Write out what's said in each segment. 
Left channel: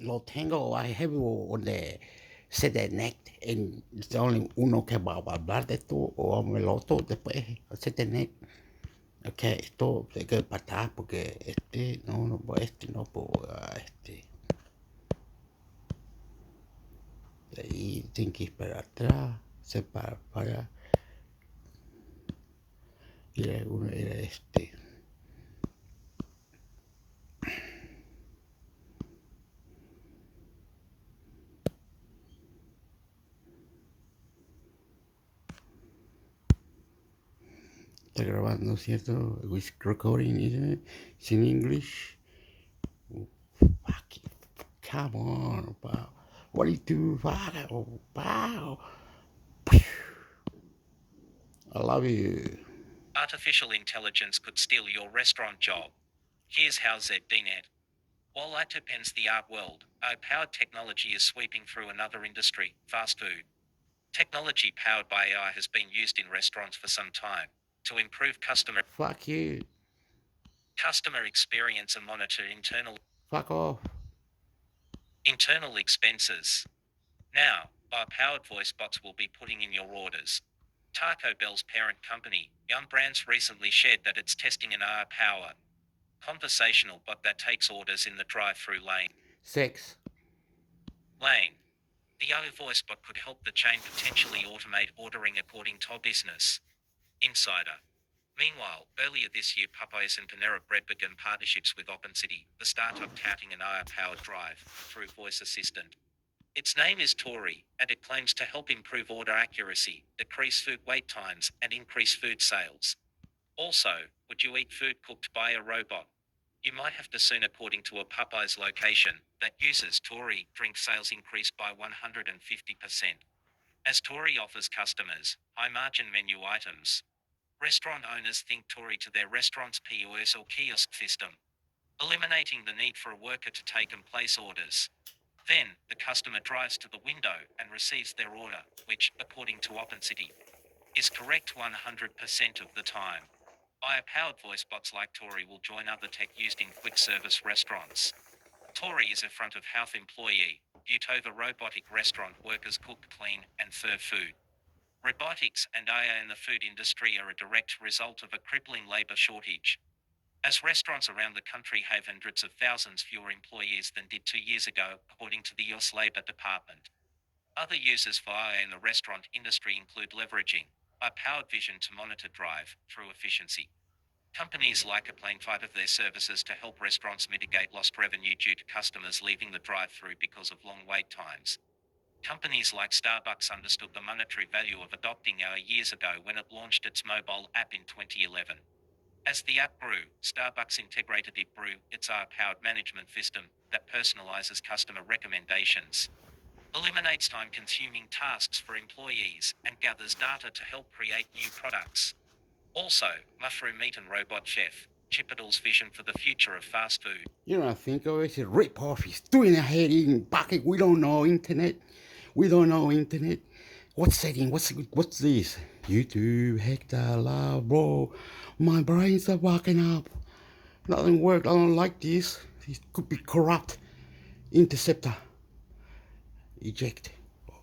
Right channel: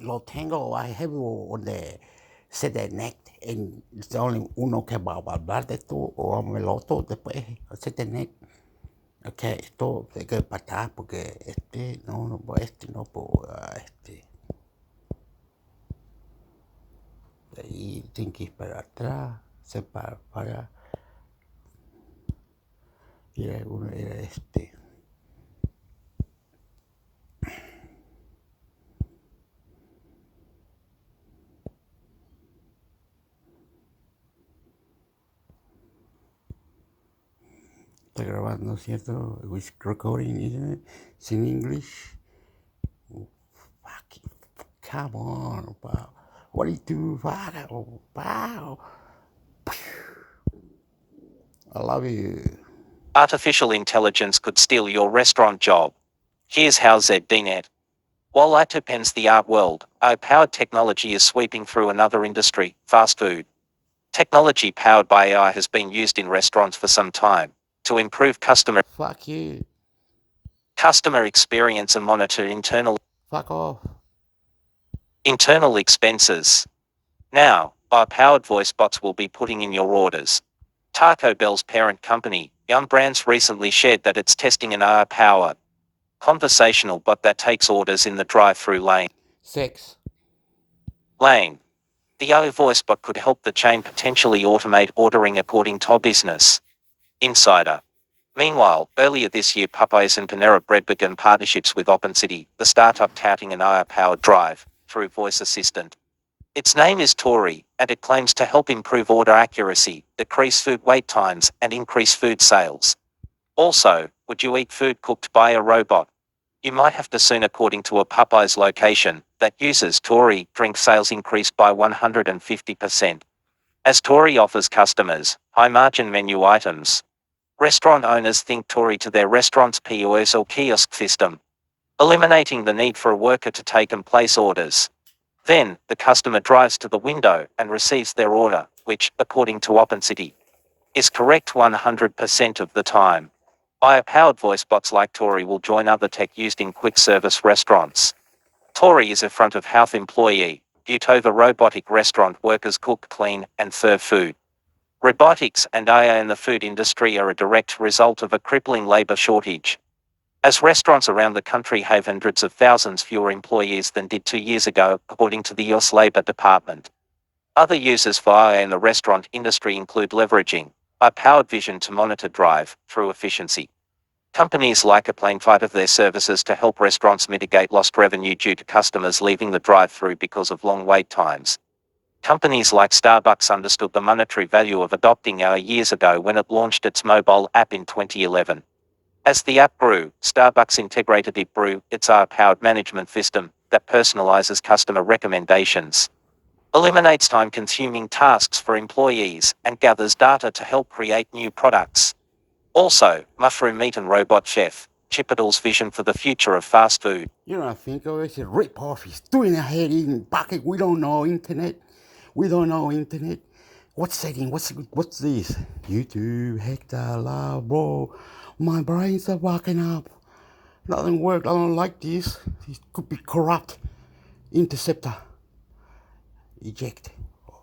Lo tengo, I have on the set neck, and it's only uno que va a hablar de esto, o el otro después, set neck. Ok, esto hay que para atrás porque no puedo, de ahí tengo que ir para atrás, se para, era uno, era está grabando, ¿cierto? Which recording, isn't it? It's in English. Fuck it. Come on, wow. What do you do? Wow. I love you. Artificial intelligence could steal your restaurant job. Here's how ZDNet. While IT upends the art world, AI-powered technology is sweeping through another industry, fast food. Technology powered by AI has been used in restaurants for some time to improve Fuck you. customer experience and monitor Fuck off. internal expenses. Now, AI-powered voice bots will be putting in your orders. Taco Bell's parent company, Yum Brands, recently shared that it's testing an AI-powered conversational bot that takes orders in the drive-through lane. 6. The AI voice bot could help the chain potentially automate ordering, according to Business Insider. Meanwhile, earlier this year, Popeyes and Panera Bread began partnerships with OpenCity, the startup touting an AI-powered drive-through voice assistant. Its name is Tori, and it claims to help improve order accuracy, decrease food wait times, and increase food sales. Also, would you eat food cooked by a robot? You might have to soon, according to a Popeyes location that uses Tori. Drink sales increased by 150%. As Tori offers customers high-margin menu items, restaurant owners think Tori to their restaurant's POS or kiosk system, eliminating the need for a worker to take and place orders. Then, the customer drives to the window and receives their order, which, according to OpenCity, is correct 100% of the time. AI-powered voice bots like Tori will join other tech used in quick service restaurants. Tori is a front-of-house employee, viewed over robotic restaurant workers cook, clean, and serve food. Robotics and AI in the food industry are a direct result of a crippling labor shortage. As restaurants around the country have hundreds of thousands fewer employees than did 2 years ago, according to the US Labor Department. Other uses for AI in the restaurant industry include leveraging AI-powered vision to monitor drive-through efficiency. Companies like Aplane fight their services to help restaurants mitigate lost revenue due to customers leaving the drive-through because of long wait times. Companies like Starbucks understood the monetary value of adopting AI years ago when it launched its mobile app in 2011. As the app grew, Starbucks integrated ItBrew, its AI-powered management system that personalizes customer recommendations, eliminates time-consuming tasks for employees, and gathers data to help create new products. Also, Mushroom Meat and Robot Chef, Chipotle vision for the future of fast food. You know, I think of it as a rip-off. He's doing ahead eating bucket. We don't know internet. We don't know internet. What's setting? What's this? YouTube, hector, love, bro. My brains are walking up. Nothing worked. I don't like this. This could be corrupt. Interceptor. Eject.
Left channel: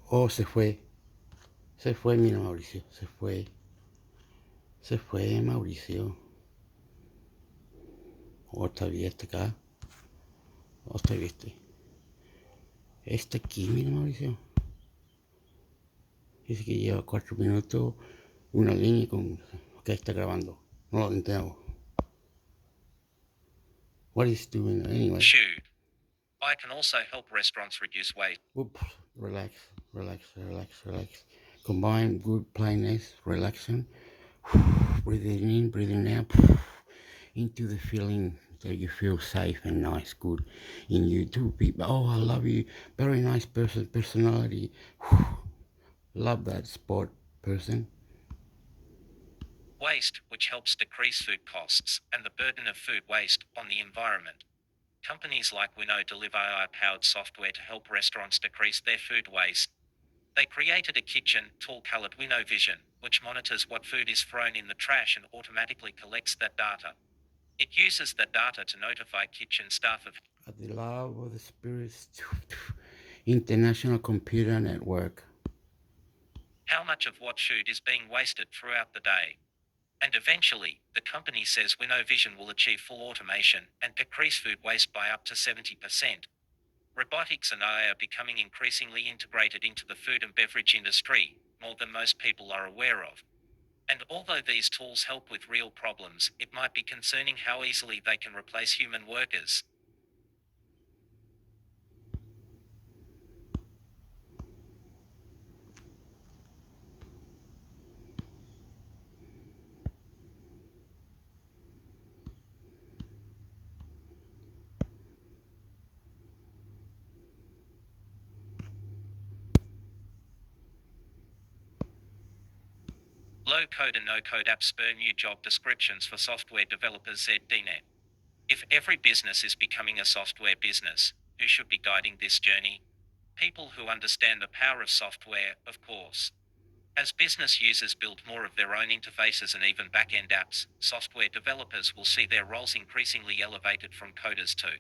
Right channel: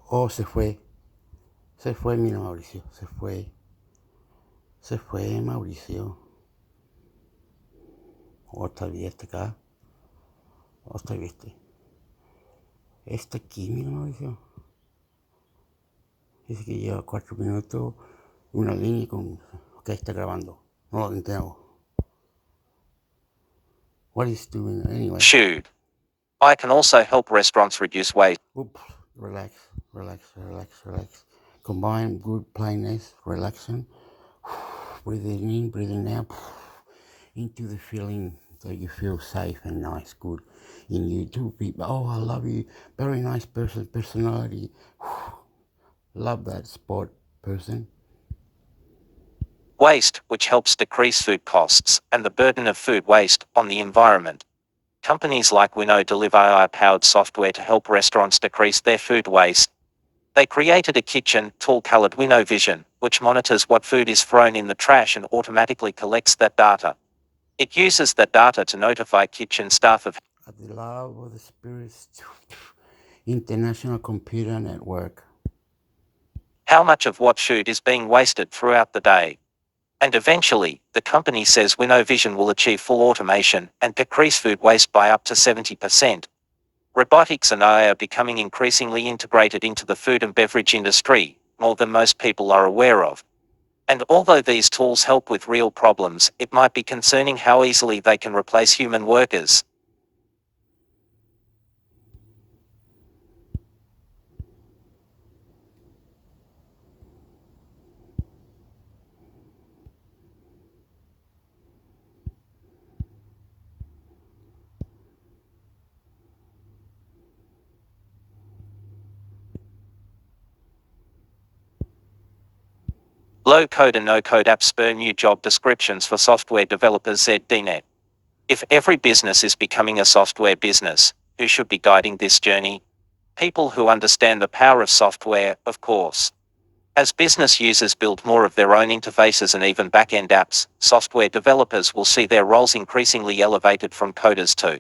Oh, se fue. Se fue, mira, Mauricio. Se fue. Se fue, Mauricio. Otra vez acá. Otra vez aquí, mira, Mauricio. Dice que lleva 4 minutos. Una línea con. Ok, está grabando. No lo entiendo. What is doing anyway? Shoot. I can also help restaurants reduce waste. Oops. Relax, relax, relax, relax. Combine good plainness, relaxing. Breathing in, breathing out. Into the feeling that you feel safe and nice, good in you too, people. Oh, I love you. Very nice person, personality. Love that sport person. Waste, which helps decrease food costs and the burden of food waste on the environment. Companies like Winnow deliver AI-powered software to help restaurants decrease their food waste. They created a kitchen tool called Winnow Vision, which monitors what food is thrown in the trash and automatically collects that data. It uses that data to notify kitchen staff of at the love of the spirits. International Computer Network. How much of what food is being wasted throughout the day? And eventually, the company says Winnovision will achieve full automation and decrease food waste by up to 70%. Robotics and AI are becoming increasingly integrated into the food and beverage industry, more than most people are aware of. And although these tools help with real problems, it might be concerning how easily they can replace human workers. Low-code and no-code apps spur new job descriptions for software developers. ZDNet. If every business is becoming a software business, who should be guiding this journey? People who understand the power of software, of course. As business users build more of their own interfaces and even back-end apps, software developers will see their roles increasingly elevated from coders to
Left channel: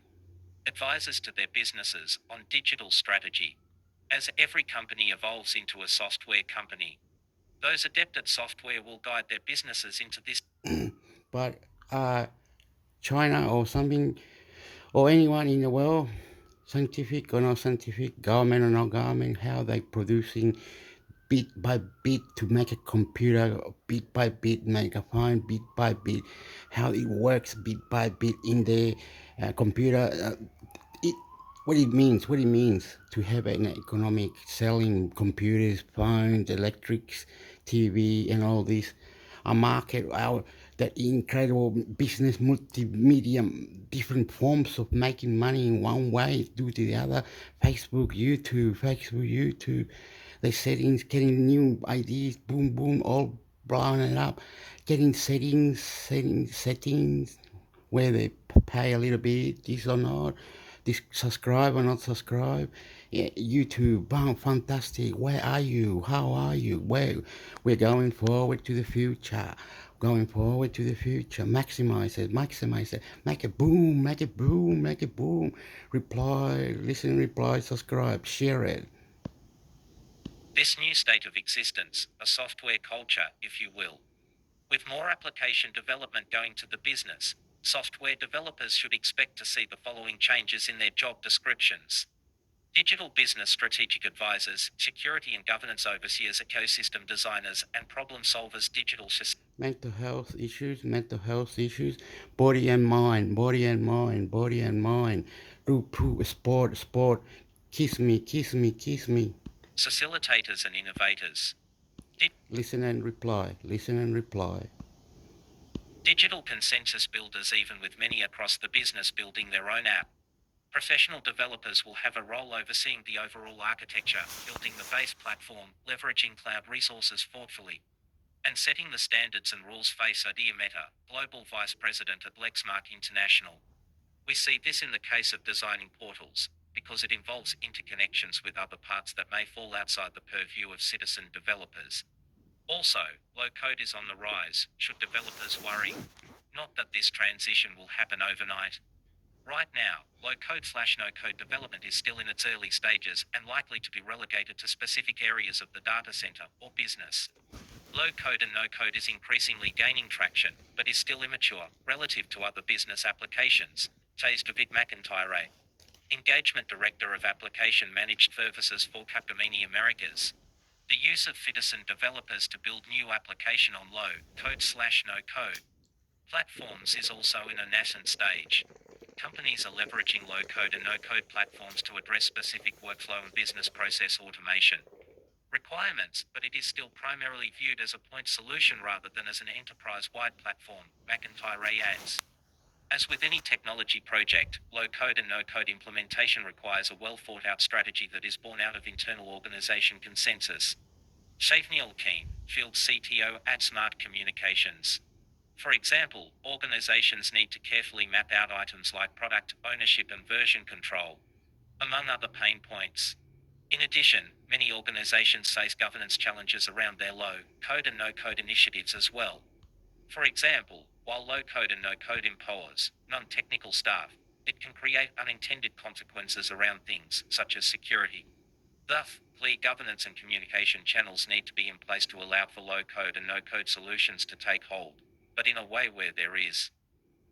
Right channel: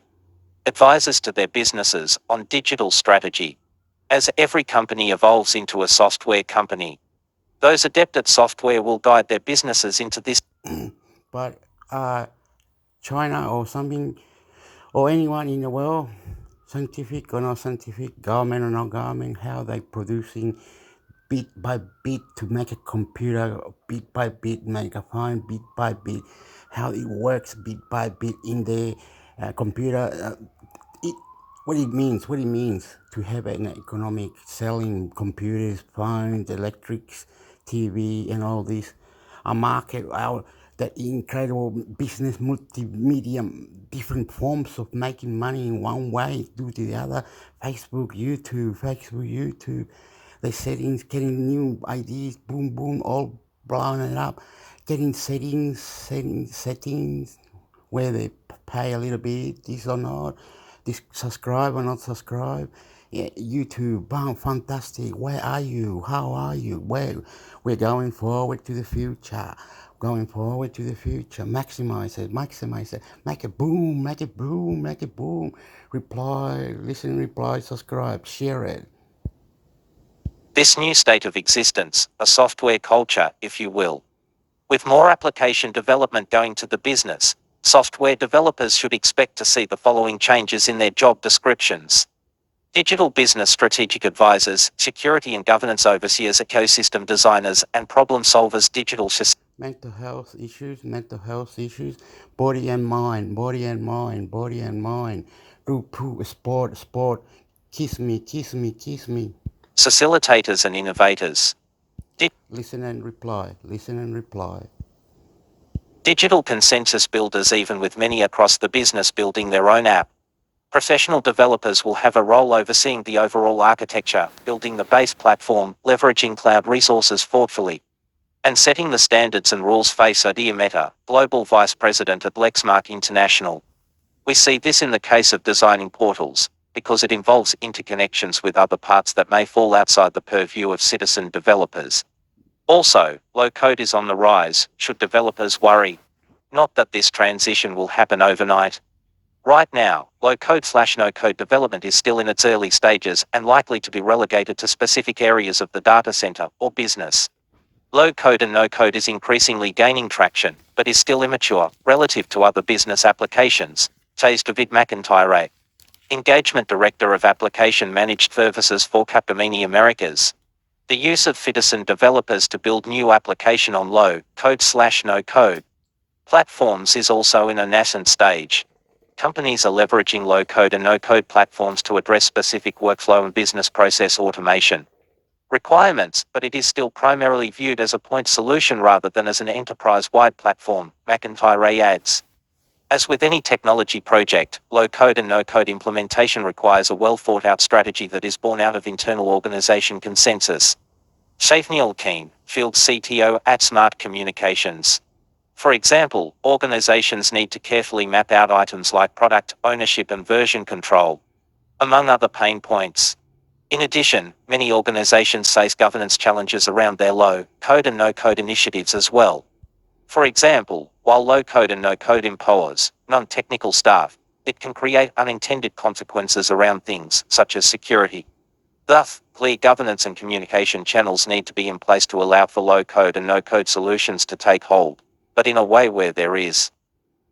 advisors to their businesses on digital strategy. As every company evolves into a software company, those adept at software will guide their businesses into this. But China or something, or anyone in the world, scientific or not scientific, government or not government, how they producing bit by bit to make a computer, bit by bit make a phone, bit by bit, how it works bit by bit in the computer. What it means to have an economic selling computers, phones, electrics, TV, and all this, a market out that incredible business, multimedia, different forms of making money in one way, do to the other. Facebook, YouTube, the settings, getting new ideas, boom, boom, all blowing it up, getting settings, where they pay a little bit, this or not, this subscribe or not subscribe. Yeah, YouTube, boom, fantastic. Where are you? How are you? Where we're going forward to the future. Going forward to the future. Maximize it, make it boom, make it boom, make it boom. Reply, listen, reply, subscribe, share it. This new state of existence, a software culture, if you will. With more application development going to the business, software developers should expect to see the following changes in their job descriptions. Digital business strategic advisors, security and governance overseers, ecosystem designers, and problem solvers. Digital mental health issues, body and mind, sport, kiss me. facilitators and innovators. Listen and reply. Digital consensus builders, even with many across the business building their own app. Professional developers will have a role overseeing the overall architecture, building the base platform, leveraging cloud resources thoughtfully, and setting the standards and rules. Face Idea Meta, Global Vice President at Lexmark International. We see this in the case of designing portals, because it involves interconnections with other parts that may fall outside the purview of citizen developers. Also, low-code is on the rise. Should developers worry? Not that this transition will happen overnight. Right now, low-code/no-code development is still in its early stages and likely to be relegated to specific areas of the data center or business. Low-code and no-code is increasingly gaining traction, but is still immature relative to other business applications, says David McIntyre, Engagement Director of Application Managed Services for Capgemini Americas. The use of citizen developers to build new application on low-code/no-code platforms is also in a nascent stage. Companies are leveraging low-code and no-code platforms to address specific workflow and business process automation requirements, but it is still primarily viewed as a point solution rather than as an enterprise-wide platform, McIntyre adds. As with any technology project, low-code and no-code implementation requires a well-thought-out strategy that is born out of internal organization consensus. Shafniel Keen, Field CTO at Smart Communications. For example, organizations need to carefully map out items like product ownership and version control, among other pain points. In addition, many organizations face governance challenges around their low-code and no-code initiatives as well. For example, while low-code and no-code empowers non-technical staff, it can create unintended consequences around things such as security. Thus, clear governance and communication channels need to be in place to allow for low-code and no-code solutions to take hold, but in a way where there is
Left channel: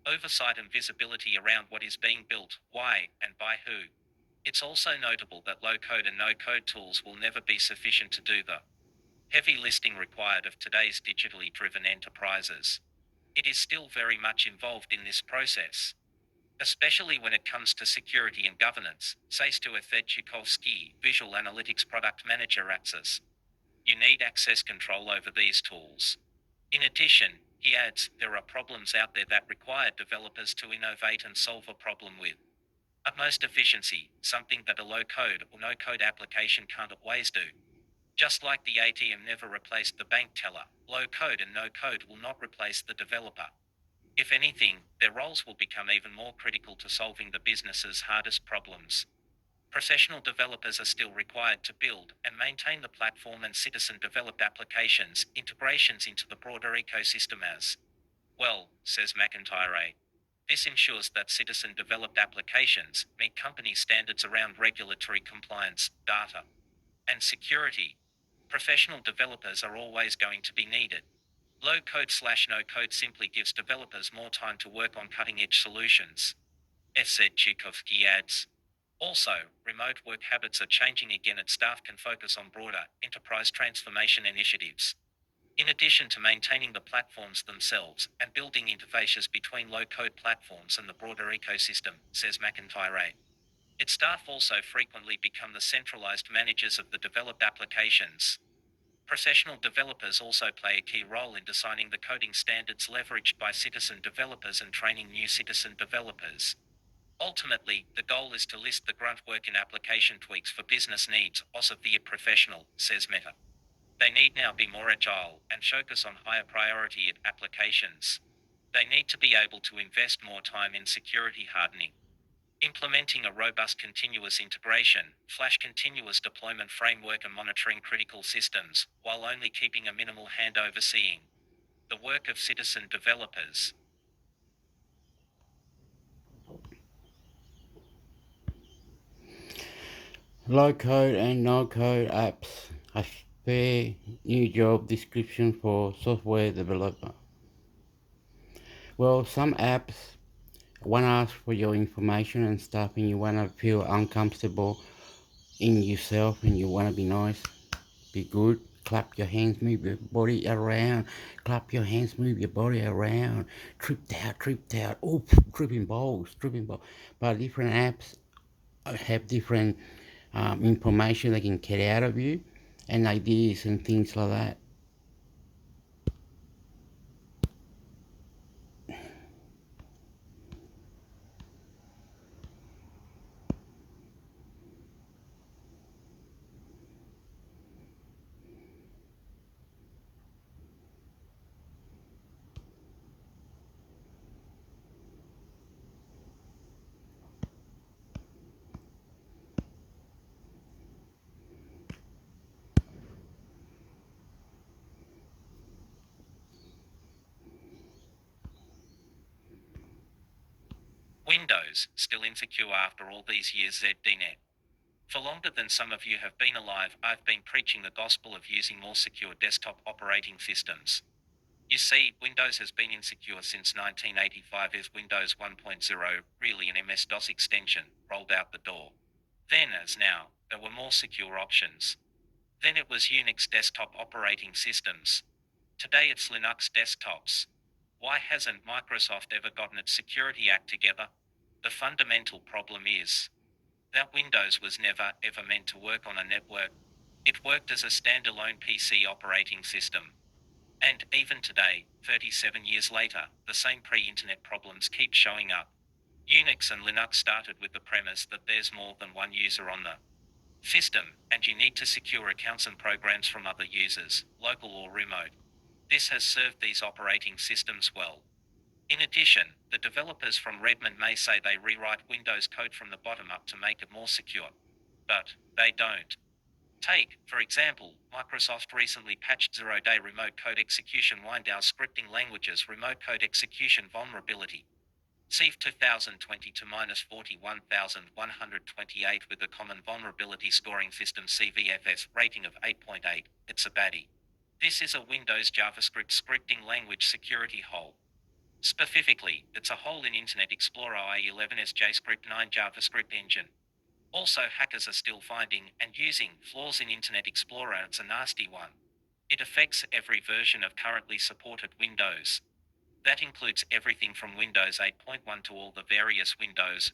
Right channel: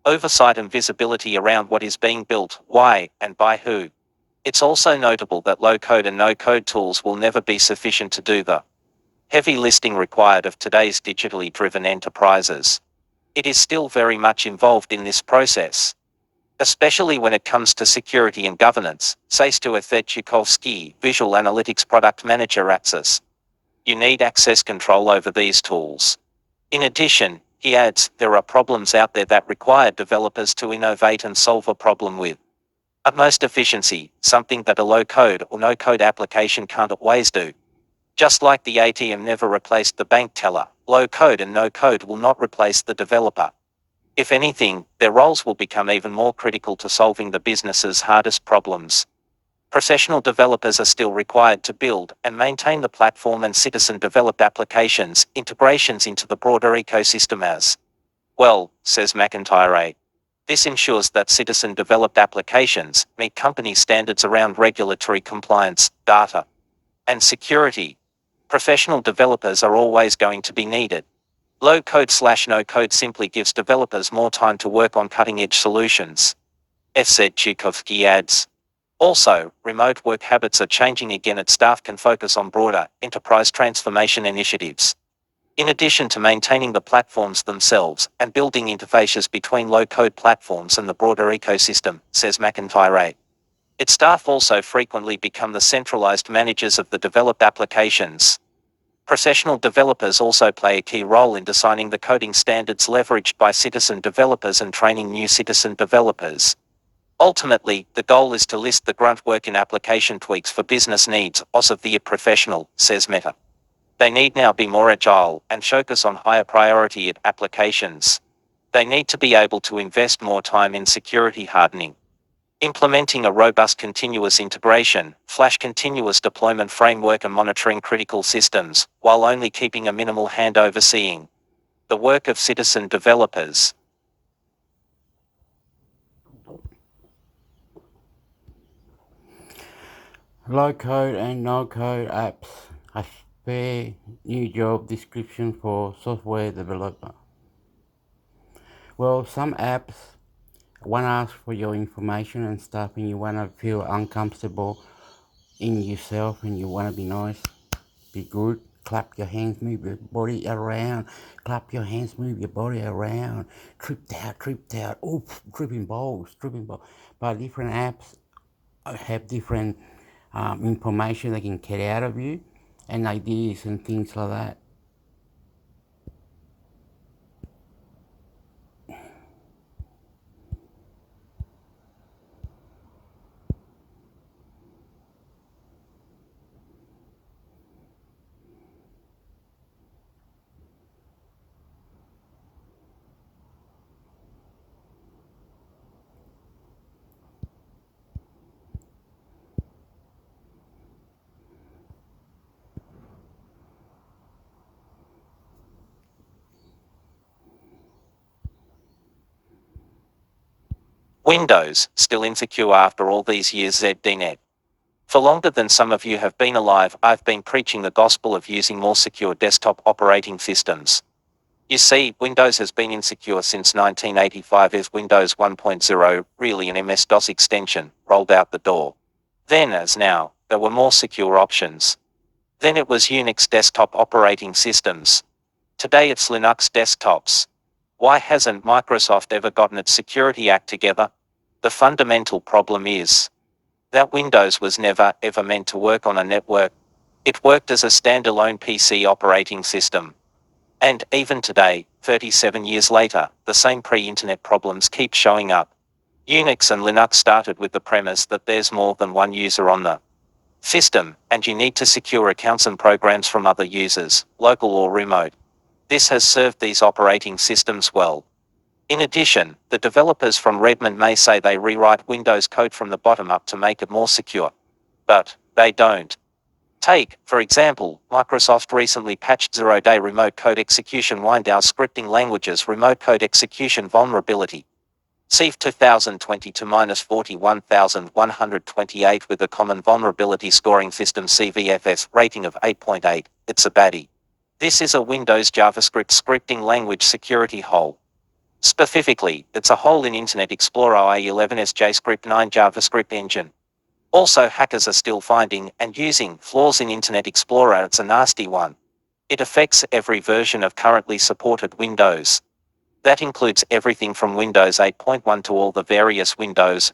oversight and visibility around what is being built, why, and by who. It's also notable that low-code and no-code tools will never be sufficient to do the heavy lifting required of today's digitally driven enterprises. It is still very much involved in this process, especially when it comes to security and governance, says Stuart Tchaikovsky, Visual Analytics Product Manager at AXIS. You need access control over these tools. In addition, he adds, there are problems out there that require developers to innovate and solve a problem with utmost efficiency, something that a low-code or no-code application can't always do. Just like the ATM never replaced the bank teller, low-code and no-code will not replace the developer. If anything, their roles will become even more critical to solving the business's hardest problems. Professional developers are still required to build and maintain the platform and citizen-developed applications, integrations into the broader ecosystem as well, says McIntyre. This ensures that citizen-developed applications meet company standards around regulatory compliance, data, and security. Professional developers are always going to be needed. Low-code/no-code simply gives developers more time to work on cutting-edge solutions. Said Tchaikovsky adds. Also, remote work habits are changing again and staff can focus on broader, enterprise transformation initiatives. In addition to maintaining the platforms themselves and building interfaces between low-code platforms and the broader ecosystem, says McIntyre. Its staff also frequently become the centralized managers of the developed applications. Professional developers also play a key role in designing the coding standards leveraged by citizen developers and training new citizen developers. Ultimately, the goal is to list the grunt work in application tweaks for business needs of the professional, says Meta. They need now be more agile and focus on higher priority applications. They need to be able to invest more time in security hardening, implementing a robust continuous integration, flash continuous deployment framework and monitoring critical systems, while only keeping a minimal hand overseeing the work of citizen developers. Low-code and no-code apps. A fair new job description for software developer. Well, some apps want to ask for your information and stuff, and you want to feel uncomfortable in yourself, and you want to be nice, be good, clap your hands, move your body around, clap your hands, move your body around, tripped out, oh, tripping balls. But different apps have different information they can get out of you, and ideas and things like that. Windows, still insecure after all these years. ZDNet. For longer than some of you have been alive, I've been preaching the gospel of using more secure desktop operating systems. You see, Windows has been insecure since 1985 as Windows 1.0, really an MS-DOS extension, rolled out the door. Then, as now, there were more secure options. Then it was Unix desktop operating systems. Today it's Linux desktops. Why hasn't Microsoft ever gotten its security act together? The fundamental problem is that Windows was never, ever meant to work on a network. It worked as a standalone PC operating system. And even today, 37 years later, the same pre-internet problems keep showing up. Unix and Linux started with the premise that there's more than one user on the system, and you need to secure accounts and programs from other users, local or remote. This has served these operating systems well. In addition, the developers from Redmond may say they rewrite Windows code from the bottom up to make it more secure. But they don't. Take, for example, Microsoft recently patched zero-day remote code execution Windows scripting languages remote code execution vulnerability. CVE 2020-41128 with a common vulnerability scoring system CVFS rating of 8.8, it's a baddie. This is a Windows JavaScript scripting language security hole. Specifically, it's a hole in Internet Explorer IE11's JScript 9 JavaScript engine. Also, hackers are still finding and using flaws in Internet Explorer. It's a nasty one. It affects every version of currently supported Windows. That includes everything from Windows 8.1 to all the various Windows.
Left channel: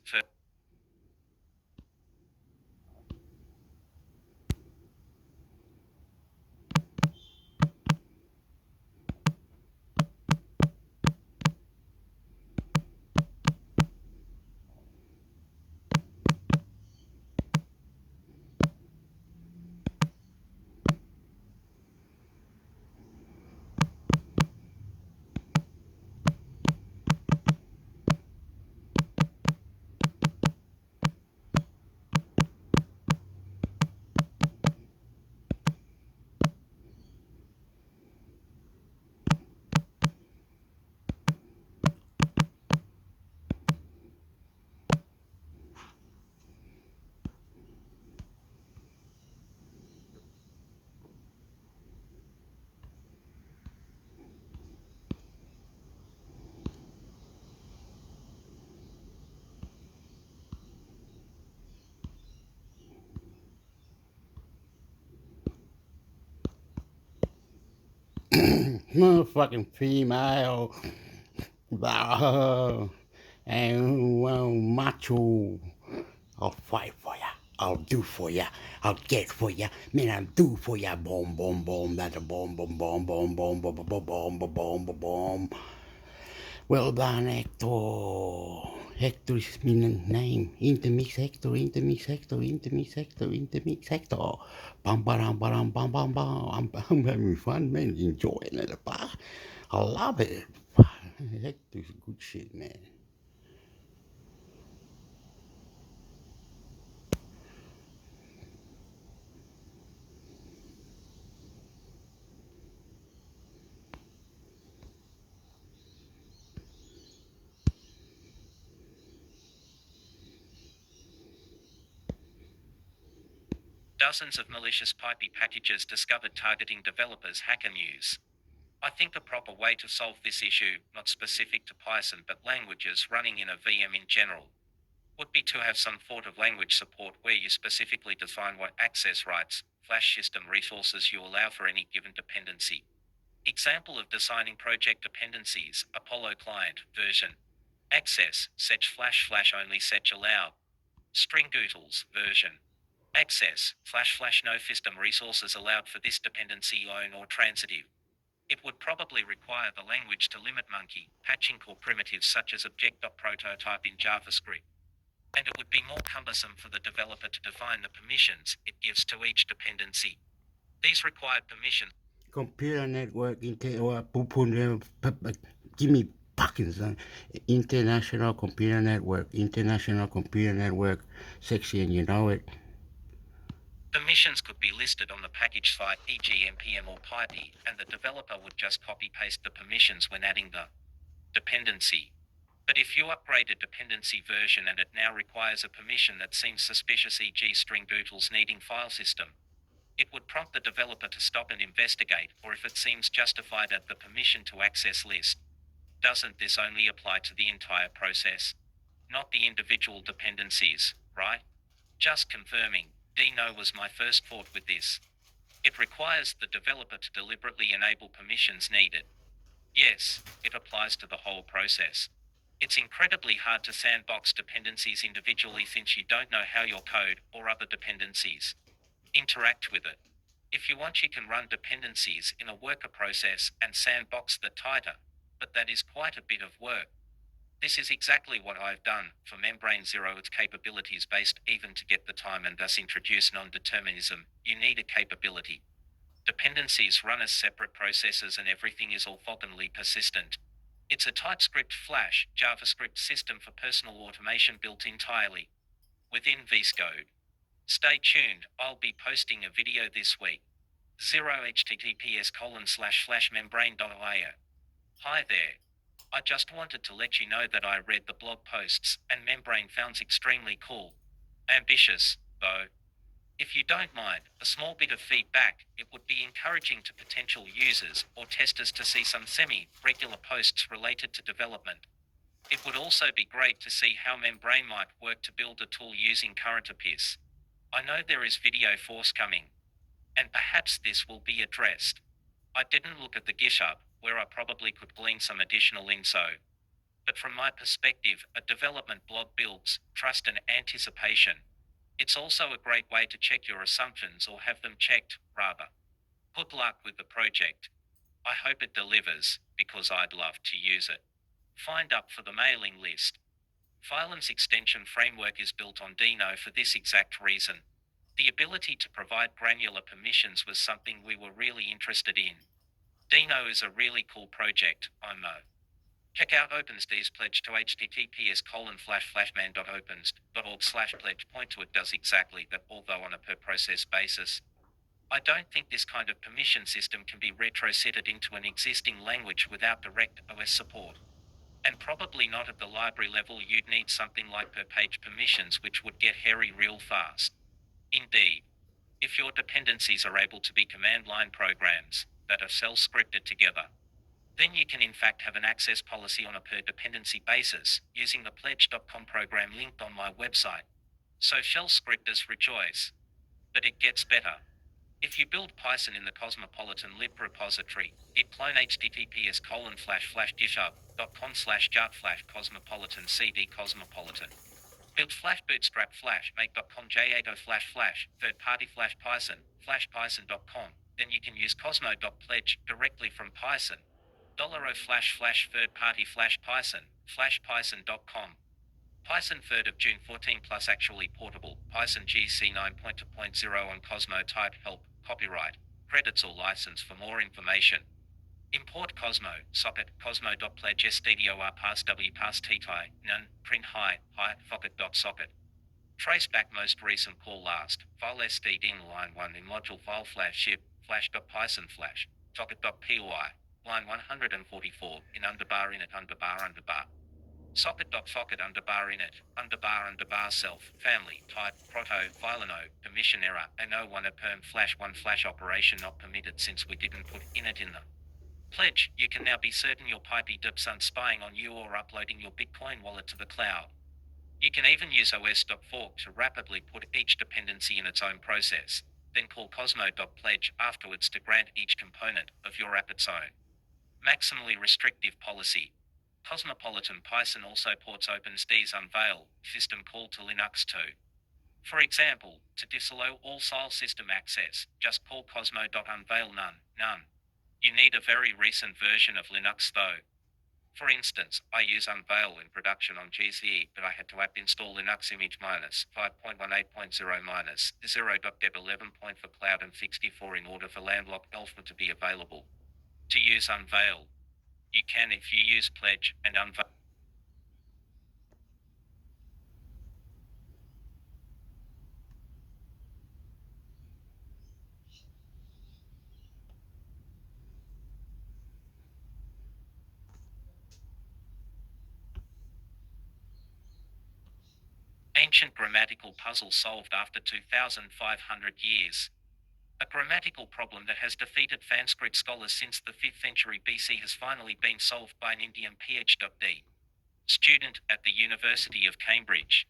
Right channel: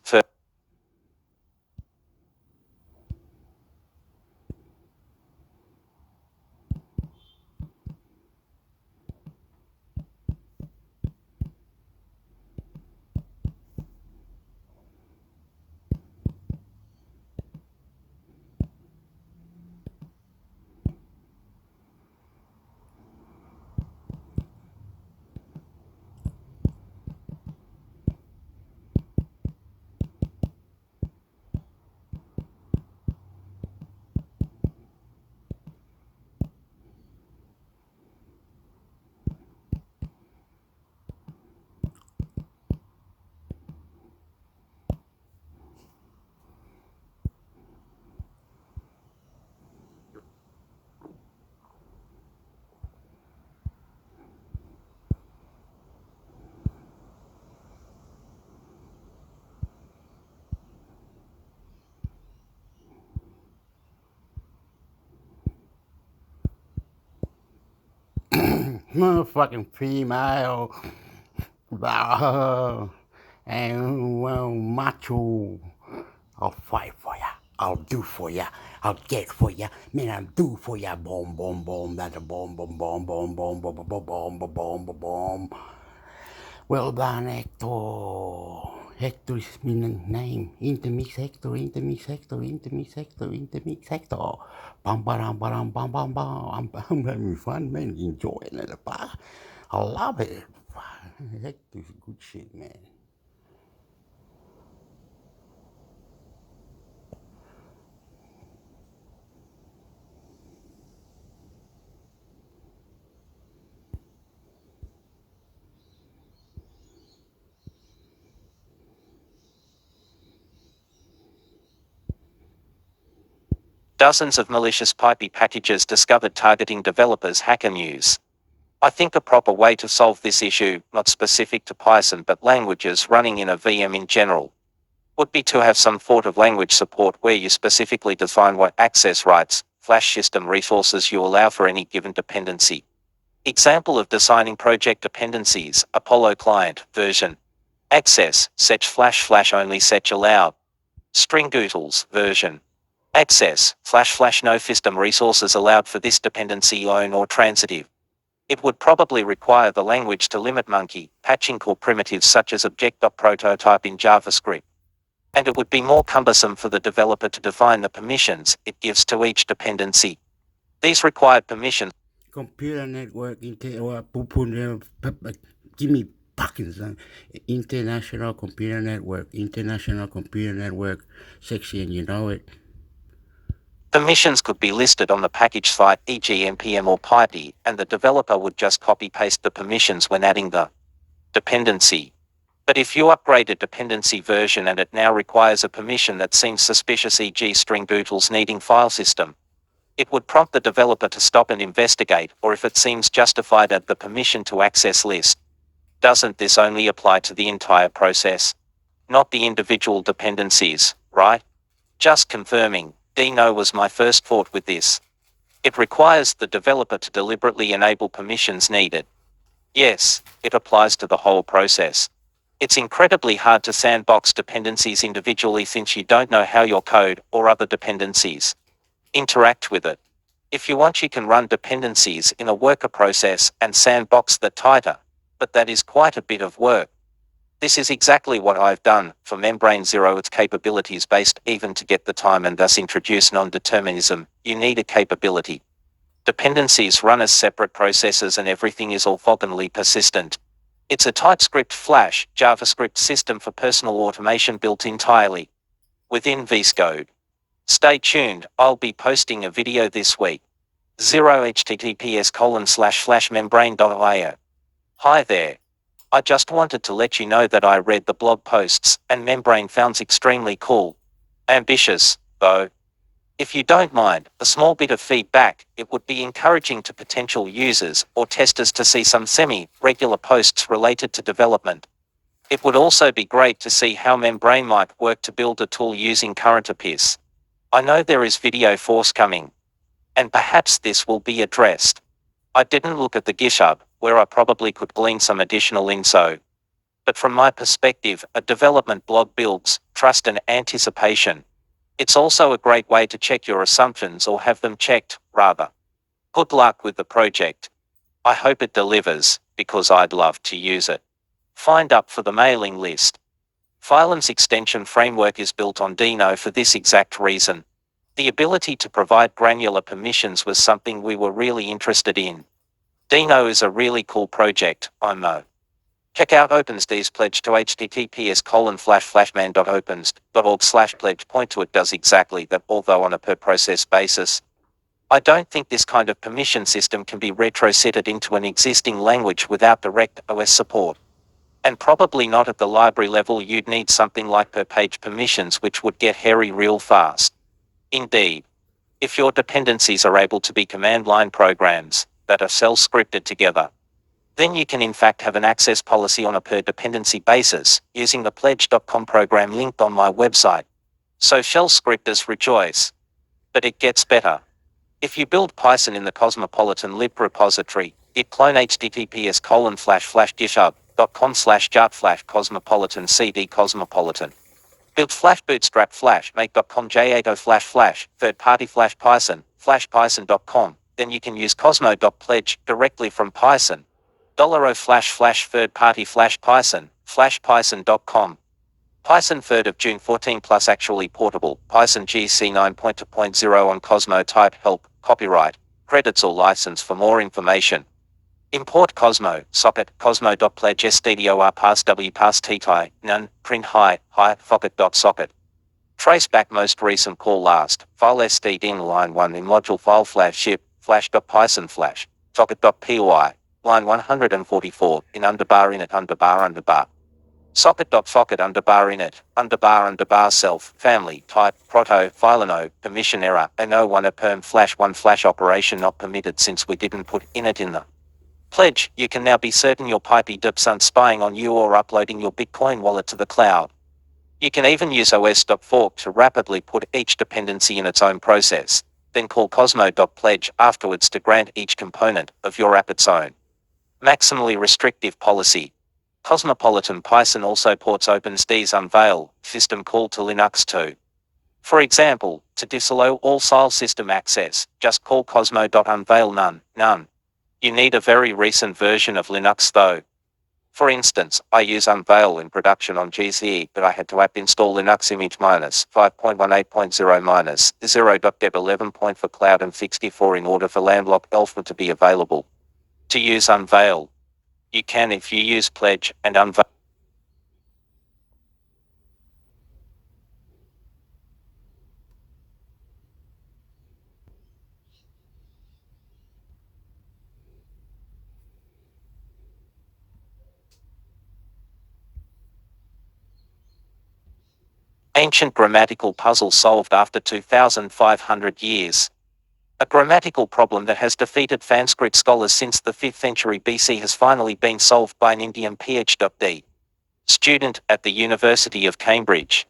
Motherfucking female. And well, macho. I'll fight for ya. I'll do for ya. I'll get for ya. Man, I'll do for ya. Boom, boom, boom. That's a boom, boom, boom, boom, boom, boom, boom, boom, boom, boom, boom, boom. Well done, Hector. Hector is my name. Intermix Hector, intermix Hector, intermix Hector, intermix Hector. Bam, bam, bam, bam, bam, bam. I'm having fun, man. Enjoying it. I love it. Hector's good shit, man. Dozens of malicious pipey packages discovered targeting developers. Hacker News. I think a proper way to solve this issue, not specific to Python but languages running in a VM in general, would be to have some sort of language support where you specifically define what access rights, flash system resources you allow for any given dependency. Example of designing project dependencies: Apollo client version. Access, set flash only, set allowed. String utils version. Access, flash no system resources allowed for this dependency own or transitive. It would probably require the language to limit monkey, patching core primitives such as object.prototype in JavaScript. And it would be more cumbersome for the developer to define the permissions it gives to each dependency. These required permissions. Computer network, give me Parkinson. International Computer Network section, you know it. Permissions could be listed on the package site, e.g. npm or pipey, and the developer would just copy-paste the permissions when adding the dependency. But if you upgrade a dependency version and it now requires a permission that seems suspicious, e.g. string utils needing file system, it would prompt the developer to stop and investigate, or if it seems justified, add the permission to access list. Doesn't this only apply to the entire process, not the individual dependencies, right? Just confirming. Dino was my first thought with this. It requires the developer to deliberately enable permissions needed. Yes, it applies to the whole process. It's incredibly hard to sandbox dependencies individually since you don't know how your code, or other dependencies, interact with it. If you want, you can run dependencies in a worker process and sandbox that tighter, but that is quite a bit of work. This is exactly what I've done for Membrane Zero. Its capabilities based even to get the time and thus introduce non-determinism. You need a capability. Dependencies run as separate processes and everything is orthogonally persistent. It's a TypeScript Flash JavaScript system for personal automation built entirely within VS Code. Stay tuned, I'll be posting a video this week. 0 https://flashmembrane.io. Hi there. I just wanted to let you know that I read the blog posts, and Membrane sounds extremely cool. Ambitious, though. If you don't mind, a small bit of feedback, it would be encouraging to potential users or testers to see some semi-regular posts related to development. It would also be great to see how Membrane might work to build a tool using current APIs. I know there is video forthcoming, and perhaps this will be addressed. I didn't look at the GitHub, where I probably could glean some additional info. But from my perspective, a development blog builds trust and anticipation. It's also a great way to check your assumptions or have them checked, rather. Good luck with the project. I hope it delivers, because I'd love to use it. Find up for the mailing list. Phylum's extension framework is built on Dino for this exact reason. The ability to provide granular permissions was something we were really interested in. Dino is a really cool project, I know. Check out OpenSD's pledge to https://man.openst.org/pledge. Point to it does exactly that, although on a per process basis. I don't think this kind of permission system can be retrofitted into an existing language without direct OS support. And probably not at the library level. You'd need something like per page permissions, which would get hairy real fast. Indeed. If your dependencies are able to be command line programs that are shell scripted together, then you can in fact have an access policy on a per dependency basis using the pledge.com program linked on my website. So shell scripters rejoice. But it gets better. If you build Python in the Cosmopolitan lib repository, git clone https://github.com/jart/cosmopolitan cd cosmopolitan. Build bootstrap make.com j80 third party Python python.com, then you can use cosmo.pledge directly from Python. $o third party Python python.com. Python 3rd of June 14 plus actually portable, Python GC 9.2.0 on Cosmo type help, copyright, credits or license. For more information, import Cosmo, socket, cosmo.pledge stdor pass w pass ttie, none, print hi, socket. Trace back most recent call last, file std in line 1 in module file ship, flash.python flash, socket.py, line 144, in underbar init underbar. Socket.socket underbar init, underbar self, family, type, proto, fileno, permission error, no1 a perm /1 flash operation not permitted since we didn't put init in the pledge. You can now be certain your pipey dips aren't spying on you or uploading your Bitcoin wallet to the cloud. You can even use os.fork to rapidly put each dependency in its own process, then call cosmo.pledge afterwards to grant each component of your app its own maximally restrictive policy. Cosmopolitan Python also ports OpenSD's Unveil system call to Linux too. For example, to disallow all file system access, just call cosmo.unveil none. You need a very recent version of Linux though. For instance, I use Unveil in production on GCE, but I had to app install Linux image -5.18.0-0.deb 11. For cloud and 64 in order for landlocked alpha to be available. To use Unveil, you can if you use Pledge and Unveil. Ancient grammatical puzzle solved after 2,500 years. A grammatical problem that has defeated Sanskrit scholars since the 5th century BC has finally been solved by an Indian PhD student at the University of Cambridge.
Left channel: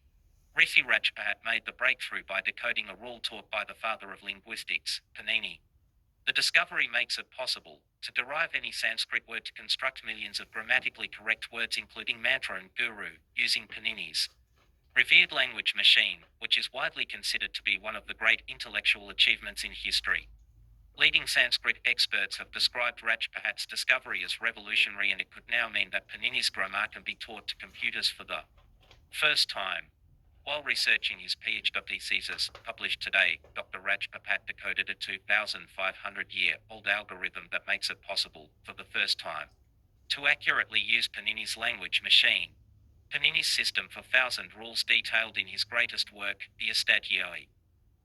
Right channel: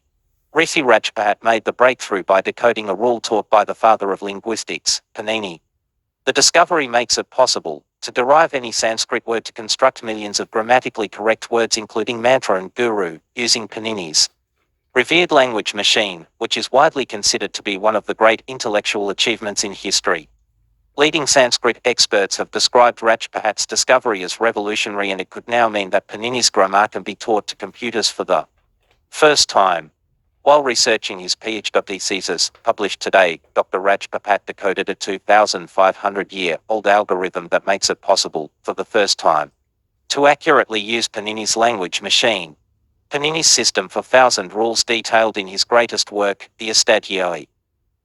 Rishi Rajpahat made the breakthrough by decoding a rule taught by the father of linguistics, Panini. The discovery makes it possible to derive any Sanskrit word to construct millions of grammatically correct words including mantra and guru, using Panini's revered language machine, which is widely considered to be one of the great intellectual achievements in history. Leading Sanskrit experts have described Rajpahat's discovery as revolutionary, and it could now mean that Panini's grammar can be taught to computers for the first time. While researching his PhD thesis, published today, Dr. Rajpahat decoded a 2,500-year-old algorithm that makes it possible, for the first time, to accurately use Panini's language machine. Panini's system for 1,000 rules detailed in his greatest work, the Astagioi,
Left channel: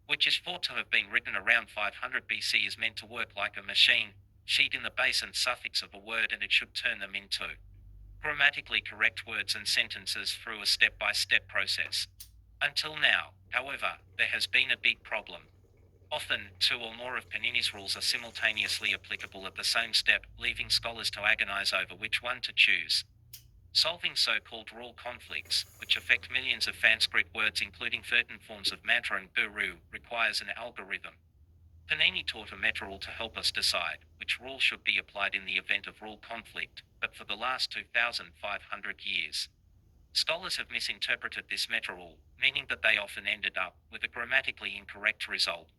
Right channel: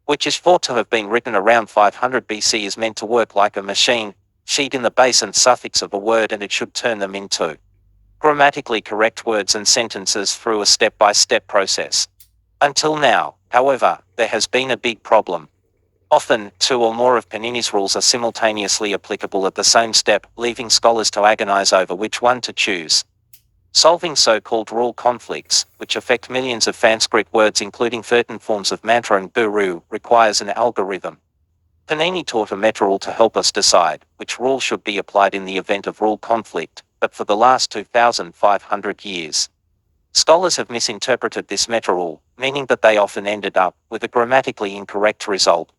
which is thought to have been written around 500 BC, is meant to work like a machine, sheet in the base and suffix of a word, and it should turn them into grammatically correct words and sentences through a step-by-step process. Until now, however, there has been a big problem. Often, two or more of Panini's rules are simultaneously applicable at the same step, leaving scholars to agonize over which one to choose. Solving so-called rule conflicts, which affect millions of Sanskrit words including certain forms of mantra and guru, requires an algorithm. Panini taught a meta rule to help us decide which rule should be applied in the event of rule conflict, but for the last 2,500 years, scholars have misinterpreted this meta rule, meaning that they often ended up with a grammatically incorrect result.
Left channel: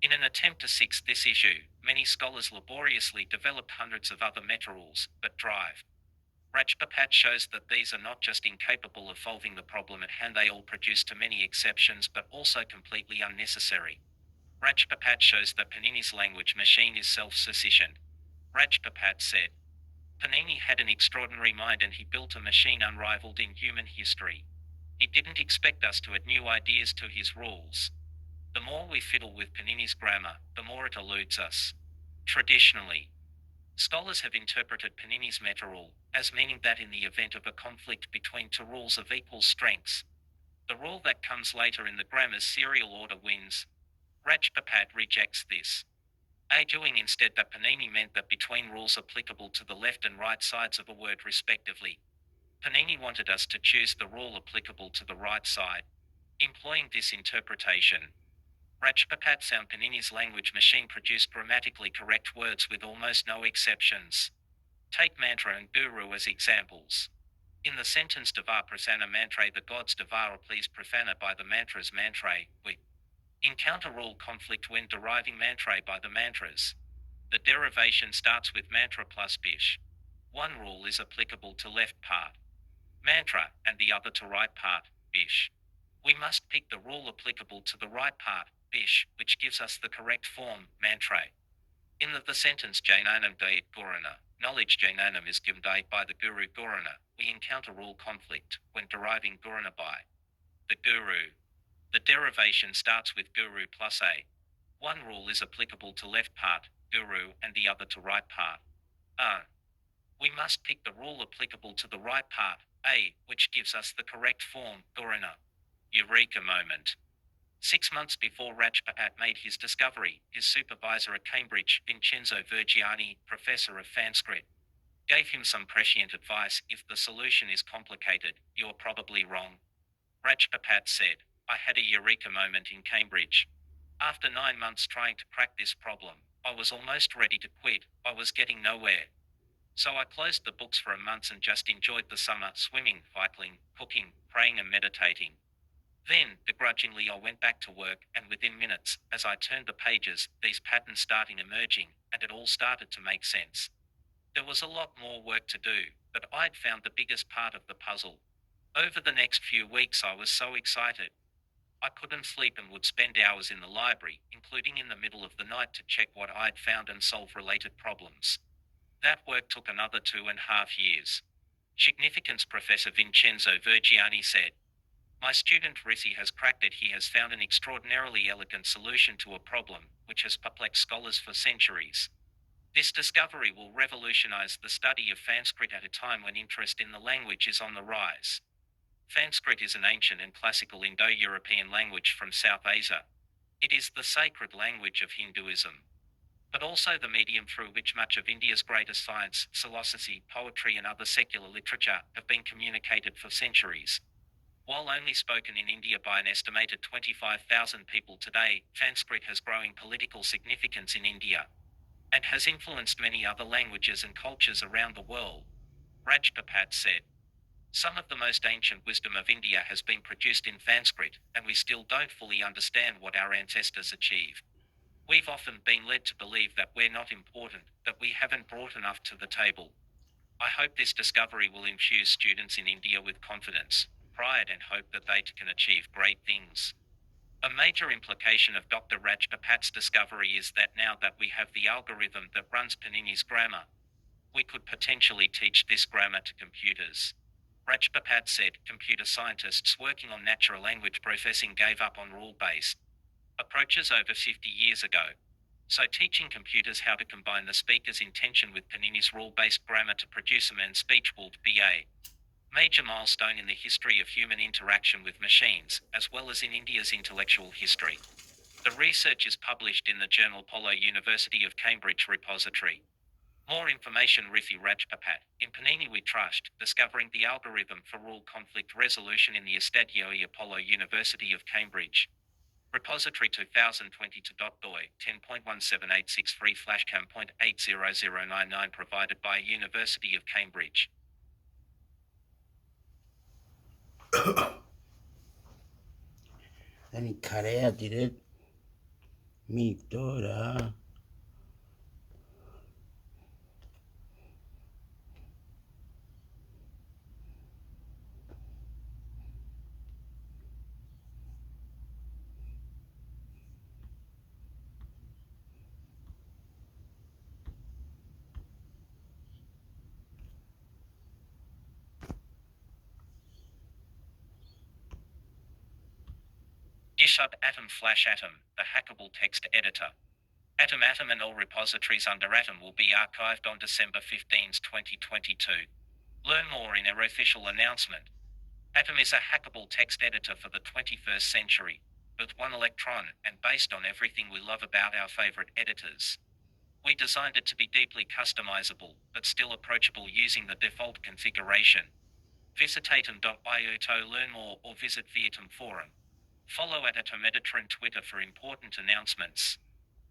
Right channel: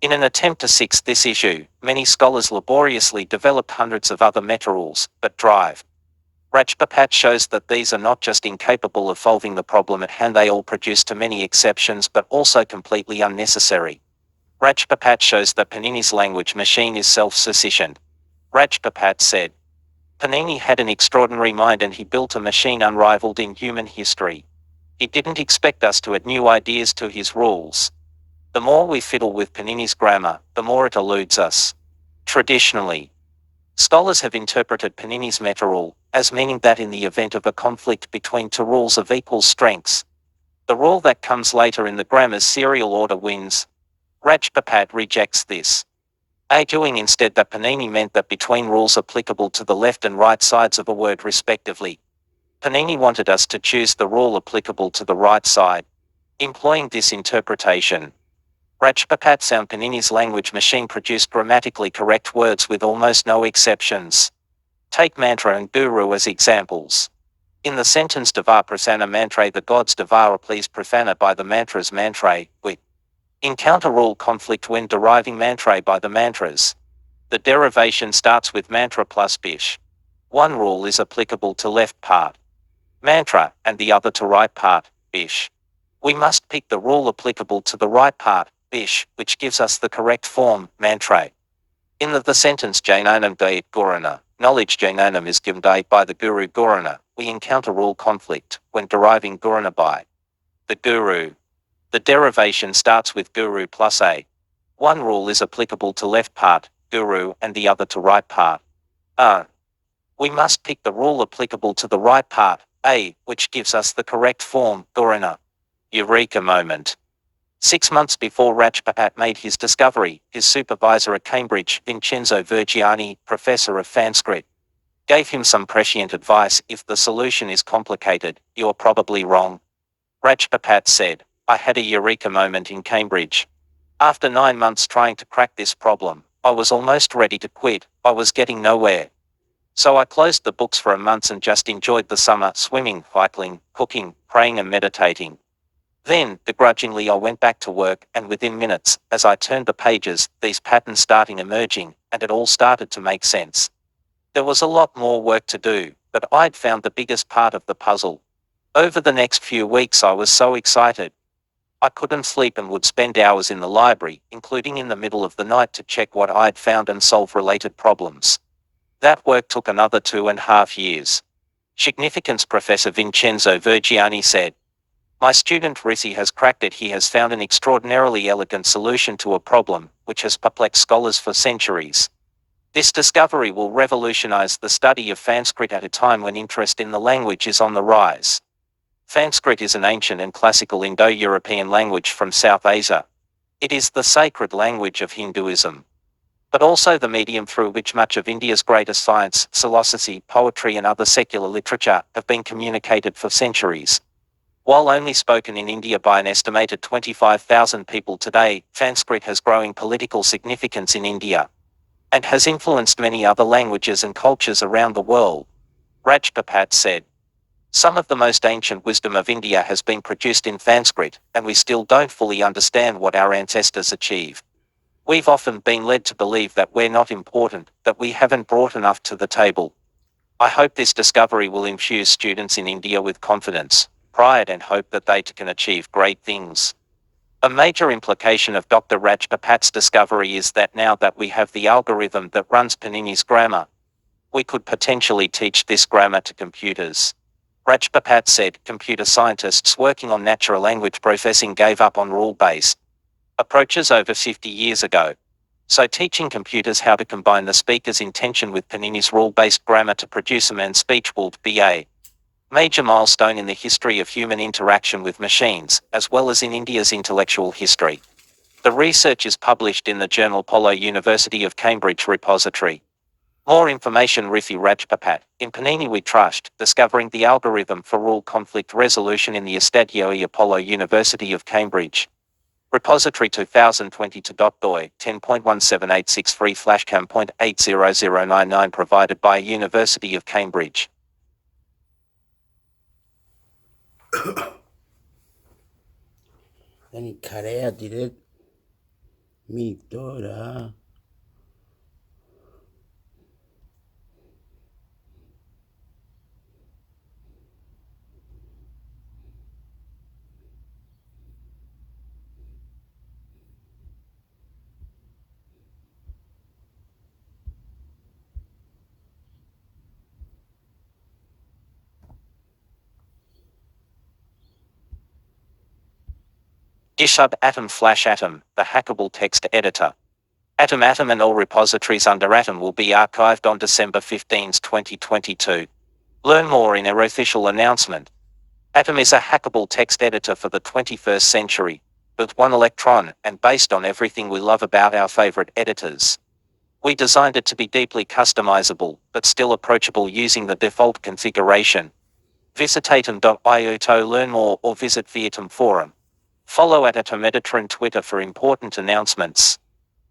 In an attempt to fix this issue, many scholars laboriously developed hundreds of other meta rules, but Rajpapat shows that these are not just incapable of solving the problem at hand, they all produce too many exceptions but also completely unnecessary. Rajpapat shows that Panini's language machine is self-sufficient. Rajpapat said, Panini had an extraordinary mind and he built a machine unrivaled in human history. He didn't expect us to add new ideas to his rules. The more we fiddle with Panini's grammar, the more it eludes us. Traditionally, scholars have interpreted Panini's meta rule as meaning that in the event of a conflict between two rules of equal strengths, the rule that comes later in the grammar's serial order wins. Rajpapat rejects this, arguing instead that Panini meant that between rules applicable to the left and right sides of a word respectively, Panini wanted us to choose the rule applicable to the right side. Employing this interpretation, Rajpapat found Panini's language machine produced grammatically correct words with almost no exceptions. Take mantra and guru as examples. In the sentence Deva Prasanna Mantra, the gods Deva are pleased Prasanna by the mantras mantra, we encounter rule conflict when deriving mantra by the mantras. The derivation starts with mantra plus bish. One rule is applicable to left part, mantra, and the other to right part, bish. We must pick the rule applicable to the right part, bish, which gives us the correct form, mantra. In the sentence Jainanam Dayat Gurana, knowledge Jainanam is given by the Guru Gurana, we encounter rule conflict when deriving Gurana by the Guru. The derivation starts with Guru plus a. One rule is applicable to left part, Guru, and the other to right part, we must pick the rule applicable to the right part, a, which gives us the correct form, Gurana. Eureka moment. 6 months before Rajpapat made his discovery, his supervisor at Cambridge, Vincenzo Vergiani, professor of Sanskrit, gave him some prescient advice: if the solution is complicated, you're probably wrong. Rajpapat said, I had a eureka moment in Cambridge. After 9 months trying to crack this problem, I was almost ready to quit. I was getting nowhere. So I closed the books for a month and just enjoyed the summer, swimming, cycling, cooking, praying and meditating. Then, begrudgingly, I went back to work, and within minutes, as I turned the pages, these patterns started emerging, and it all started to make sense. There was a lot more work to do, but I'd found the biggest part of the puzzle. Over the next few weeks I was so excited. I couldn't sleep and would spend hours in the library, including in the middle of the night, to check what I'd found and solve related problems. That work took another 2.5 years. Significance Professor Vincenzo Vergiani said, my student Risi has cracked it. He has found an extraordinarily elegant solution to a problem which has perplexed scholars for centuries. This discovery will revolutionize the study of Sanskrit at a time when interest in the language is on the rise. Sanskrit is an ancient and classical Indo-European language from South Asia. It is the sacred language of Hinduism, but also the medium through which much of India's greatest science, philosophy, poetry and other secular literature have been communicated for centuries. While only spoken in India by an estimated 25,000 people today, Sanskrit has growing political significance in India and has influenced many other languages and cultures around the world. Rajpapat said, some of the most ancient wisdom of India has been produced in Sanskrit, and we still don't fully understand what our ancestors achieved. We've often been led to believe that we're not important, that we haven't brought enough to the table. I hope this discovery will infuse students in India with confidence, pride and hope that they too can achieve great things. A major implication of Dr. Rajpapat's discovery is that now that we have the algorithm that runs Panini's grammar, we could potentially teach this grammar to computers. Rajpapat said, computer scientists working on natural language processing gave up on rule-based approaches over 50 years ago. So teaching computers how to combine the speaker's intention with Panini's rule-based grammar to produce a man's speech will be a major milestone in the history of human interaction with machines, as well as in India's intellectual history. The research is published in the journal Polo University of Cambridge repository. More information Rifi Rajpapat, in Panini We Trust, discovering the algorithm for rule conflict resolution in the Estadio Apollo University of Cambridge. Repository 2022.doi 10.17863 flashcam.80099 provided by University of Cambridge. Then he cut out, did it? Me daughter. GitHub Atom Flash Atom, the hackable text editor. Atom and all repositories under Atom will be archived on December 15, 2022. Learn more in our official announcement. Atom is a hackable text editor for the 21st century, with one electron and based on everything we love about our favorite editors. We designed it to be deeply customizable, but still approachable using the default configuration. Visit atom.io to learn more or visit the Atom forum. Follow at Atom Editor on Twitter for important announcements.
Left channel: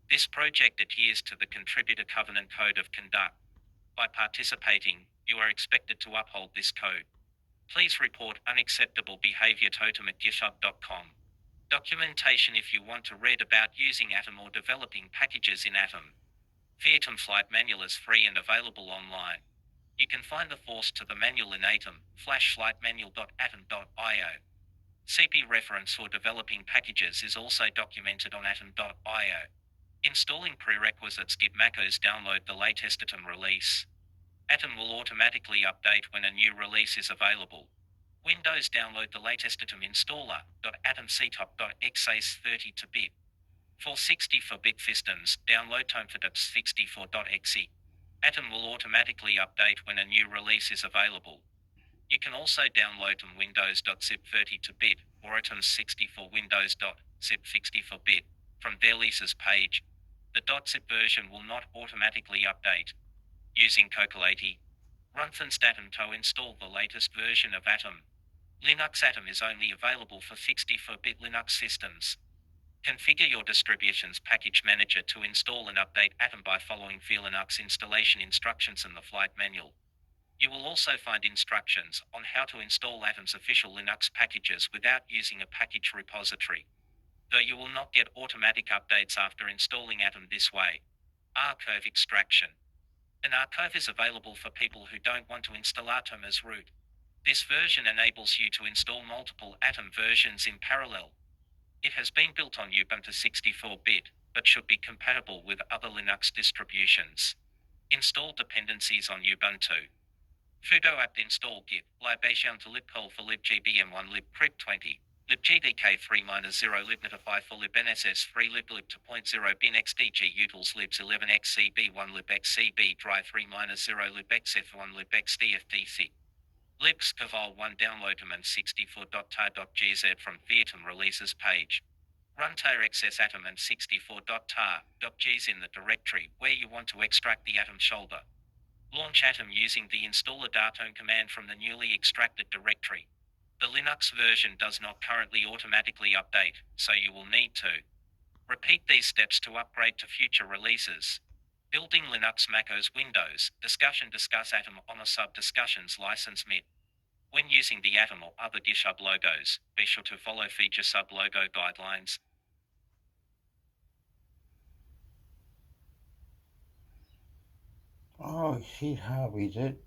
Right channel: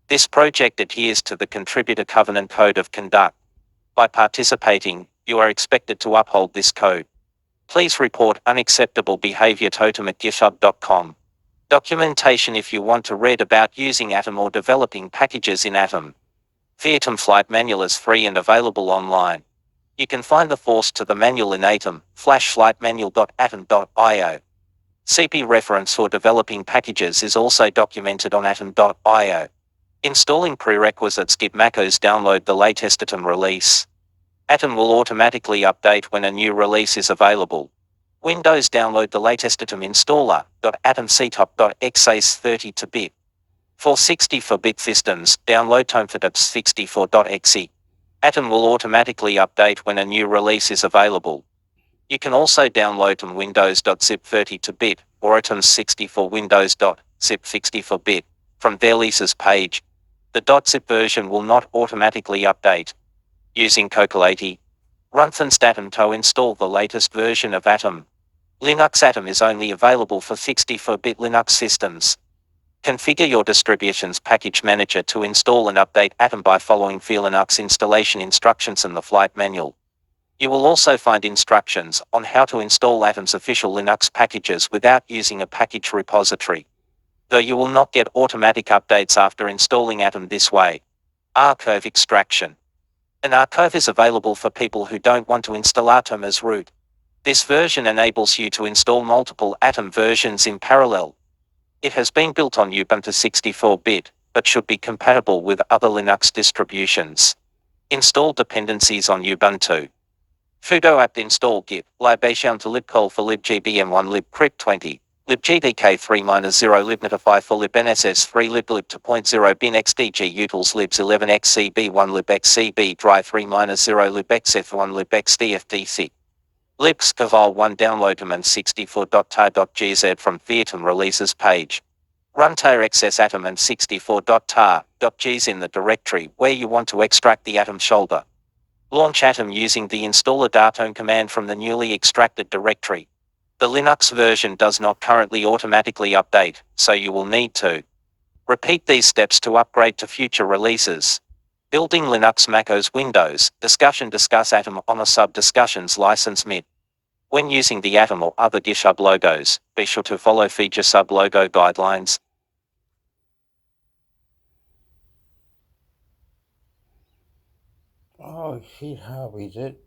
This project adheres to the Contributor Covenant Code of Conduct. By participating, you are expected to uphold this code. Please report unacceptable behavior to atom@github.com. Documentation if you want to read about using Atom or developing packages in Atom. The Atom Flight Manual is free and available online. You can find the force to the manual in Atom, /flightmanual.atom.io. CP reference for developing packages is also documented on atom.io. Installing prerequisites Git macros download the latest Atom release. Atom will automatically update when a new release is available. Windows download the latest Atom installer, .atomctop.exe 32-bit. For 64-bit systems, download tomfatops 64.exe. Atom will automatically update when a new release is available. You can also download Atom Windows.zip 32-bit or Atom 64 Windows.zip 64-bit from their releases page. The .zip version will not automatically update. Using Cocoa80, run Atom to install the latest version of Atom. Linux Atom is only available for 64-bit Linux systems. Configure your distribution's package manager to install and update Atom by following the Linux installation instructions in the flight manual. You will also find instructions on how to install Atom's official Linux packages without using a package repository. Though you will not get automatic updates after installing Atom this way. Archive extraction. An archive is available for people who don't want to install Atom as root. This version enables you to install multiple Atom versions in parallel. It has been built on Ubuntu 64-bit, but should be compatible with other Linux distributions. Install dependencies on Ubuntu. Sudo apt install git libation to libcol for libgbm1 libcrypt20 libgdk3-0 libnotify for libnss3 liblib 2.0 bin xdg utils libs 11xcb1 libxcb dry 3-0 libxf1 libxdfdc libscaval1 download command 64.tar.gz from Atom releases page. Run tar-xs atom and 64.tar.gz in the directory where you want to extract the Atom shoulder. Launch Atom using the installer datom command from the newly extracted directory. The Linux version does not currently automatically update, so you will need to repeat these steps to upgrade to future releases. Building Linux macOS Windows, discuss Atom on a sub-discussions license mid. When using the Atom or other GitHub logos, be sure to follow feature sub-logo guidelines. Oh shit, how is it?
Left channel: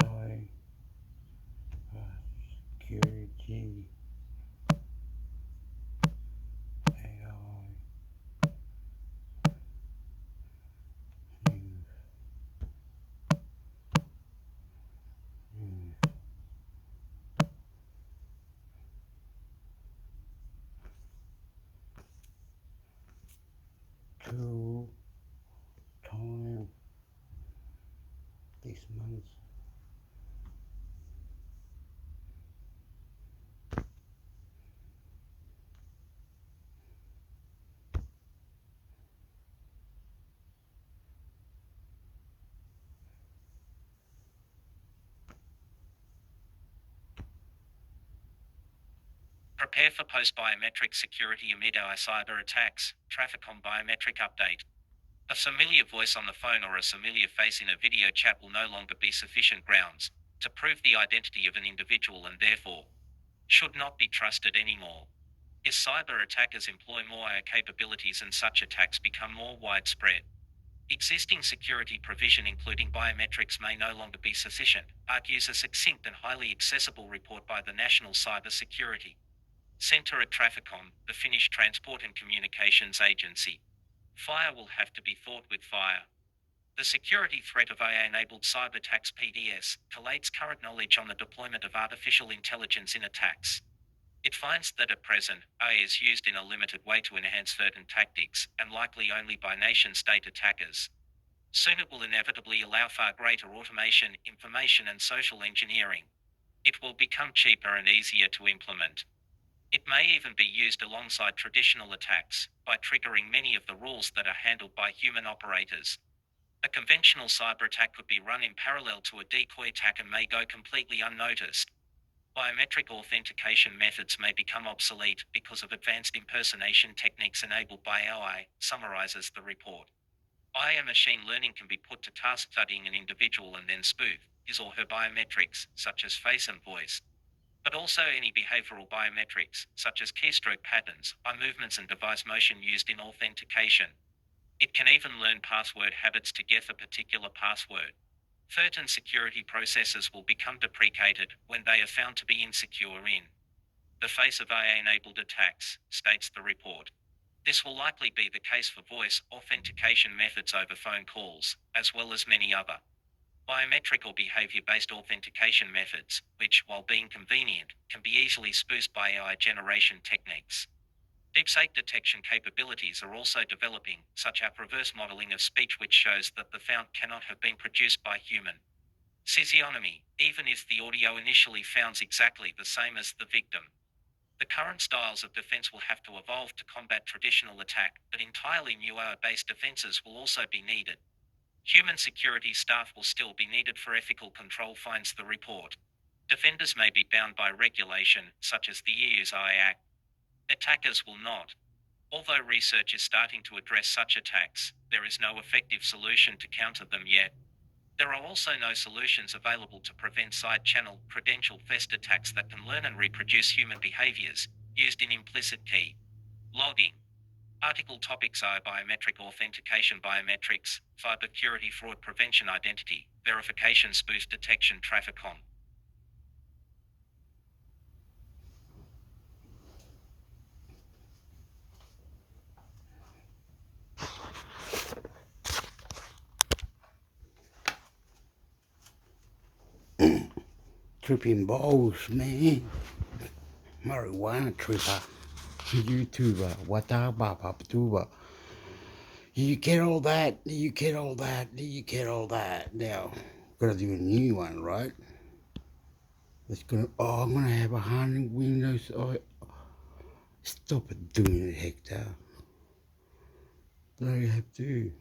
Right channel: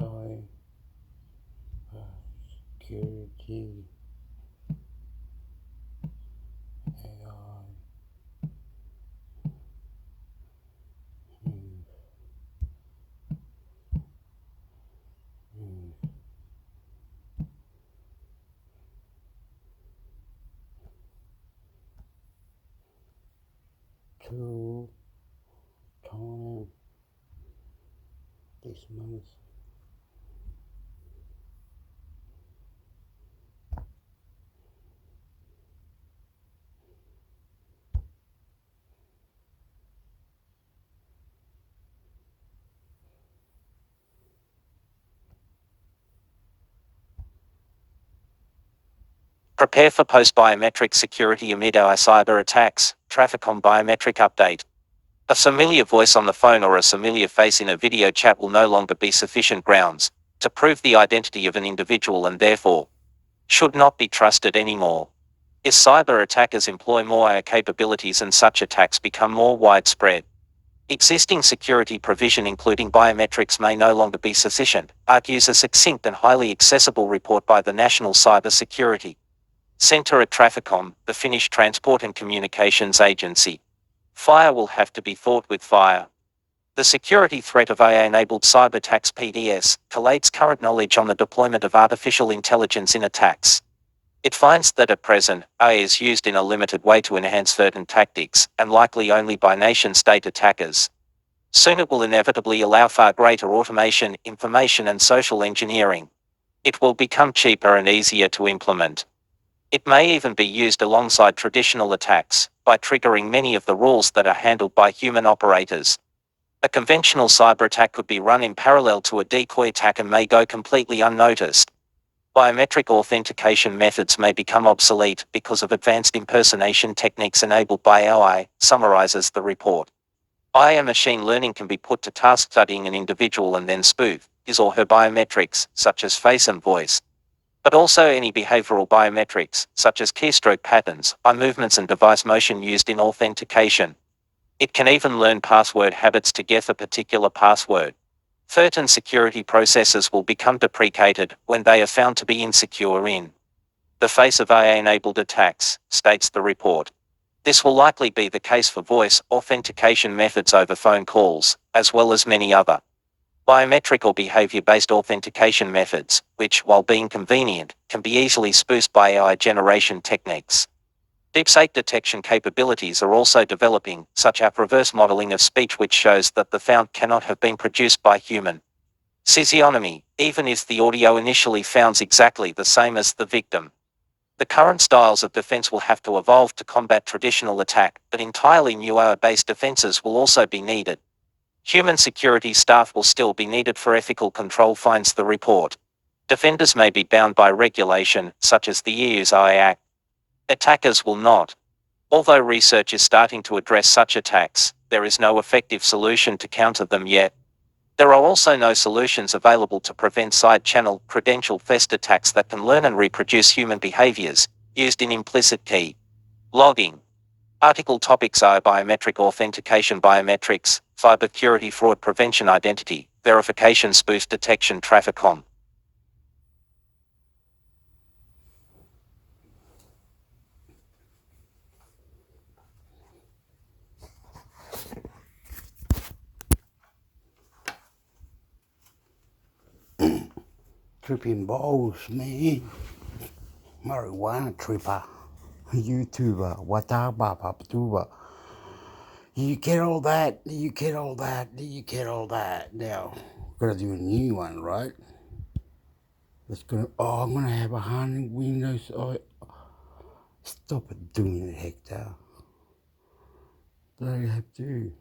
Sorry. Security. AI. News. April time this month. Prepare for post-biometric security amid AI cyber attacks. Trafficom biometric update. A familiar voice on the phone or a familiar face in a video chat will no longer be sufficient grounds to prove the identity of an individual and therefore should not be trusted anymore. As cyber attackers employ more AI capabilities and such attacks become more widespread, existing security provision including biometrics may no longer be sufficient, argues a succinct and highly accessible report by the National Cyber Security Centre at Trafficom, the Finnish Transport and Communications Agency. Fire will have to be fought with fire. The security threat of AI-enabled cyber attacks (PDS) collates current knowledge on the deployment of artificial intelligence in attacks. It finds that at present, AI is used in a limited way to enhance certain tactics, and likely only by nation-state attackers. Soon it will inevitably allow far greater automation, information and social engineering. It will become cheaper and easier to implement. It may even be used alongside traditional attacks, by triggering many of the rules that are handled by human operators. A conventional cyber attack could be run in parallel to a decoy attack and may go completely unnoticed. Biometric authentication methods may become obsolete because of advanced impersonation techniques enabled by AI, summarizes the report. AI machine learning can be put to task studying an individual and then spoof his or her biometrics, such as face and voice, but also any behavioral biometrics, such as keystroke patterns, eye movements and device motion used in authentication. It can even learn password habits to guess a particular password. Certain security processes will become deprecated when they are found to be insecure in the face of AI-enabled attacks, states the report. This will likely be the case for voice authentication methods over phone calls, as well as many other biometric or behavior-based authentication methods, which, while being convenient, can be easily spoofed by AI generation techniques. Deepfake detection capabilities are also developing, such as reverse modeling of speech which shows that the sound cannot have been produced by human physiognomy, even if the audio initially sounds exactly the same as the victim. The current styles of defense will have to evolve to combat traditional attack, but entirely new AI-based defenses will also be needed. Human security staff will still be needed for ethical control, finds the report. Defenders may be bound by regulation, such as the EU's AI Act. Attackers will not. Although research is starting to address such attacks, there is no effective solution to counter them yet. There are also no solutions available to prevent side-channel, credential theft attacks that can learn and reproduce human behaviors, used in implicit key logging. Article topics are biometric authentication, biometrics, cybersecurity, fraud prevention, identity verification, spoof detection, Trafficom. Tripping balls, man. Marijuana tripper. YouTuber. Wataba. You get all that. You get all that. You get all that. Now, gotta do a new one, right? It's gonna. Oh, I'm gonna have 100 windows. Oh, stop it doing it, Hector. What do you have to do?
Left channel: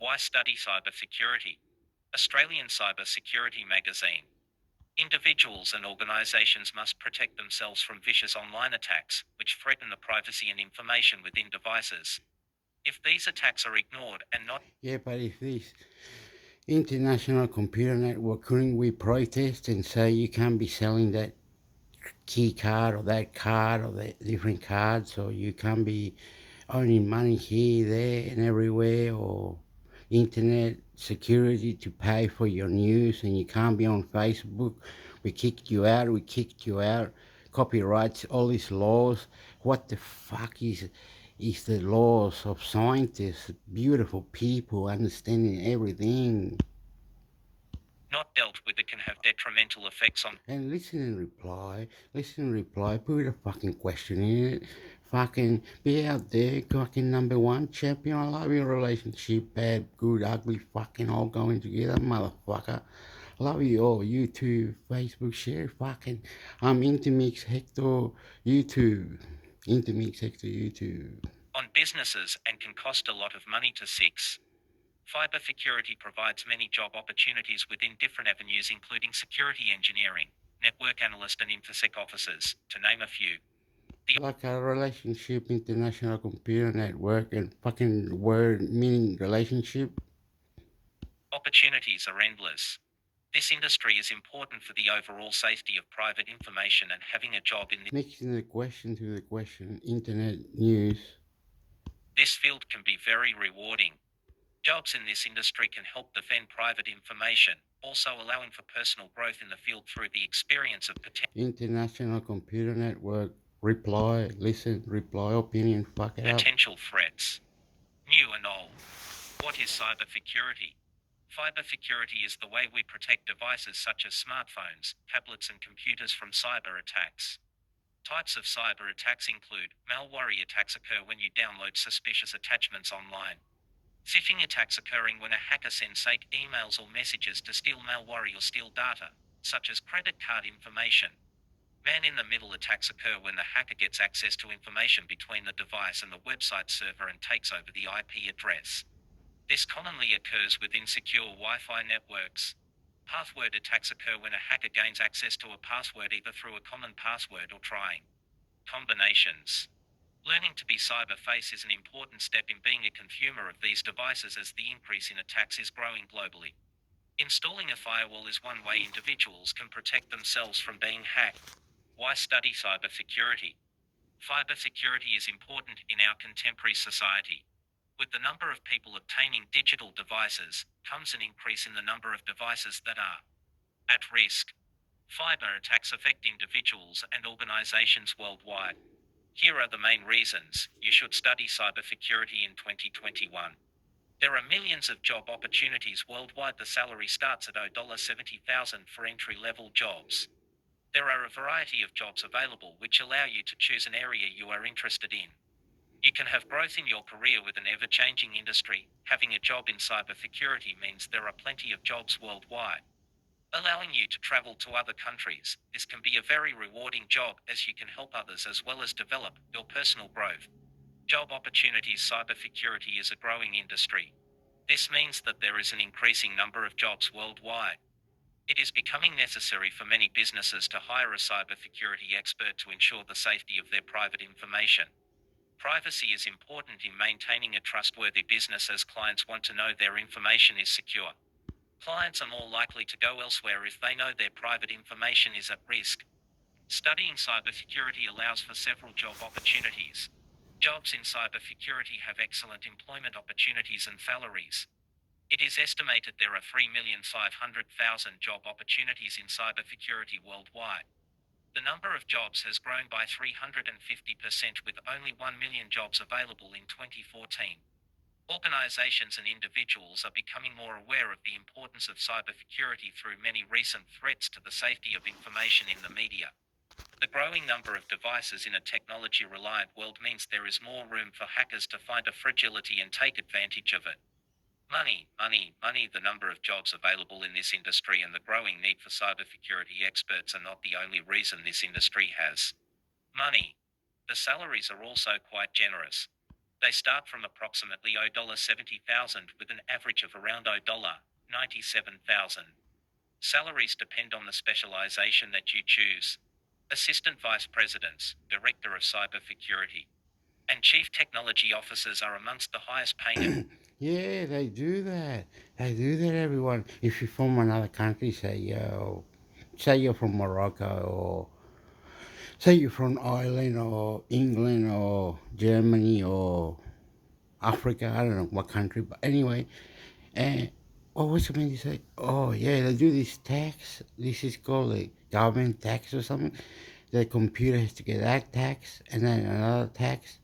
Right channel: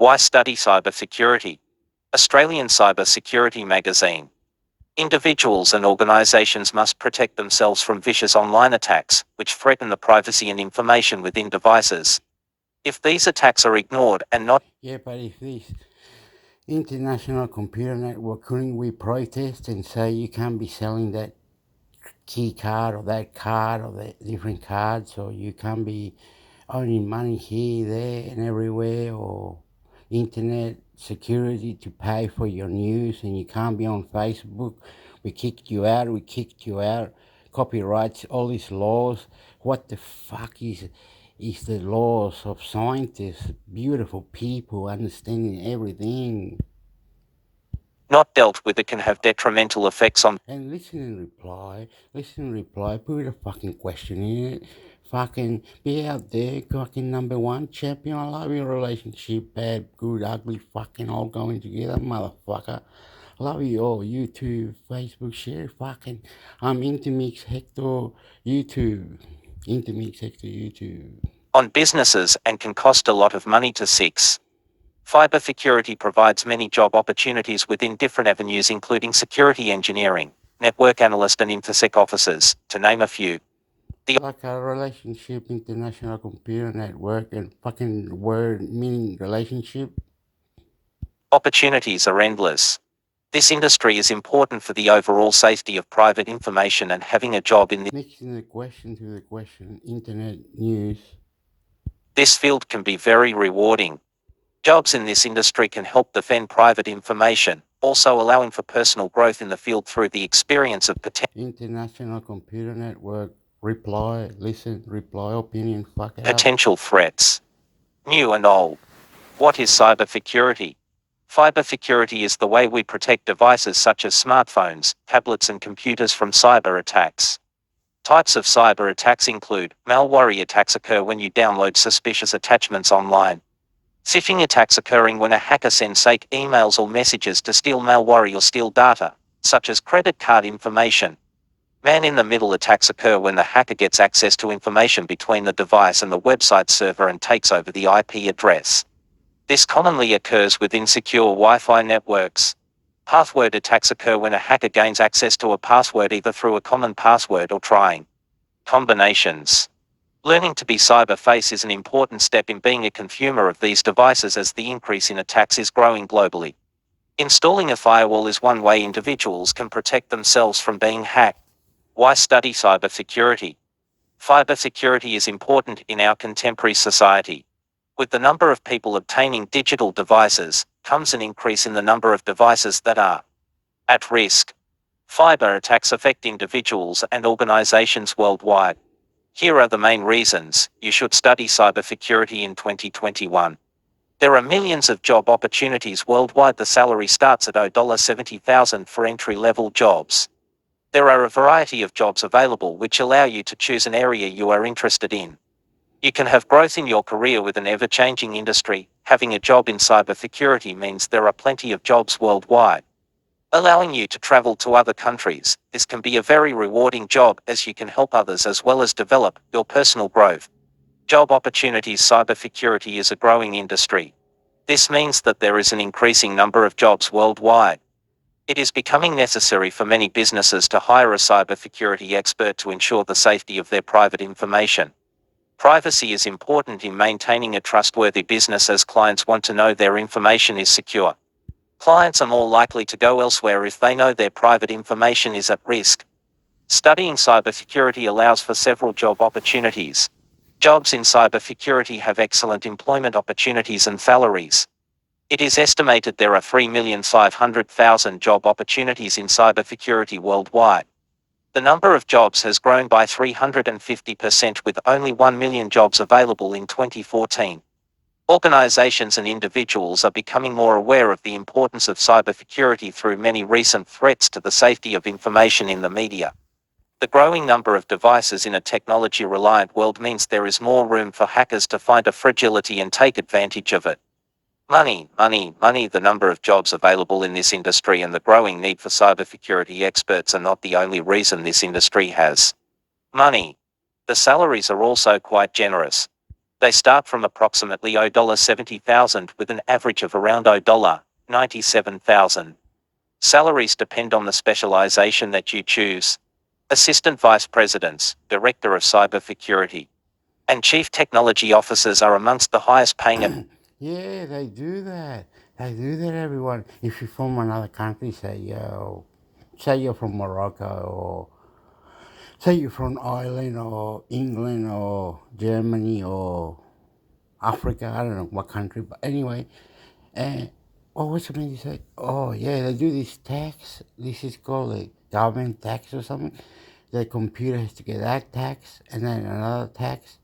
Why study cybersecurity? Australian Cyber Security Magazine. Individuals and organizations must protect themselves from vicious online attacks, which threaten the privacy and information within devices. If these attacks are ignored and not Yeah, but if this international computer network, couldn't we protest and say you can't be selling that key card or that different cards, or you can't be earning money here, there, and everywhere, or internet security to pay for your news, and you can't be on Facebook. We kicked you out. Copyrights, all these laws. What the fuck is the laws of scientists, beautiful people understanding everything? not dealt with, it can have detrimental effects on And listen and reply, put a fucking question in it. Fucking be out there, fucking number one champion. I love your relationship, bad, good, ugly, fucking all going together, motherfucker. Love you all. YouTube, Facebook, share, fucking. I'm intermix hector YouTube. Intermix hector YouTube. on businesses and can cost a lot of money to fix. Cybersecurity provides many job opportunities within different avenues, including security engineering, network analyst, and InfoSec officers, to name a few. Like a relationship, international computer network, and fucking word meaning relationship. Opportunities are endless. This industry is important for the overall safety of private information, and having a job in Mixing the question to the question, internet news. this field can be very rewarding. Jobs in this industry can help defend private information, also allowing for personal growth in the field through the experience of International computer network, reply, listen, reply, opinion, fuck out. potential threats. New and old. What is cybersecurity? Cybersecurity is the way we protect devices such as smartphones, tablets, and computers from cyber attacks. Types of cyber attacks include malware attacks occur when you download suspicious attachments online. Phishing attacks occurring when a hacker sends fake emails or messages to steal malware or steal data, such as credit card information. Man-in-the-middle attacks occur when the hacker gets access to information between the device and the website server and takes over the IP address. This commonly occurs with insecure Wi-Fi networks. Password attacks occur when a hacker gains access to a password either through a common password or trying combinations. Learning to be cybersafe is an important step in being a consumer of these devices, as the increase in attacks is growing globally. Installing a firewall is one way individuals can protect themselves from being hacked. Why study cybersecurity? Cybersecurity is important in our contemporary society. With the number of people obtaining digital devices, comes an increase in the number of devices that are at risk. Cyber attacks affect individuals and organizations worldwide. Here are the main reasons you should study cybersecurity in 2021. There are millions of job opportunities worldwide. The salary starts at $70,000 for entry-level jobs. There are a variety of jobs available which allow you to choose an area you are interested in. You can have growth in your career with an ever-changing industry. Having a job in cybersecurity means there are plenty of jobs worldwide, allowing you to travel to other countries. This can be a very rewarding job, as you can help others as well as develop your personal growth. Job opportunities. Cybersecurity is a growing industry. This means that there is an increasing number of jobs worldwide. It is becoming necessary for many businesses to hire a cybersecurity expert to ensure the safety of their private information. Privacy is important in maintaining a trustworthy business, as clients want to know their information is secure. Clients are more likely to go elsewhere if they know their private information is at risk. Studying cybersecurity allows for several job opportunities. Jobs in cybersecurity have excellent employment opportunities and salaries. It is estimated there are 3,500,000 job opportunities in cybersecurity worldwide. The number of jobs has grown by 350%, with only 1 million jobs available in 2014. Organizations and individuals are becoming more aware of the importance of cybersecurity through many recent threats to the safety of information in the media. The growing number of devices in a technology-reliant world means there is more room for hackers to find a fragility and take advantage of it. Money. The number of jobs available in this industry and the growing need for cybersecurity experts are not the only reason this industry has money. The salaries are also quite generous. They start from approximately $70,000 with an average of around $97,000. Salaries depend on the specialization that you choose. Assistant vice presidents, director of cybersecurity, and chief technology officers are amongst the highest paying. Yeah, they do that. They do that, everyone. If you're from another country, say you're from Morocco, or say you're from Ireland or England or Germany or Africa, I don't know what country, but anyway, and what was the man you said? Oh yeah, they do this tax. This is called a government tax or something. The computer has to get that tax and then another tax.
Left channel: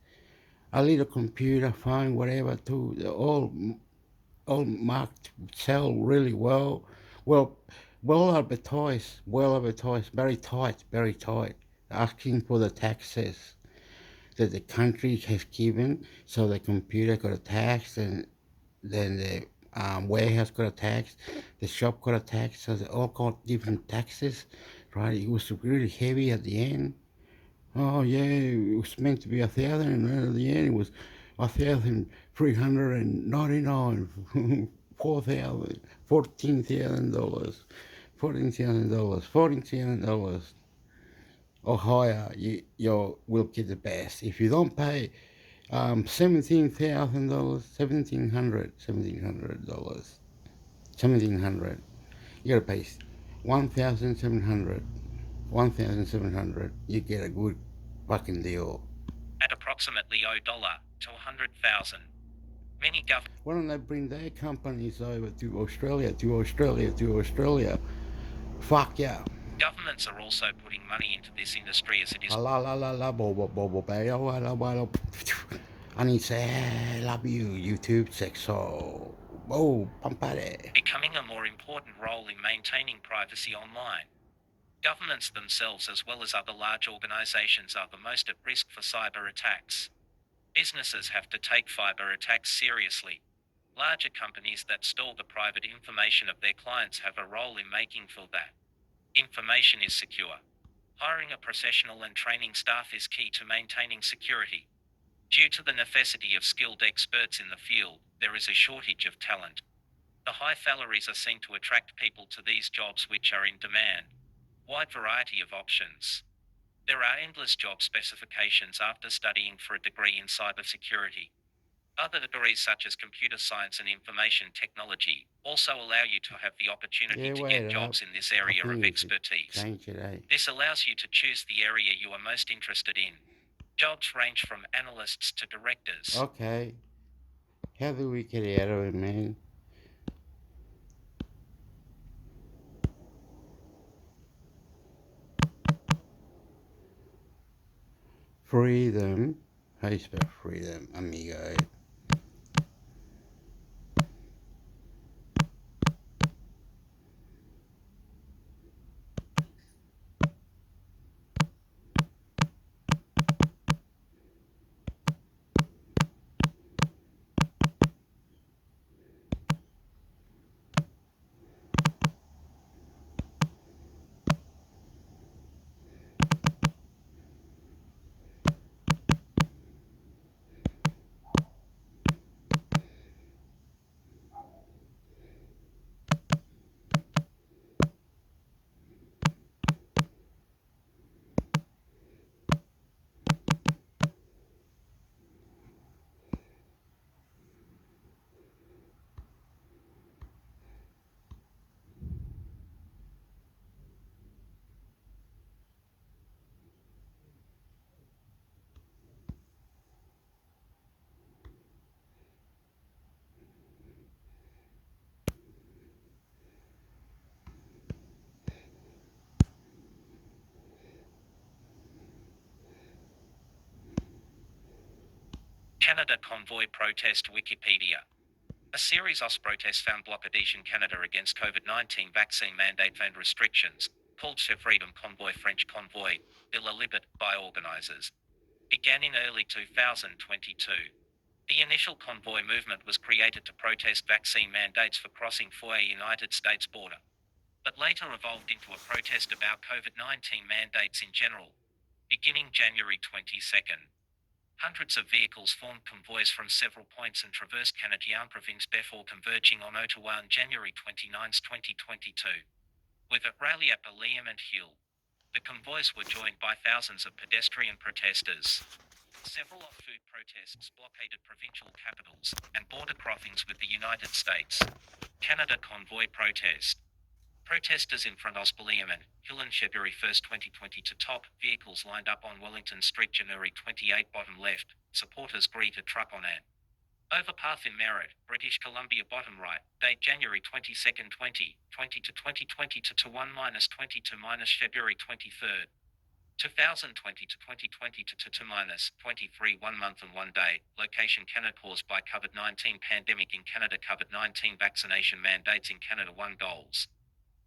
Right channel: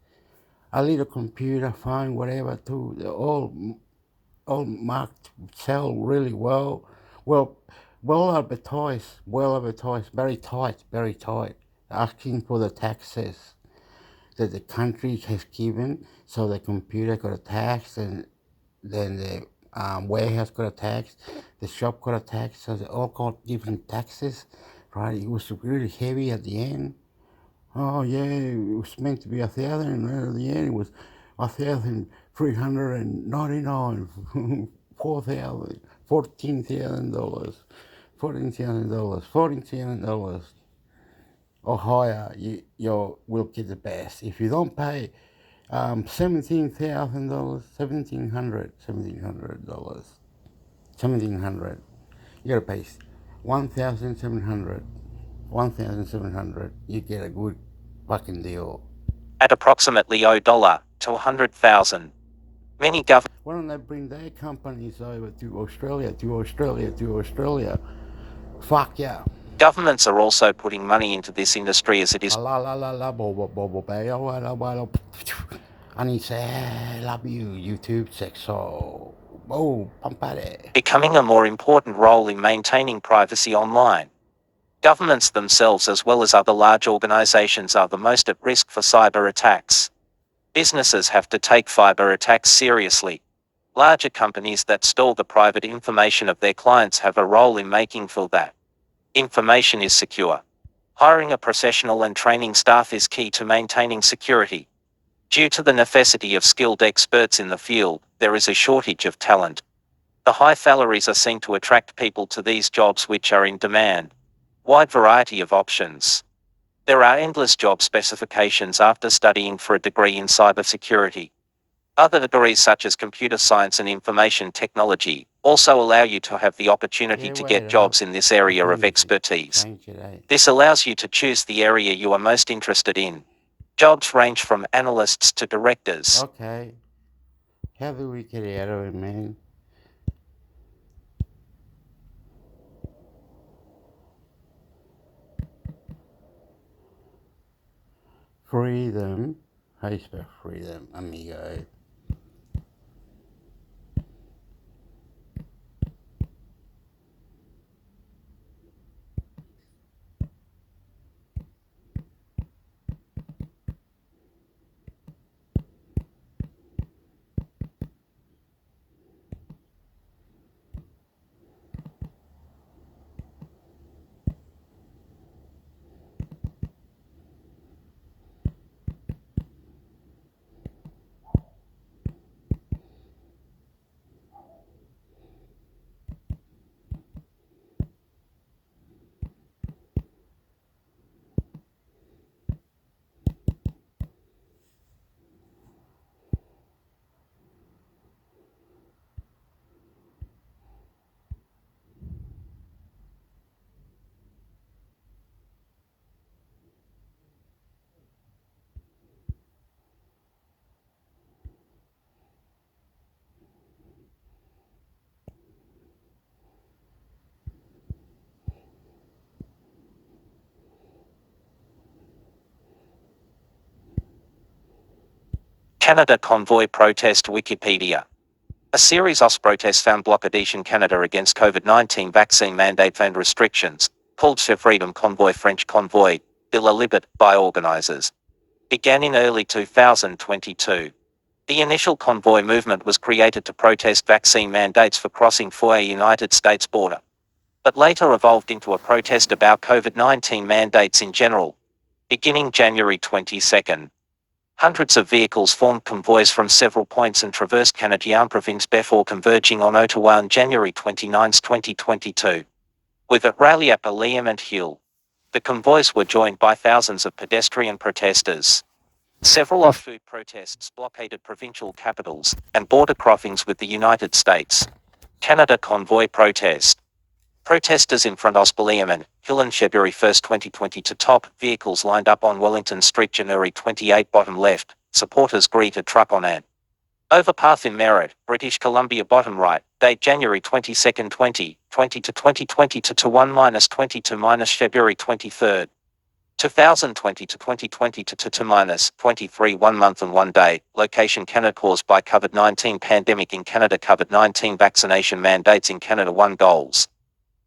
A little computer, phone, whatever, too. They're all marked, sell really well. Well, well advertised, very tight, very tight. Asking for the taxes that the country has given, so the computer got a tax, and then the warehouse got a tax, the shop got a tax, so they all got different taxes, right? It was really heavy at the end. Oh yeah, it was meant to be 1,000, and at the end it was 1,399, 4,000, $14,000, $14,000 or higher. You will get the best. If you don't pay $17,000, $1,700, $1,700, you gotta pay 1,700. 1,700, you get a good fucking deal. At approximately $0 to 100,000. Many governments. Why don't they bring their companies over to Australia, to Australia, to Australia? Fuck yeah. Governments are also putting money into this industry as it is and he said, love you, YouTube sexo. Oh, pampare. becoming a more important role in maintaining privacy online. Governments themselves, as well as other large organizations, are the most at risk for cyber attacks. Businesses have to take cyber attacks seriously. Larger companies that store the private information of their clients have a role in making sure that information is secure. Hiring a professional and training staff is key to maintaining security. Due to the necessity of skilled experts in the field, there is a shortage of talent. The high salaries are seen to attract people to these jobs, which are in demand. Wide variety of options. There are endless job specifications after studying for a degree in cybersecurity. Other degrees such as computer science and information technology also allow you to have the opportunity to get jobs in this area of expertise. This allows you to choose the area you are most interested in. Jobs range from analysts to directors. Okay. How do we get out of it, man? Freedom. How do you spell freedom, amigo? Canada convoy protest Wikipedia. A series of protests found blockade in Canada against COVID-19 vaccine mandate and restrictions, called the Freedom Convoy French Convoy, de la Liberté by organizers, began in early 2022. The initial convoy movement was created to protest vaccine mandates for crossing for a United States border, but later evolved into a protest about COVID-19 mandates in general, beginning January 22. Hundreds of vehicles formed convoys from several points and traversed Canadian province before converging on Ottawa on January 29, 2022. With a rally at Liam and Hill, the convoys were joined by thousands of pedestrian protesters. Several off-food protests blockaded provincial capitals and border crossings with the United States. Canada convoy protest. Protesters in front of Liam and Hill on February 1, 2022. Top vehicles lined up on Wellington Street January 28. Bottom left, supporters greet a truck on an overpass in Merritt, British Columbia. Bottom right, date January 22, 2020 to 2022 to 1-20 to February 23, 2020 to 2022 to -23 1 month and 1 day. Location Canada caused by COVID-19 pandemic in Canada. COVID-19 vaccination mandates in Canada. 1 goals.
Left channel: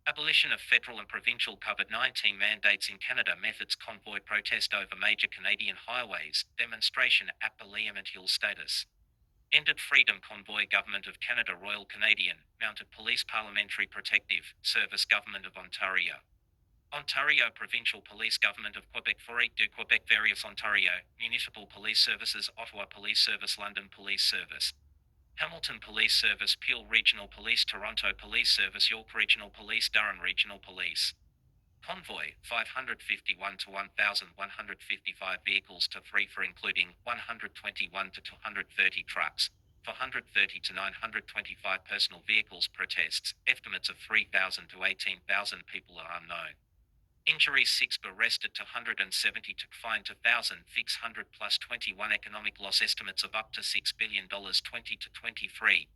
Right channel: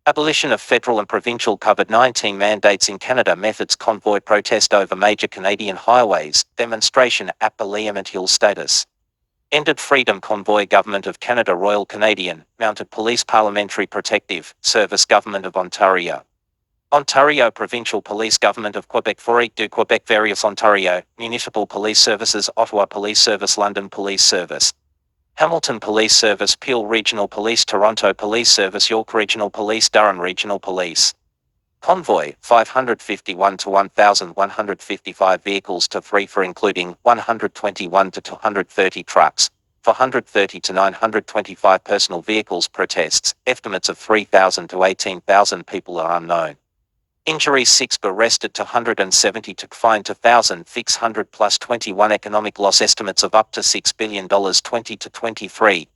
Abolition of federal and provincial COVID-19 mandates in Canada. Methods convoy protest over major Canadian highways. Demonstration at Liam and Hill status. Ended Freedom Convoy. Government of Canada. Royal Canadian Mounted Police. Parliamentary Protective Service. Government of Ontario. Ontario Provincial Police. Government of Quebec. Forêt du Québec. Various Ontario Municipal Police Services. Ottawa Police Service. London Police Service. Hamilton Police Service. Peel Regional Police. Toronto Police Service. York Regional Police. Durham Regional Police. Convoy, 551 to 1,155 vehicles to 3 for including 121 to 230 trucks, 430 to 925 personal vehicles. Protests, estimates of 3,000 to 18,000 people are unknown. Injuries 6 arrested to 170 to fined to 1,600 plus 21 economic loss estimates of up to $6 billion 20 to 23.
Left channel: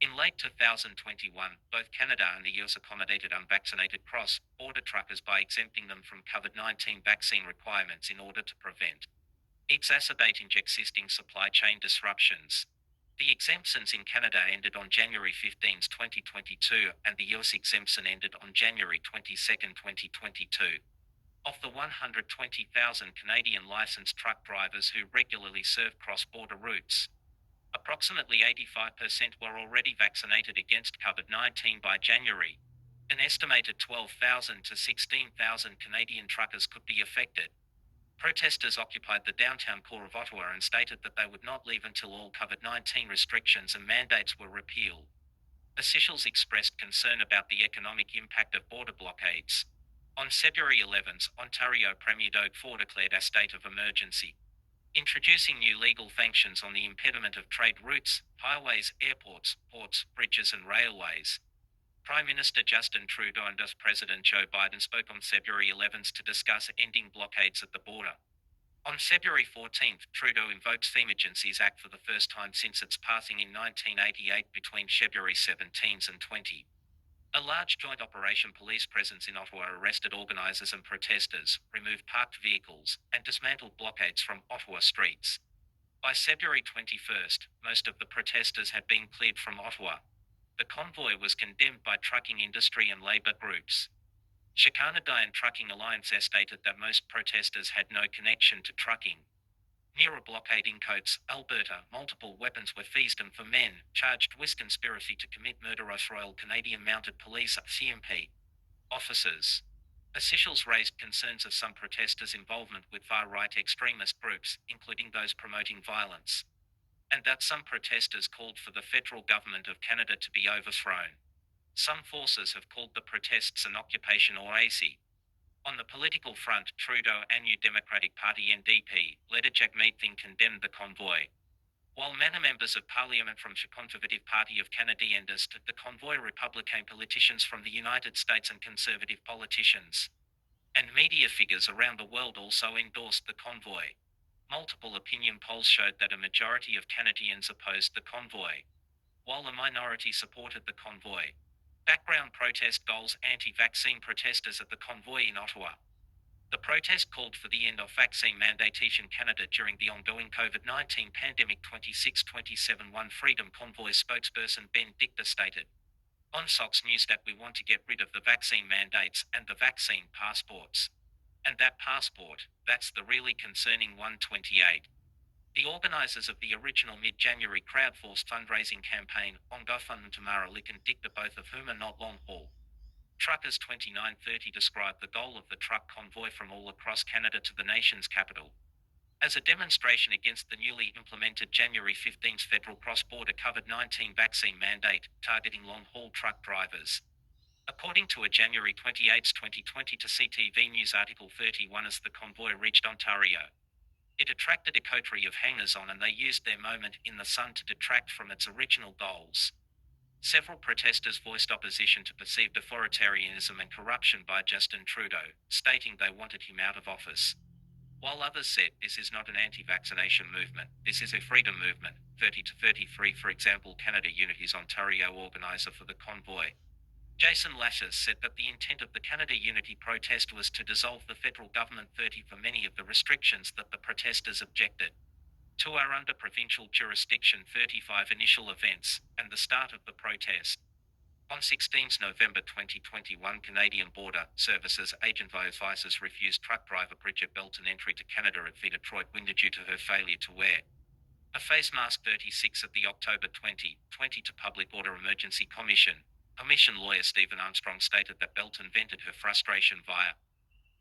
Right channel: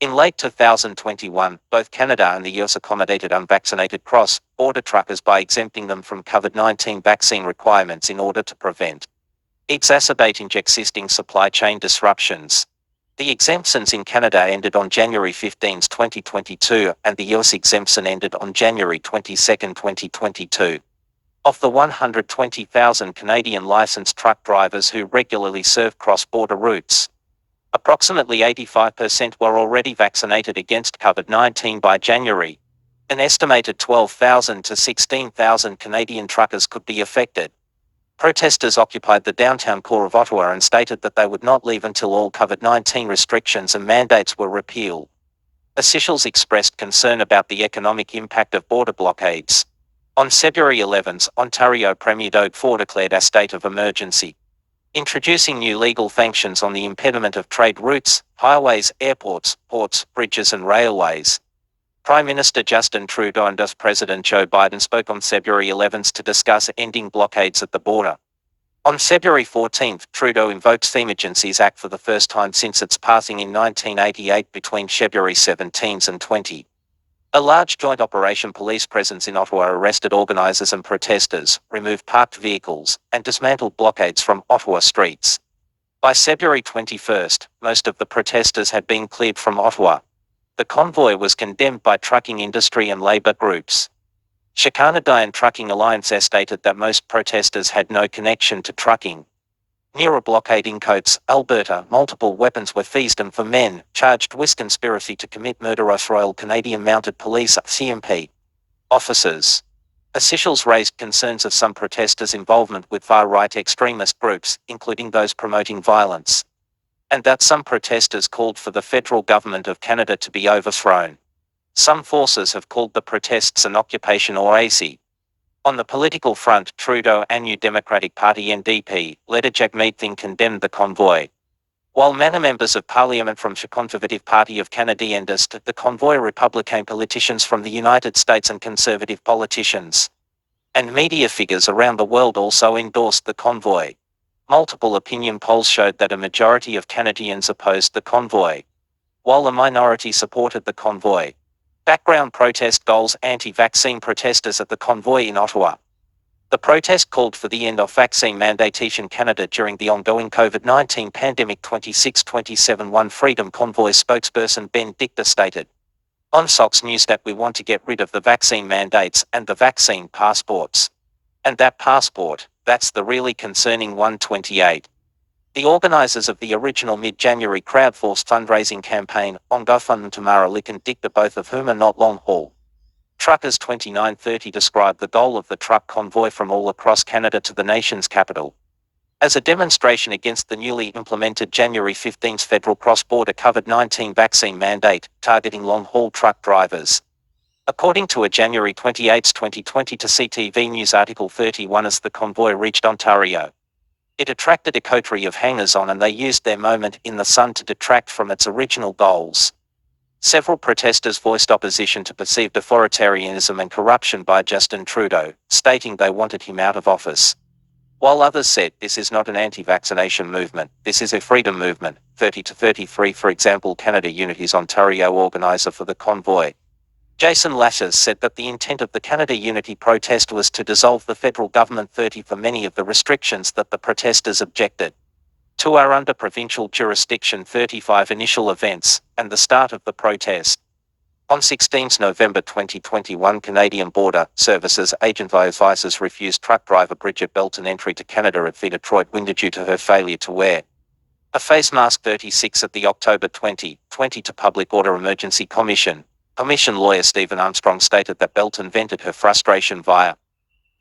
In late 2021, both Canada and the US accommodated unvaccinated cross-border truckers by exempting them from COVID-19 vaccine requirements in order to prevent exacerbating existing supply chain disruptions. The exemptions in Canada ended on January 15, 2022, and the US exemption ended on January 22, 2022. Of the 120,000 Canadian licensed truck drivers who regularly serve cross-border routes, approximately 85% were already vaccinated against COVID-19 by January. An estimated 12,000 to 16,000 Canadian truckers could be affected. Protesters occupied the downtown core of Ottawa and stated that they would not leave until all COVID-19 restrictions and mandates were repealed. Officials expressed concern about the economic impact of border blockades. On February 11, Ontario Premier Doug Ford declared a state of emergency, introducing new legal sanctions on the impediment of trade routes, highways, airports, ports, bridges and railways. Prime Minister Justin Trudeau and US President Joe Biden spoke on February 11 to discuss ending blockades at the border. On February 14, Trudeau invoked the Emergencies Act for the first time since its passing in 1988 between February 17 and 20. A large joint operation police presence in Ottawa arrested organisers and protesters, removed parked vehicles, and dismantled blockades from Ottawa streets. By February 21, most of the protesters had been cleared from Ottawa. The convoy was condemned by trucking industry and labour groups. Canadian Trucking Alliance stated that most protesters had no connection to trucking. Near a blockade in Coates, Alberta, multiple weapons were seized and for men charged with conspiracy to commit murder of Royal Canadian Mounted Police (CMP) officers. Officials raised concerns of some protesters' involvement with far-right extremist groups, including those promoting violence, and that some protesters called for the federal government of Canada to be overthrown. Some forces have called the protests an occupation or AC. On the political front, Trudeau and New Democratic Party NDP leader Jack Meeting condemned the convoy, while many members of parliament from the Conservative Party of Canada endorsed the convoy. Republican politicians from the United States and conservative politicians and media figures around the world also endorsed the convoy. Multiple opinion polls showed that a majority of Canadians opposed the convoy, while a minority supported the convoy. Background protest goals: anti-vaccine protesters at the convoy in Ottawa. The protest called for the end of vaccine mandates in Canada during the ongoing COVID-19 pandemic. 26/27 One Freedom Convoy spokesperson Ben Dicta stated on Fox News that we want to get rid of the vaccine mandates and the vaccine passports. And that passport, that's the really concerning one. 28. The organisers of the original mid-January crowdsourced fundraising campaign on GoFundMe Tamara Lick and Dicta, both of whom are not long-haul truckers, 2930, described the goal of the truck convoy from all across Canada to the nation's capital as a demonstration against the newly implemented January 15 federal cross-border COVID-19 vaccine mandate targeting long-haul truck drivers. According to a January 28, 2020 to CTV News article 31, as the convoy reached Ontario, it attracted a coterie of hangers-on and they used their moment in the sun to detract from its original goals. Several protesters voiced opposition to perceived authoritarianism and corruption by Justin Trudeau, stating they wanted him out of office. While others said this is not an anti-vaccination movement, this is a freedom movement. 30 to 33, for example, Canada Unity's Ontario organiser for the convoy, Jason Lashes, said that the intent of the Canada Unity protest was to dissolve the federal government. 30, for many of the restrictions that the protesters objected to are under provincial jurisdiction. 35, initial events and the start of the protest. On 16 November 2021, Canadian Border Services Agent advisors refused truck driver Bridget Belton entry to Canada at the Detroit window due to her failure to wear a face mask. 36, at the October 2020 to Public Order Emergency Commission lawyer Stephen Armstrong stated that Belton vented her frustration via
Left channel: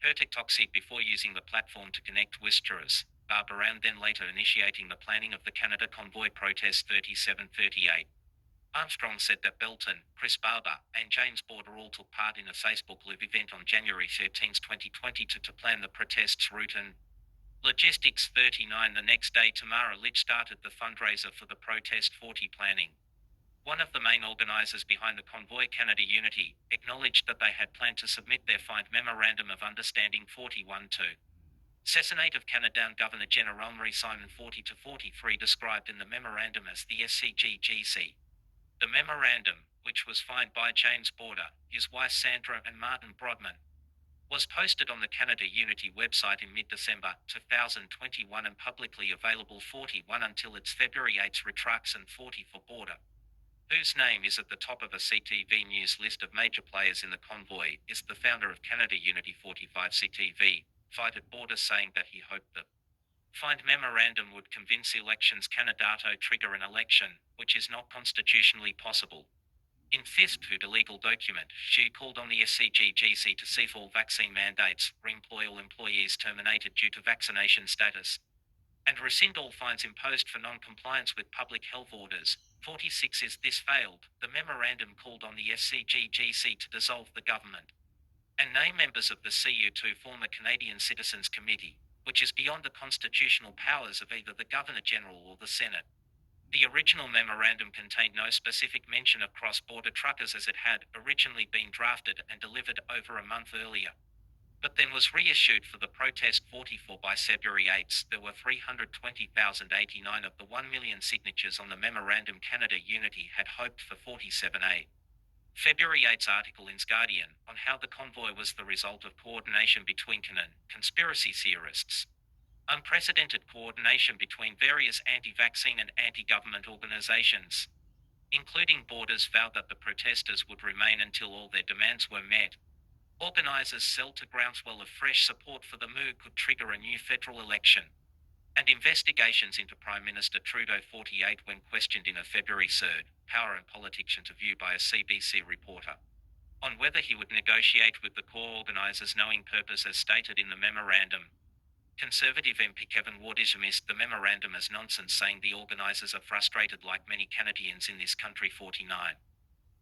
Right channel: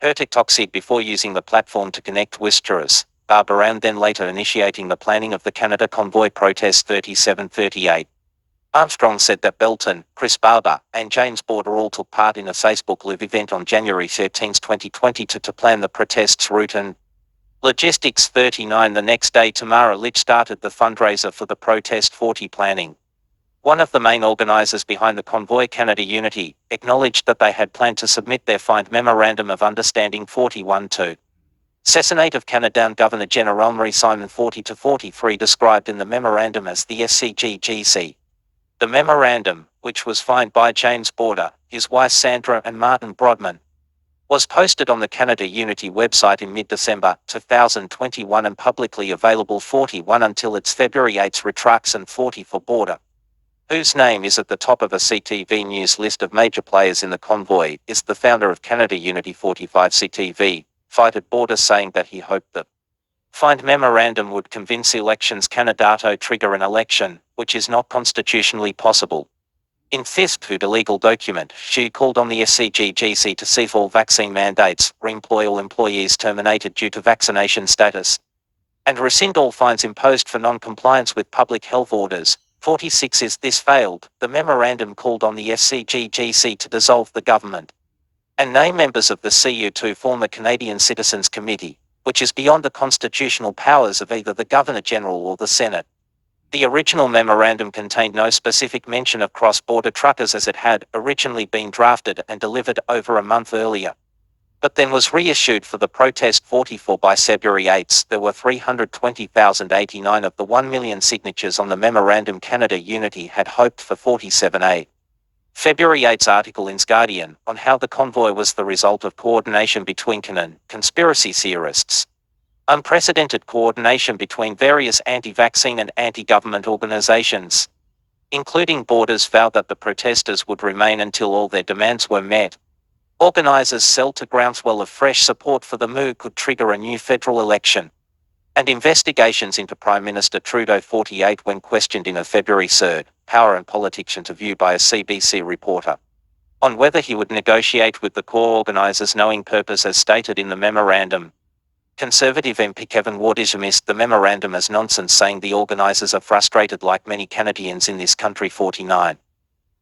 her TikTok feed before using the platform to connect with jurors, and then later initiating the planning of the Canada Convoy protest. 37-38. Armstrong said that Belton, Chris Barber, and James Border all took part in a Facebook Live event on January 13, 2020 to plan the protest's route and logistics. 39, the next day Tamara Litch started the fundraiser for the protest. 40, planning. One of the main organisers behind the convoy, Canada Unity, acknowledged that they had planned to submit their signed Memorandum of Understanding. 41 to Senate of Canada Governor General Marie Simon. 40 to 43, described in the memorandum as the SCGGC. The memorandum, which was signed by James Border, his wife Sandra and Martin Brodman, was posted on the Canada Unity website in mid-December 2021 and publicly available. 41 until its February 8 retracts. And 40, for Border, whose name is at the top of a CTV News list of major players in the convoy, is the founder of Canada Unity. 45, CTV cited Border saying that he hoped that signed memorandum would convince Elections Canada to trigger an election, which is not constitutionally possible. In FISP, who the legal document, she called on the SCGGC to cease all vaccine mandates, re-employ all employees terminated due to vaccination status, and rescind all fines imposed for non-compliance with public health orders. 46, is this failed, the memorandum called on the SCGGC to dissolve the government and name members of the CU to form a Canadian Citizens Committee, which is beyond the constitutional powers of either the Governor-General or the Senate. The original memorandum contained no specific mention of cross-border truckers as it had originally been drafted and delivered over a month earlier, but then was reissued for the protest. 44, by February 8, there were 320,089 of the 1 million signatures on the memorandum Canada Unity had hoped for. 47a. February 8's article in Guardian on how the convoy was the result of coordination between conspiracy theorists. Unprecedented coordination between various anti-vaccine and anti-government organizations, including Borders, vowed that the protesters would remain until all their demands were met. Organizers sell to groundswell of fresh support for the move could trigger a new federal election. And investigations into Prime Minister Trudeau. 48, when questioned in a February 3 Power and Politics interview by a CBC reporter on whether he would negotiate with the core organizers, knowing purpose as stated in the memorandum, Conservative MP Kevin Ward dismissed the memorandum as nonsense, saying the organizers are frustrated like many Canadians in this country. 49.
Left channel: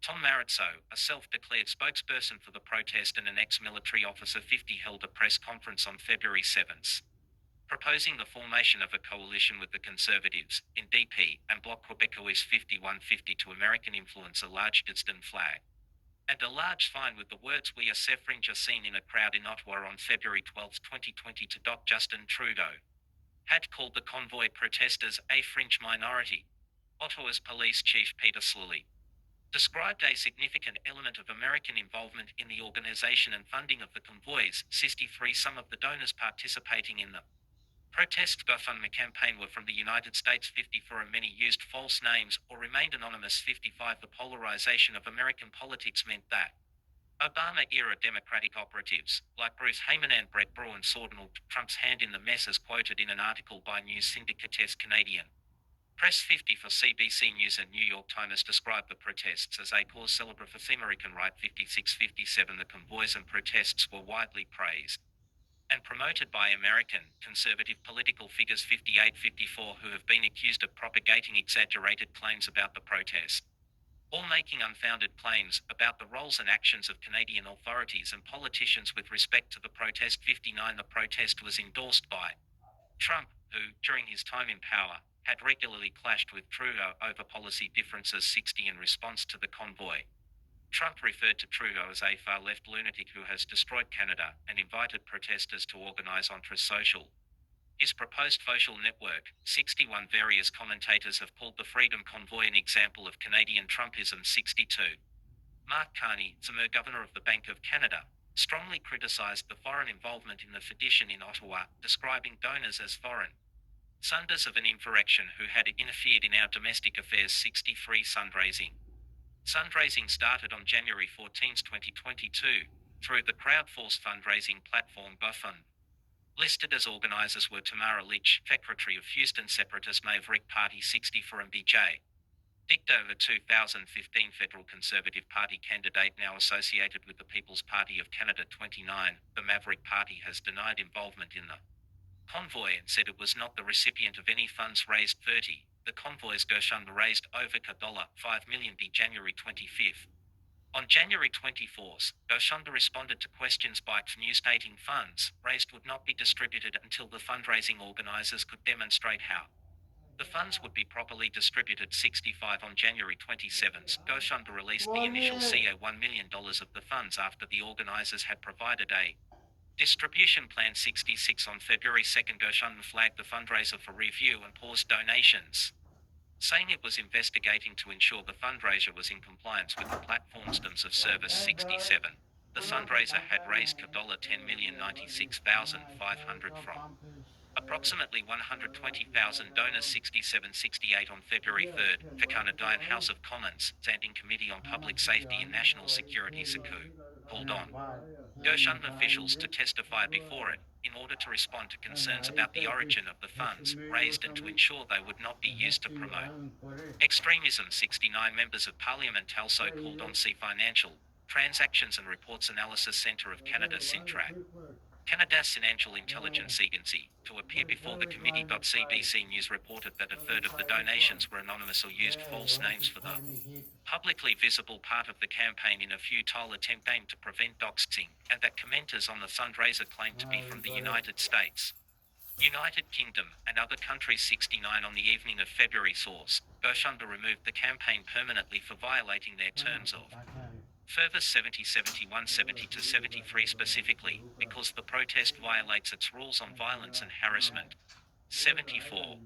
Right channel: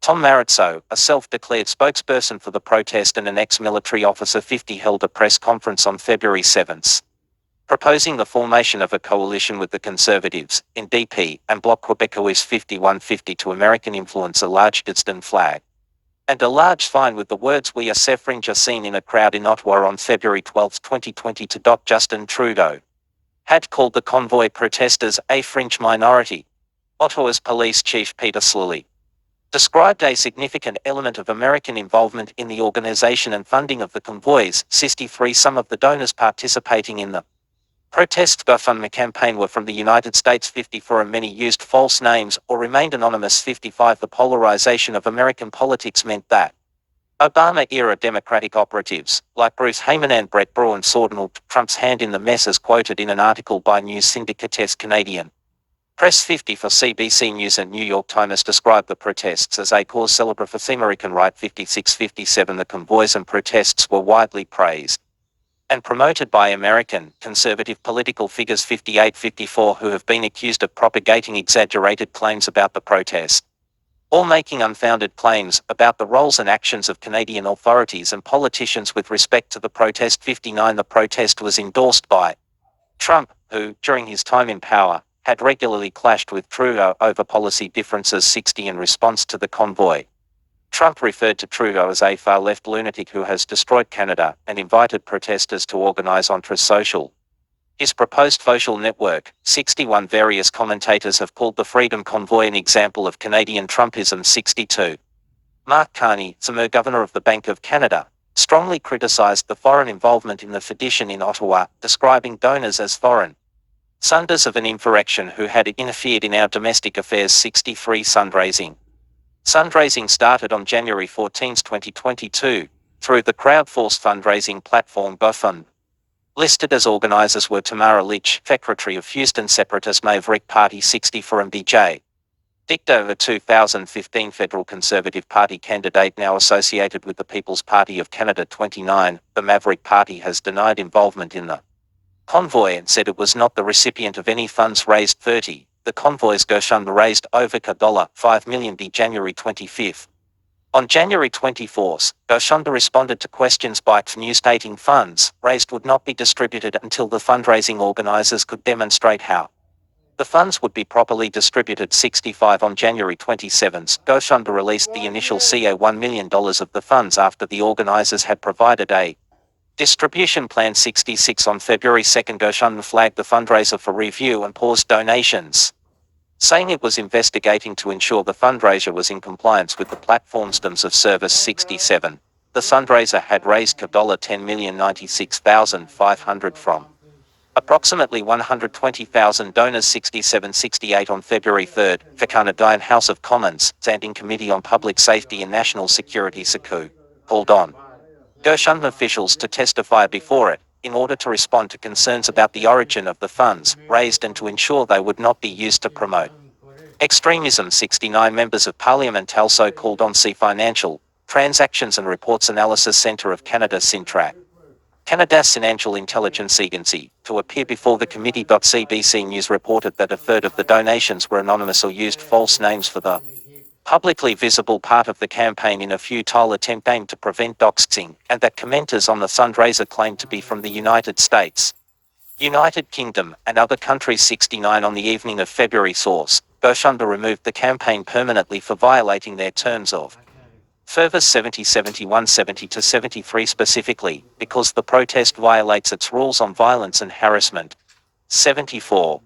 Tom Maritso, a self-declared spokesperson for the protest and an ex-military officer. 50, held a press conference on February 7, proposing the formation of a coalition with the Conservatives, NDP, and Bloc Québécois. 51. 50, to American influence a large Gadsden flag and a large fine with the words "We are suffering" are seen in a crowd in Ottawa on February 12, 2020. Justin Trudeau had called the convoy protesters a fringe minority. Ottawa's police chief Peter Slilly described a significant element of American involvement in the organization and funding of the convoys. 63, some of the donors participating in the protest GoFundMe campaign were from the United States. 54, and many used false names or remained anonymous. 55, the polarization of American politics meant that Obama-era Democratic operatives, like Bruce Hayman and Brett Braun, saw Trump's hand in the mess, as quoted in an article by news syndicate Canadian Press. 50, for CBC News and New York Times described the protests as a cause célèbre for the American right. 56. 57, the convoys and protests were widely praised and promoted by American conservative political figures 58-54 who have been accused of propagating exaggerated claims about the protest, or making unfounded claims about the roles and actions of Canadian authorities and politicians with respect to the protest. 59 The protest was endorsed by Trump, who, during his time in power, had regularly clashed with Trudeau over policy differences. 60 In response to the convoy, Trump referred to Trudeau as a far-left lunatic who has destroyed Canada and invited protesters to organize entre-social. His proposed social network. 61 Various commentators have called the Freedom Convoy an example of Canadian Trumpism. 62 Mark Carney, former governor of the Bank of Canada, strongly criticized the foreign involvement in the sedition in Ottawa, describing donors as foreign sunders of an insurrection who had interfered in our domestic affairs. 63 Fundraising started on January 14, 2022, through the crowdsourced fundraising platform GoFund. Listed as organizers were Tamara Lich, Secretary of Houston Separatist Maverick Party 64 and BJ Dicto, a 2015 federal Conservative Party candidate now associated with the People's Party of Canada. 29 The Maverick Party has denied involvement in the convoy and said it was not the recipient of any funds raised. 30 The convoy's GoFund raised over $5 million. January 25. On January 24, GoFund responded to questions by News stating funds raised would not be distributed until the fundraising organizers could demonstrate how the funds would be properly distributed. 65 On January 27, GoFund released the initial $1 million of the funds after the organizers had provided a distribution plan. 66 On February 2, GoFund flagged the fundraiser for review and paused donations, saying it was investigating to ensure the fundraiser was in compliance with the platform's terms of service. 67 The fundraiser had raised $10,096,500 from approximately 120,000 donors. 67-68 On February 3, the Canadian House of Commons Standing Committee on Public Safety and National Security (SECU) called on GoFund officials to testify before it, in order to respond to concerns about the origin of the funds raised and to ensure they would not be used to promote extremism. 69 Members of Parliament also called on Financial Transactions and Reports Analysis Centre of Canada (CINTRAC), Canada's financial intelligence agency, to appear before the committee. CBC News reported that a third of the donations were anonymous or used false names for the publicly visible part of the campaign in a futile attempt aimed to prevent doxing, and that commenters on the fundraiser claimed to be from the United States, United Kingdom, and other countries. 69 On the evening of February source, GoFund removed the campaign permanently for violating their terms of Further 70 71 70-73 specifically, because the protest violates its rules on violence and harassment. 74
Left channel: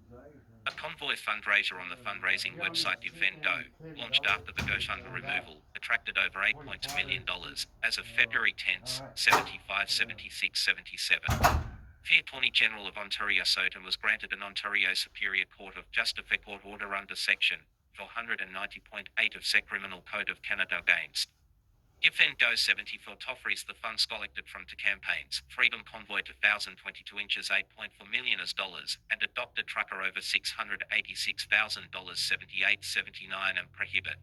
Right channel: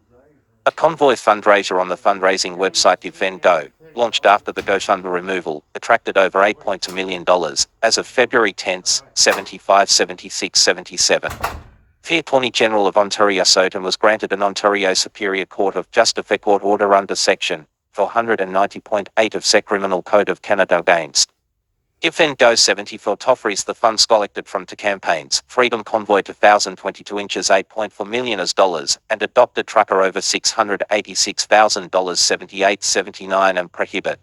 A convoy fundraiser on the fundraising website GiveVenGo, launched after the GoFund removal, attracted over $8.2 million as of February 10, 75 76 77. The Attorney General of Ontario Soton was granted an Ontario Superior Court of Justice court order under Section 490.8 of SEC Criminal Code of Canada against GiveVenGo. 74 Toffrees the funds collected from two campaigns, Freedom Convoy 2022 inches $8.4 million and Adopted Trucker over $686,000 78-79 and prohibit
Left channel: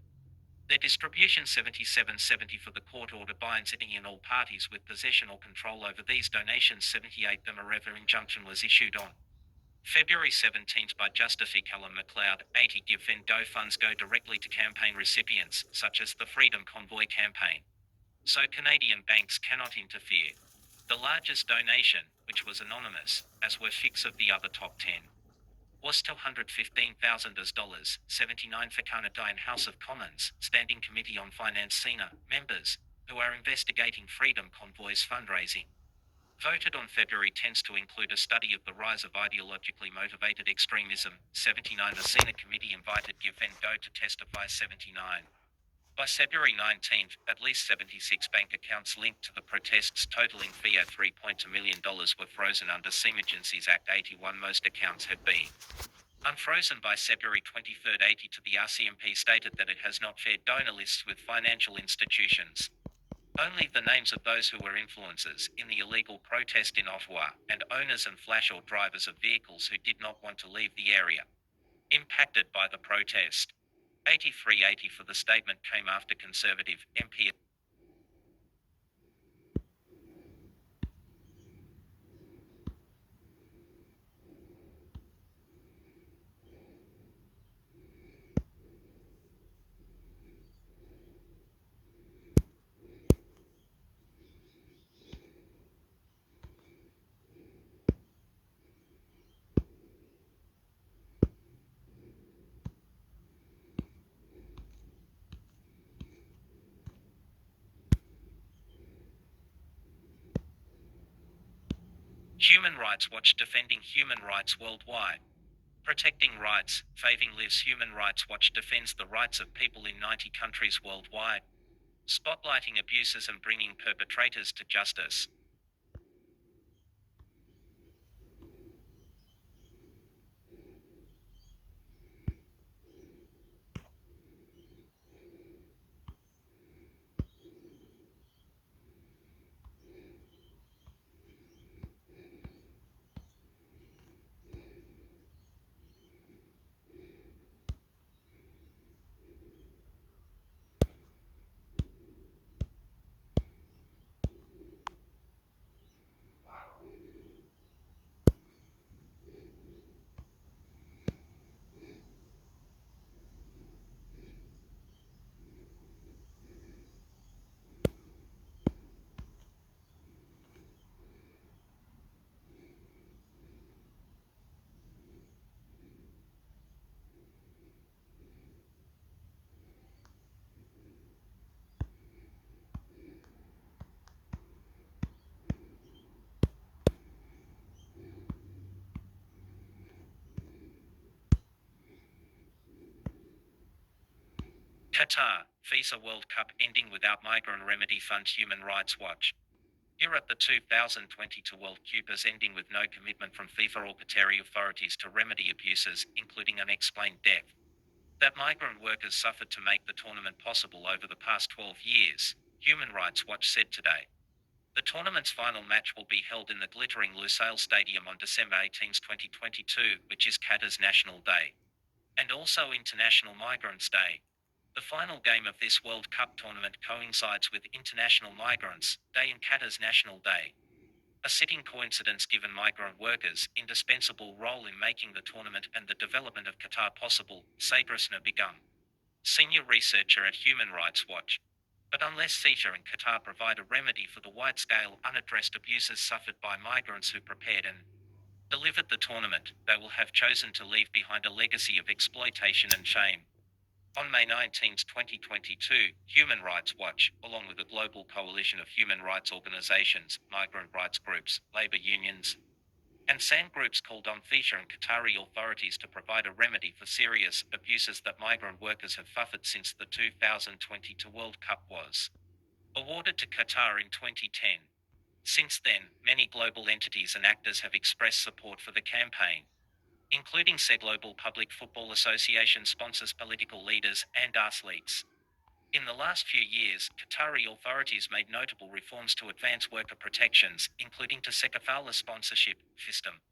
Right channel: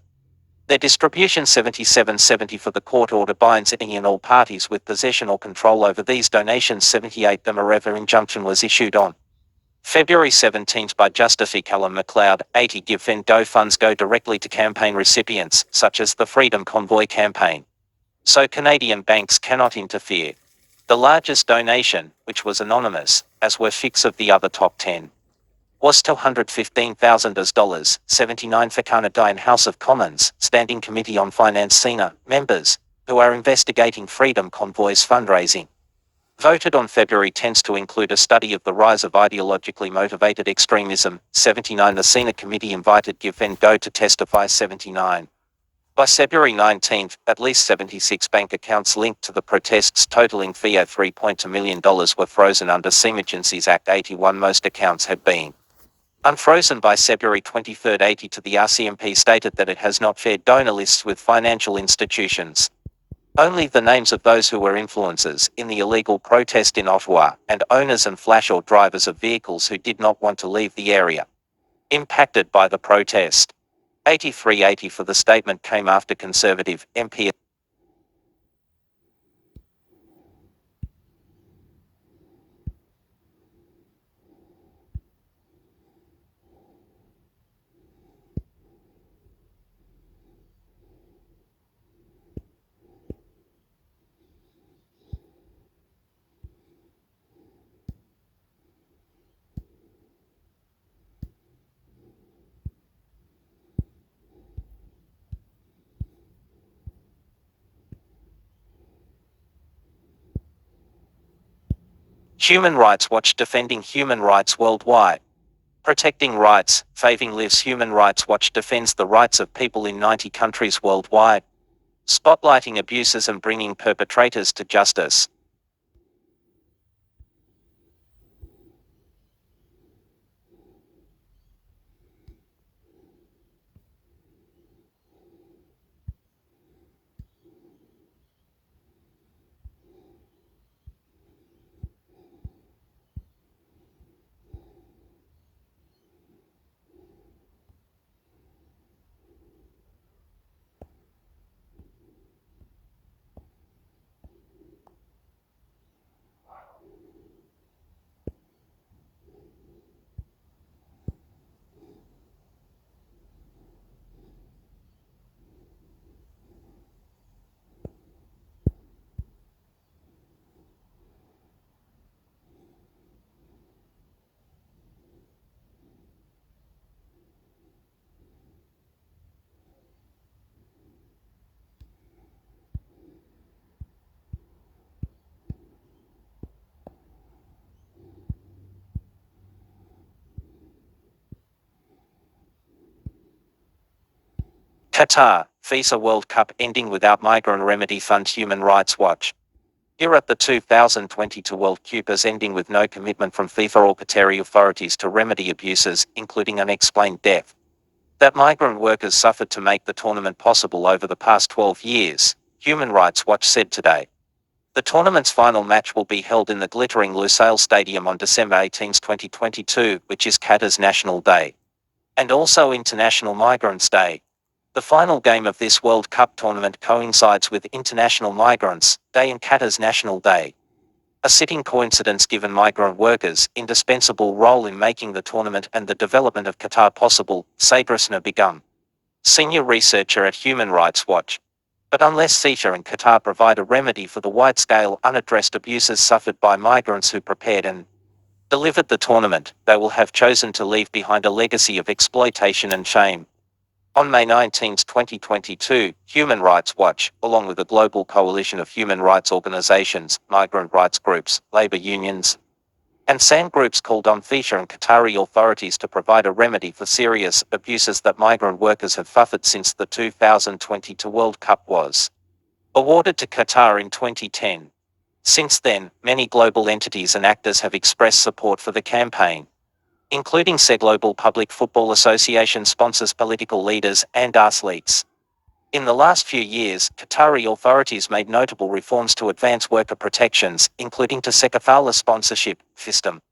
their distribution. 77-70 For the court order binds any and all parties with possession or control over these donations. 78 The Mareva injunction was issued on February 17 by Justice Callum McLeod. 80 GiveVenGo funds go directly to campaign recipients, such as the Freedom Convoy campaign, so Canadian banks cannot interfere. The largest donation, which was anonymous, as were six of the other top 10, was $215,000. 79 For Canadian House of Commons Standing Committee on Finance senior members, who are investigating Freedom Convoy's fundraising, voted on February 10 to include a study of the rise of ideologically motivated extremism. 79 The Senate committee invited GiveVenGo to testify. 79 By February 19, at least 76 bank accounts linked to the protests totaling $3.2 million were frozen under Emergencies Act 81. Most accounts had been unfrozen by February 23. 80 To the RCMP stated that it has not shared donor lists with financial institutions. Only the names of those who were influencers in the illegal protest in Ottawa, and owners and flash or drivers of vehicles who did not want to leave the area impacted by the protest. 83-80 For the statement came after Conservative MP Human Rights Watch defending human rights worldwide. Protecting rights, Faving Lives. Human Rights Watch defends the rights of people in 90 countries worldwide, spotlighting abuses and bringing perpetrators to justice. Qatar, FIFA World Cup ending without migrant remedy fund. Human Rights Watch. Europe, the 2022 World Cup is ending with no commitment from FIFA or Qatari authorities to remedy abuses, including unexplained death, that migrant workers suffered to make the tournament possible over the past 12 years, Human Rights Watch said today. The tournament's final match will be held in the glittering Lusail Stadium on December 18, 2022, which is Qatar's National Day, and also International Migrants' Day. The final game of this World Cup tournament coincides with International Migrants' Day and Qatar's National Day. A sitting coincidence given migrant workers' indispensable role in making the tournament and the development of Qatar possible, Sagrasna Begum, senior researcher at Human Rights Watch. But unless FIFA and Qatar provide a remedy for the wide-scale unaddressed abuses suffered by migrants who prepared and delivered the tournament, they will have chosen to leave behind a legacy of exploitation and shame. On May 19, 2022, Human Rights Watch, along with a global coalition of human rights organizations, migrant rights groups, labor unions, and SAN groups, called on FIFA and Qatari authorities to provide a remedy for serious abuses that migrant workers have suffered since the 2022 World Cup was awarded to Qatar in 2010. Since then, many global entities and actors have expressed support for the campaign, including Global Public Football Association sponsors, political leaders, and athletes. In the last few years, Qatari authorities made notable reforms to advance worker protections, including to Sekafala sponsorship system.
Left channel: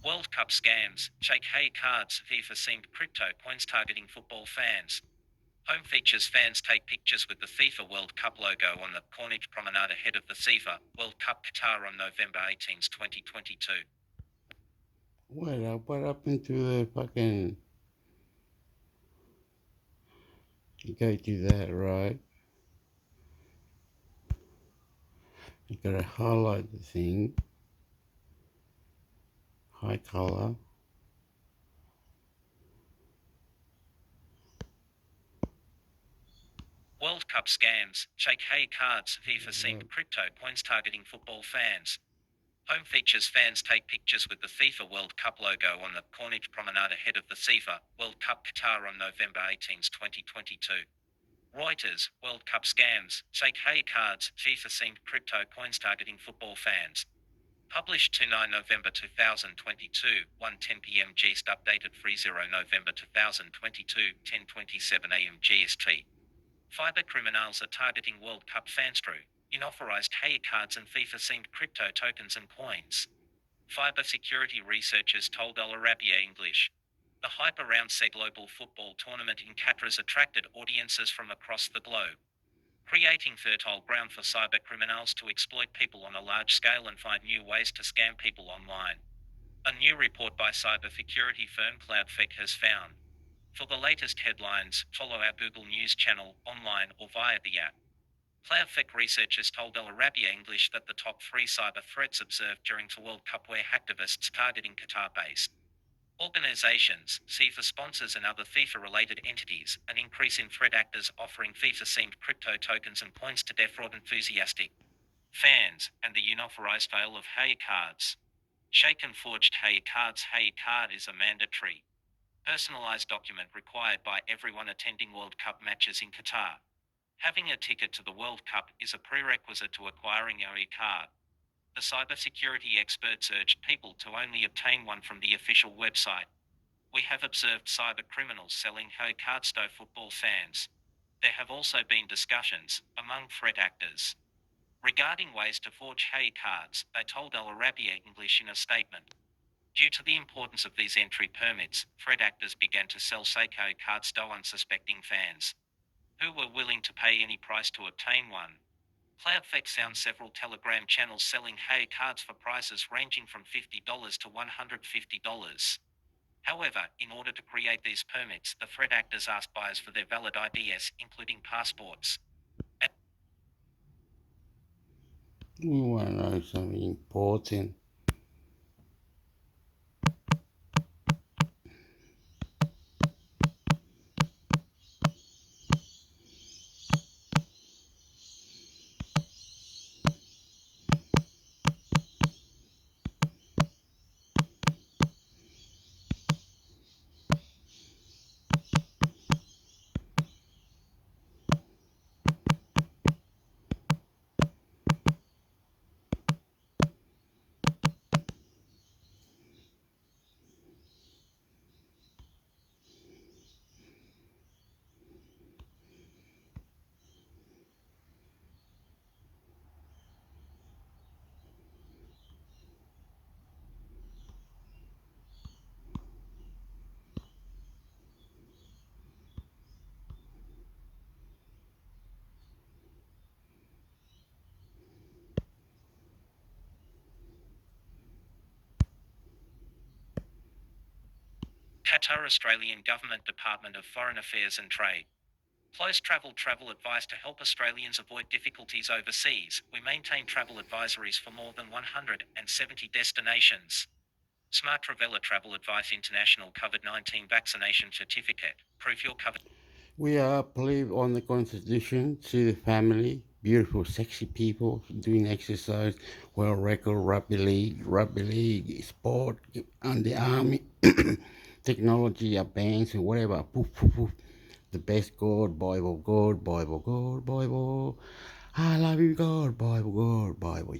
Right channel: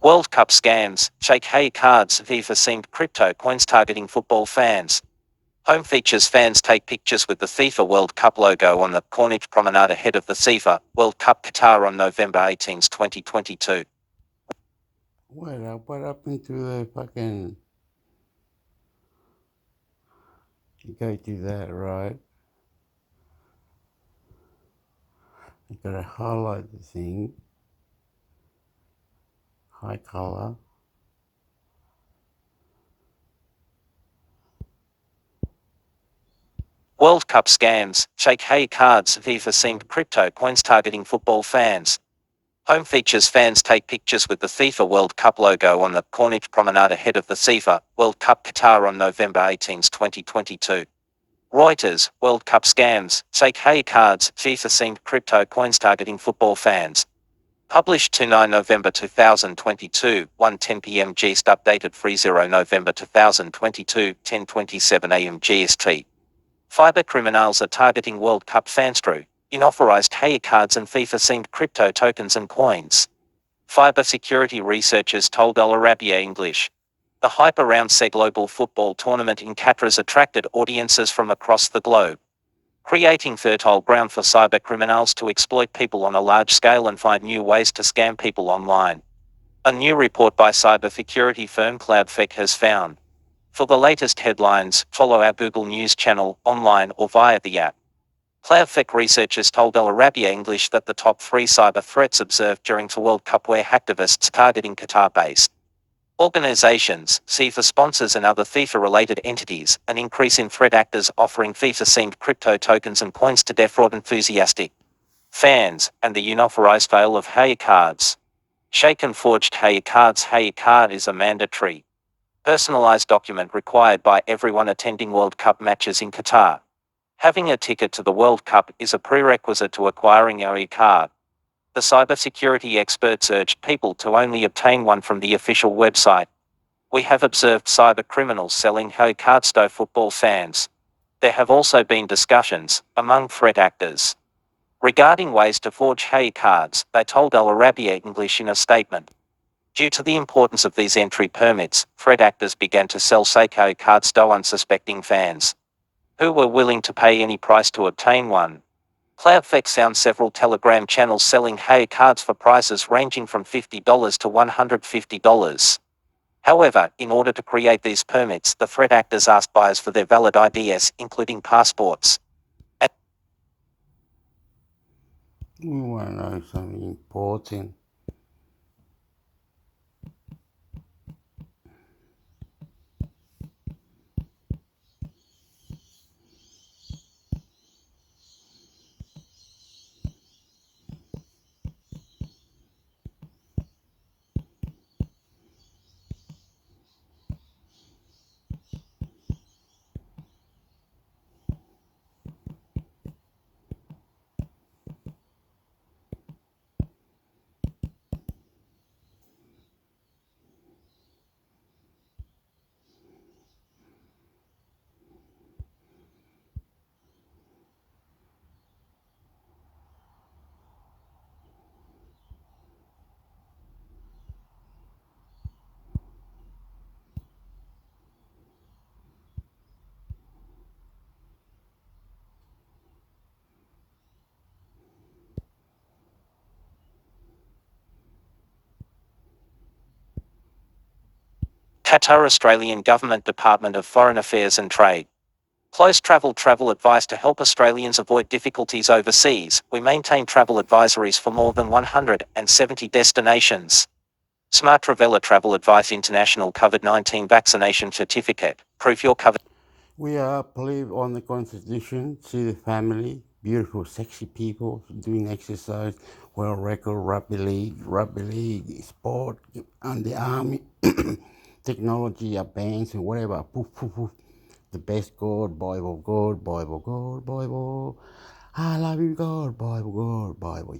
World Cup scams, fake hey cards, FIFA themed crypto coins targeting football fans. Home features fans take pictures with the FIFA World Cup logo on the Corniche Promenade ahead of the FIFA World Cup Qatar on November 18, 2022. What happened to the fucking... You go do that, right? You gotta highlight the thing. High color. World Cup scams, fake hey cards, FIFA themed crypto coins targeting football fans. Home features fans take pictures with the FIFA World Cup logo on the Corniche Promenade ahead of the FIFA World Cup Qatar on November 18, 2022. Reuters, World Cup scams, fake hey cards, FIFA themed crypto coins targeting football fans. Published 29 November 2022, 1:10 p.m. GST. Updated 30 November 2022, 10:27 a.m. GST. Fiber criminals are targeting World Cup fans through unauthorized hair cards and FIFA-themed crypto tokens and coins. Fiber security researchers told Al Arabiya English. The hype around the global football tournament in Qatar has attracted audiences from across the globe, creating fertile ground for cyber criminals to exploit people on a large scale and find new ways to scam people online. A new report by cybersecurity firm CloudFake has found. For the latest headlines, follow our Google News channel, online or via the app. CloudFake researchers told Al Arabiya English that the top 3 cyber threats observed during the World Cup were hacktivists targeting Qatar-based organizations, FIFA sponsors and other FIFA-related entities, an increase in threat actors offering FIFA-themed crypto tokens and coins to defraud enthusiastic fans, and the unauthorized sale of hair cards. Shake and forged hair cards. Hair card is a mandatory, personalized document required by everyone attending World Cup matches in Qatar. Having a ticket to the World Cup is a prerequisite to acquiring a card. The cybersecurity experts urged people to only obtain one from the official website. We have observed cyber criminals selling hair cards to football fans. There have also been discussions among threat actors regarding ways to forge hair cards, they told Al Arabiya English in a statement. Due to the importance of these entry permits, threat actors began to sell Seiko cards to unsuspecting fans, who were willing to pay any price to obtain one. CloudFX found several Telegram channels selling hair cards for prices ranging from $50 to $150. However, in order to create these permits, the threat actors asked buyers for their valid IDs, including passports. We want to know something important. Qatar Australian Government Department of Foreign Affairs and Trade. Close travel advice to help Australians avoid difficulties overseas. We maintain travel advisories for more than 170 destinations. Smart Traveller Travel Advice International COVID-19 Vaccination Certificate. Proof you're covered. We are believe on the Constitution, see the family, beautiful, sexy people doing exercise, world record, rugby league, sport, and the army, technology, banks, and whatever. Poof, poof, poof. The best God, Bible, God, Bible, God, Bible. I love you, God, Bible, God, Bible.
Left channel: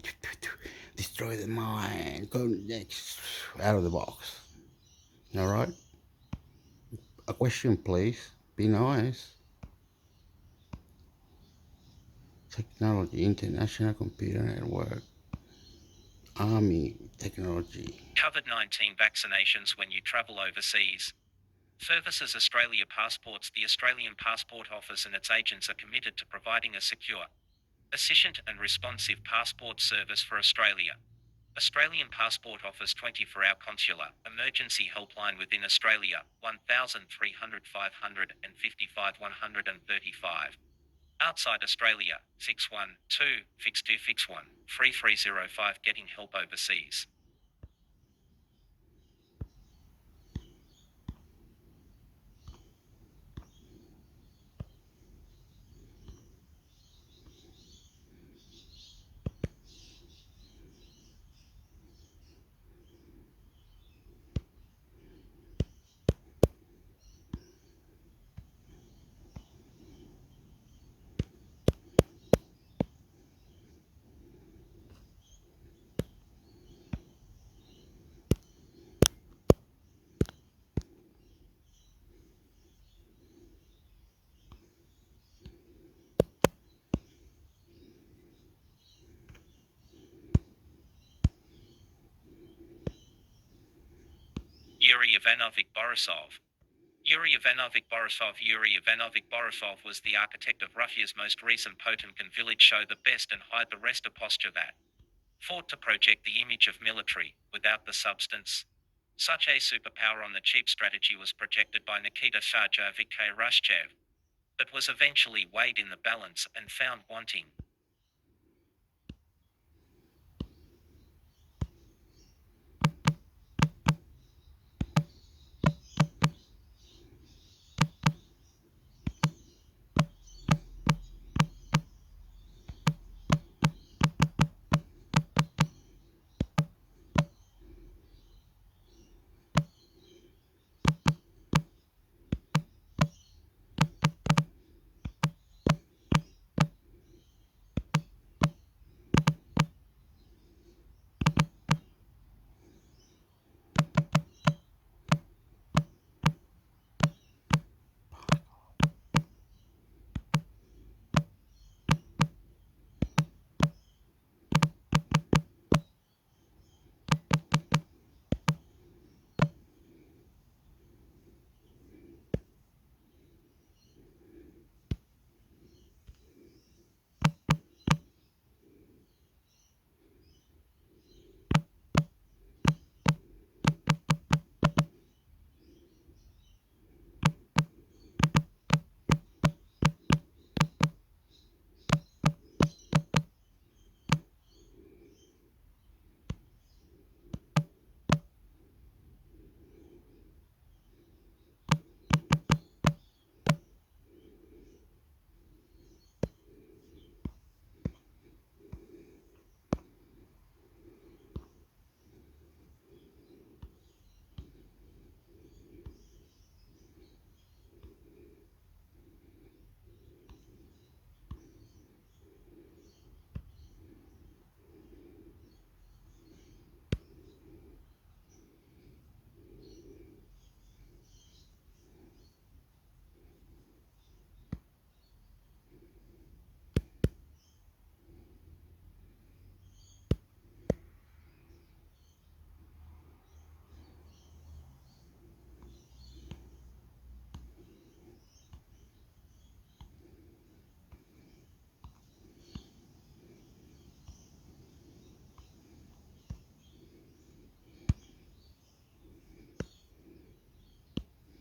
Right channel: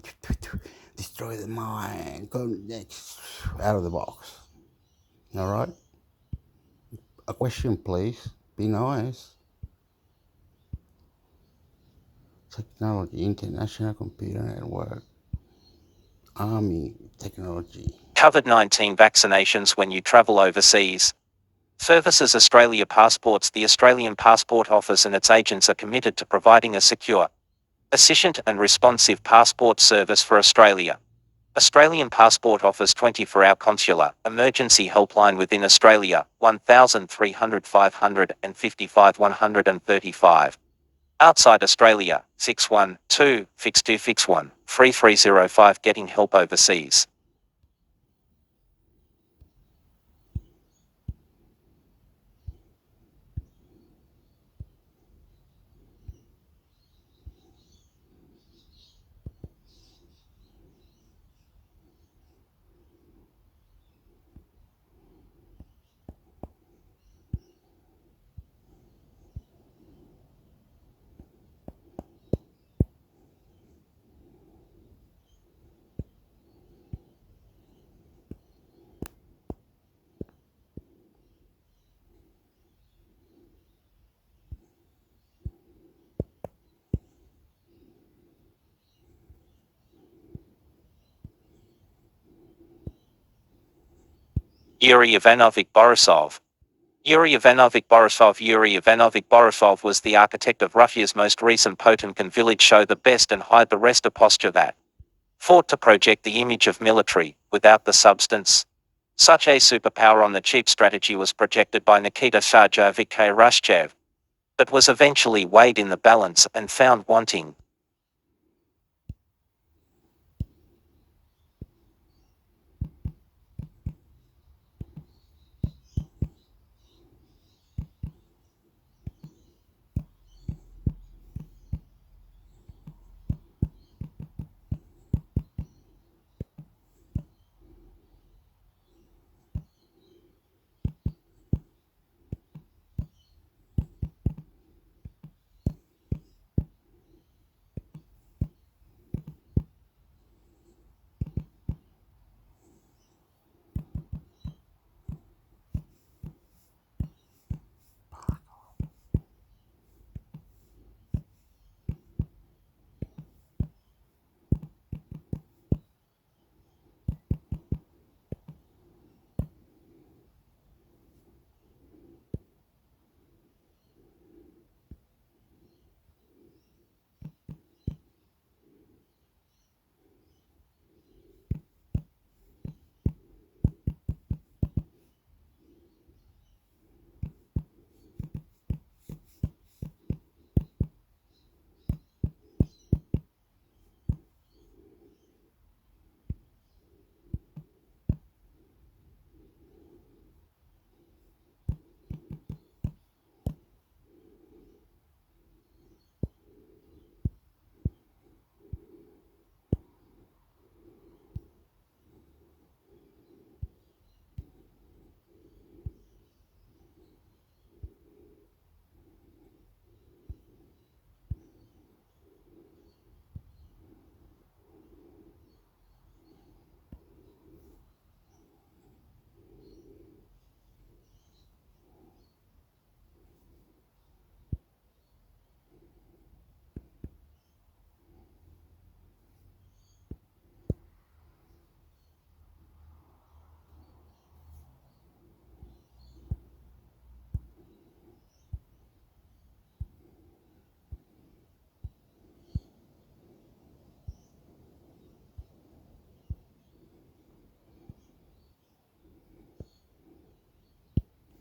Destroy the mind. Go next. Out of the box. All right? A question, please. Be nice. Technology, International Computer Network, Army, technology. COVID-19 vaccinations when you travel overseas. Services Australia Passports. The Australian Passport Office and its agents are committed to providing a secure, efficient and responsive passport service for Australia. Australian Passport Office 24-hour consular emergency helpline within Australia, 1300 555 135. Outside Australia, 612 6261 3305. Getting help overseas. Yuri Ivanovich Borisov. Yuri Ivanovich Borisov was the architect of Russia's most recent Potemkin village show, the best and hide the rest, a posture that fought to project the image of military, without the substance. Such a superpower on the cheap strategy was projected by Nikita Sergeyevich Khrushchev, but was eventually weighed in the balance and found wanting.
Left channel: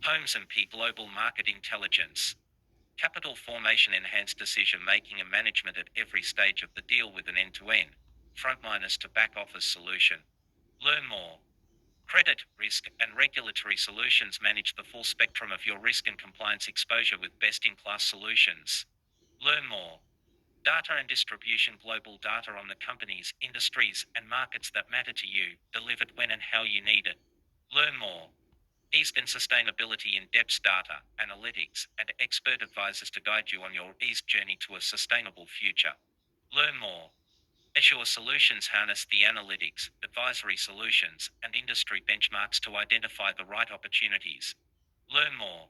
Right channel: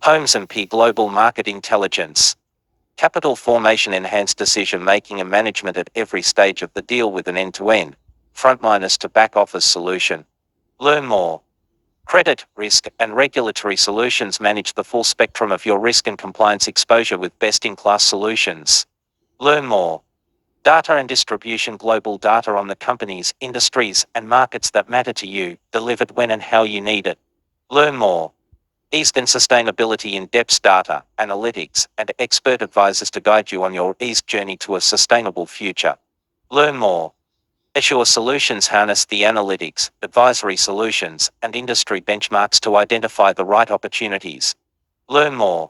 Holmes and P. Global Market Intelligence. Capital formation, enhanced decision making and management at every stage of the deal with an end-to-end, front-minus to back-office solution. Learn more. Credit, risk, and regulatory solutions. Manage the full spectrum of your risk and compliance exposure with best-in-class solutions. Learn more. Data and distribution. Global data on the companies, industries, and markets that matter to you, delivered when and how you need it. Learn more. ESG and sustainability. In-depth data, analytics, and expert advisors to guide you on your ESG journey to a sustainable future. Learn more. Assure Solutions harness the analytics, advisory solutions, and industry benchmarks to identify the right opportunities. Learn more.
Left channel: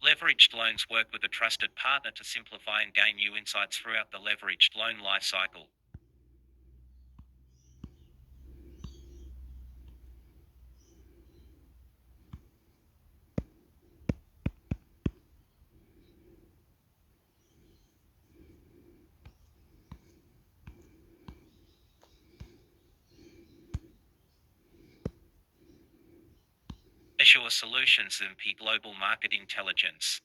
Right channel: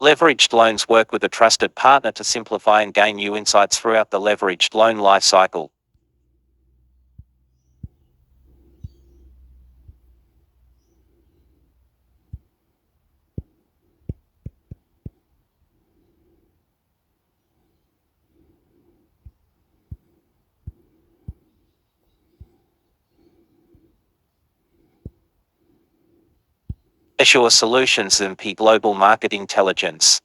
Leveraged loans. Work with a trusted partner to simplify and gain new insights throughout the leveraged loan lifecycle. Assure Solutions and P Global Market Intelligence.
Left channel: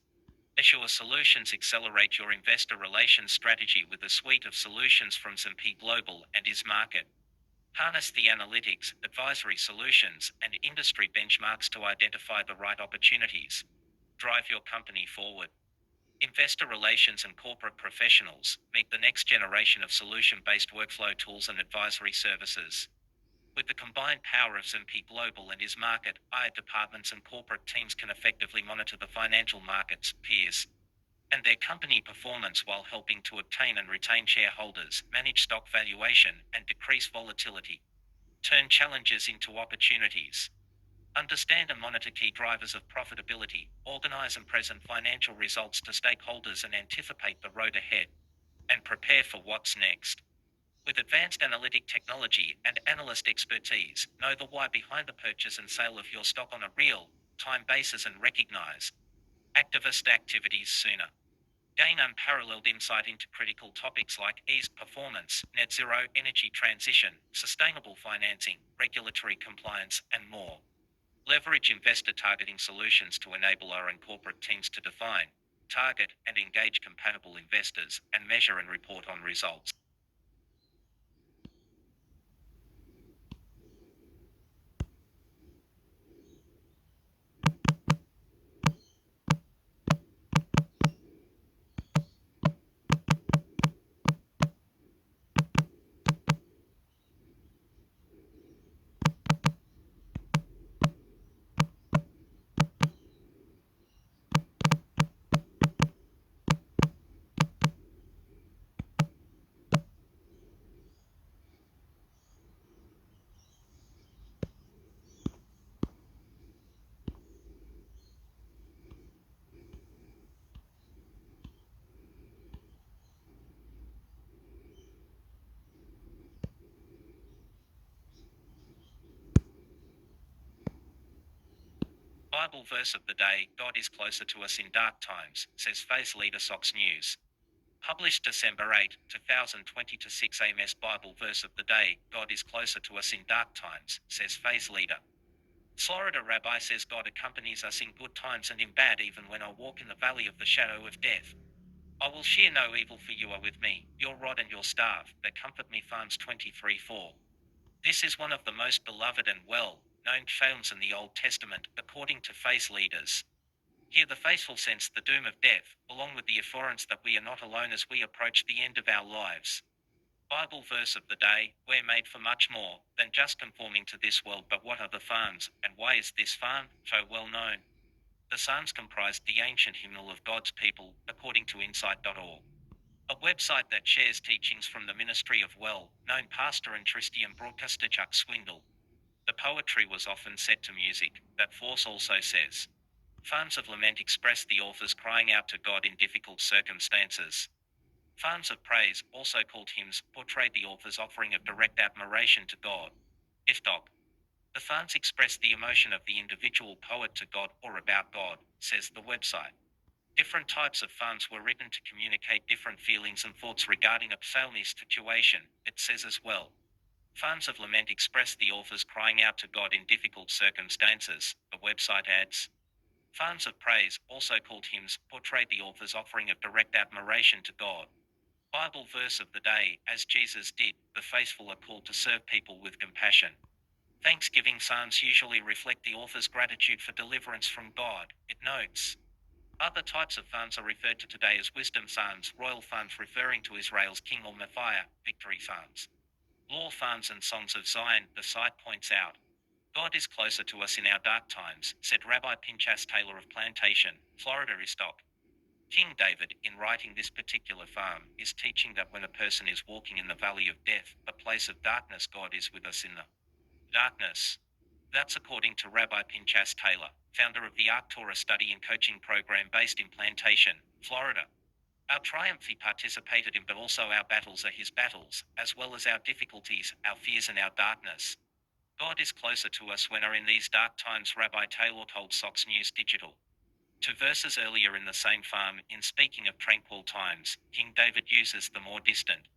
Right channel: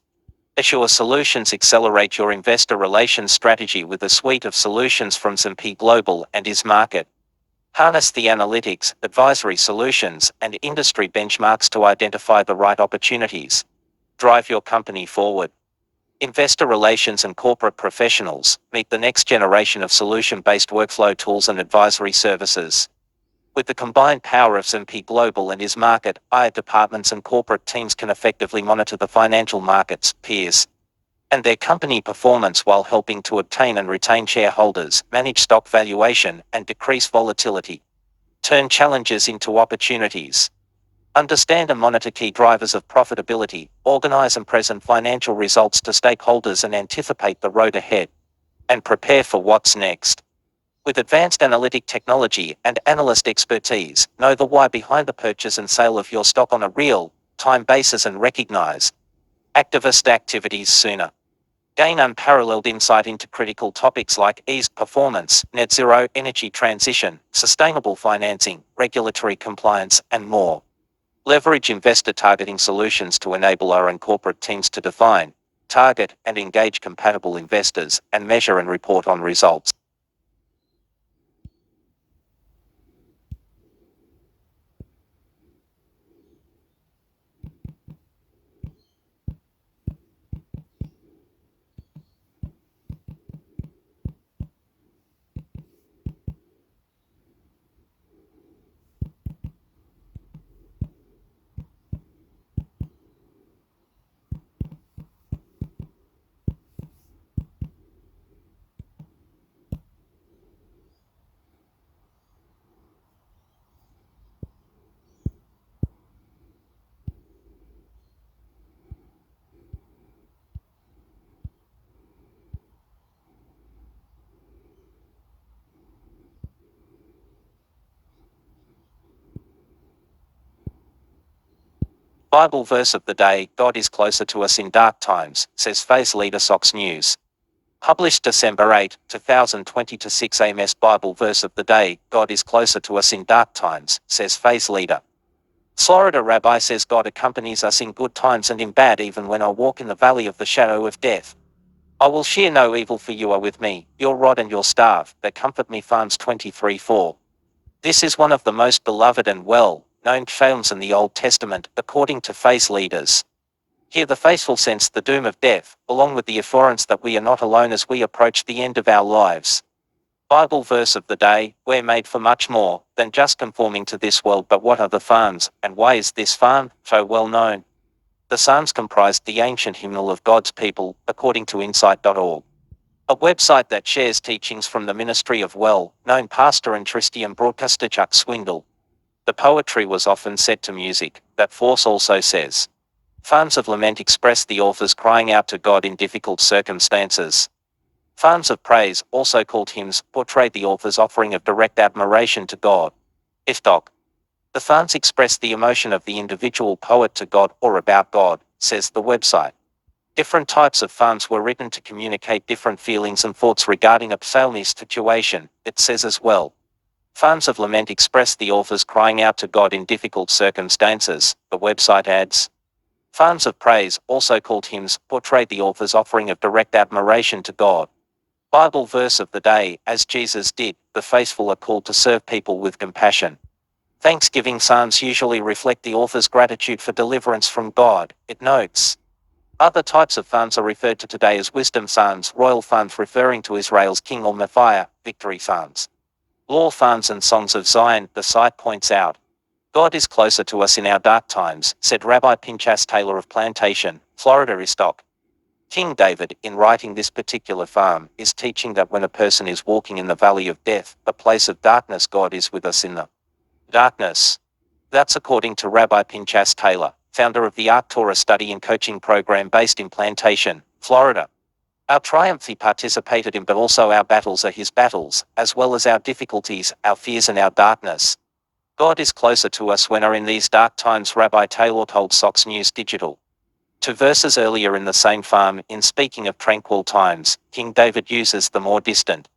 Assure Solutions accelerate your investor relations strategy with a suite of solutions from S&P Global and IS Market. Harness the analytics, advisory solutions, and industry benchmarks to identify the right opportunities. Drive your company forward. Investor relations and corporate professionals meet the next generation of solution-based workflow tools and advisory services. With the combined power of S&P Global and IS Market, IR departments and corporate teams can effectively monitor the financial markets, peers, and their company performance while helping to obtain and retain shareholders, manage stock valuation, and decrease volatility. Turn challenges into opportunities. Understand and monitor key drivers of profitability, organize and present financial results to stakeholders and anticipate the road ahead, and prepare for what's next. With advanced analytic technology and analyst expertise, know the why behind the purchase and sale of your stock on a real-time basis and recognize activist activities sooner. Gain unparalleled insight into critical topics like ease, performance, net zero, energy transition, sustainable financing, regulatory compliance, and more. Leverage investor targeting solutions to enable our and corporate teams to define, target, and engage compatible investors, and measure and report on results. Bible verse of the day: God is closer to us in dark times, says Phase Leader Sox News. Published December 8, 2020 to 6 AMS. Bible verse of the day: God is closer to us in dark times, says Phase Leader. Florida Rabbi says God accompanies us in good times and in bad, even when I walk in the valley of the shadow of death. I will share no evil, for you are with me, your rod and your staff, that comfort me. Psalms 23:4. This is one of the most beloved and well-known psalms in the Old Testament, according to faith leaders. Here the faithful sense the doom of death, along with the assurance that we are not alone as we approach the end of our lives. Bible verse of the day: we're made for much more than just conforming to this world. But what are the Psalms, and why is this psalm so well known? The Psalms comprised the ancient hymnal of God's people, according to Insight.org, a website that shares teachings from the ministry of well-known pastor and Christian broadcaster Chuck Swindoll. The poetry was often set to music, that Force also says. Psalms of lament express the author's crying out to God in difficult circumstances. Psalms of praise, also called hymns, portray the author's offering of direct admiration to God. Doc. The Psalms express the emotion of the individual poet to God or about God, says the website. Different types of psalms were written to communicate different feelings and thoughts regarding a psalmist's situation, it says as well. Psalms of lament express the author's crying out to God in difficult circumstances, the website adds. Psalms of praise, also called hymns, portray the author's offering of direct admiration to God. Bible verse of the day: as Jesus did, the faithful are called to serve people with compassion. Thanksgiving psalms usually reflect the author's gratitude for deliverance from God, it notes. Other types of psalms are referred to today as wisdom psalms, royal psalms referring to Israel's king or Messiah, victory psalms, law psalms, and songs of Zion. The site points out, God is closer to us in our dark times, said Rabbi Pinchas Taylor of Plantation, Florida. Stock. King David, in writing this particular psalm, is teaching that when a person is walking in the valley of death, a place of darkness, God is with us in the darkness. That's according to Rabbi Pinchas Taylor, founder of the Ark Torah study and coaching program based in Plantation, Florida. Our triumph he participated in, but also our battles are his battles, as well as our difficulties, our fears, and our darkness. God is closer to us when are in these dark times, Rabbi Taylor told Sox News Digital. 2 verses earlier in the same psalm, in speaking of tranquil times, King David uses the more distant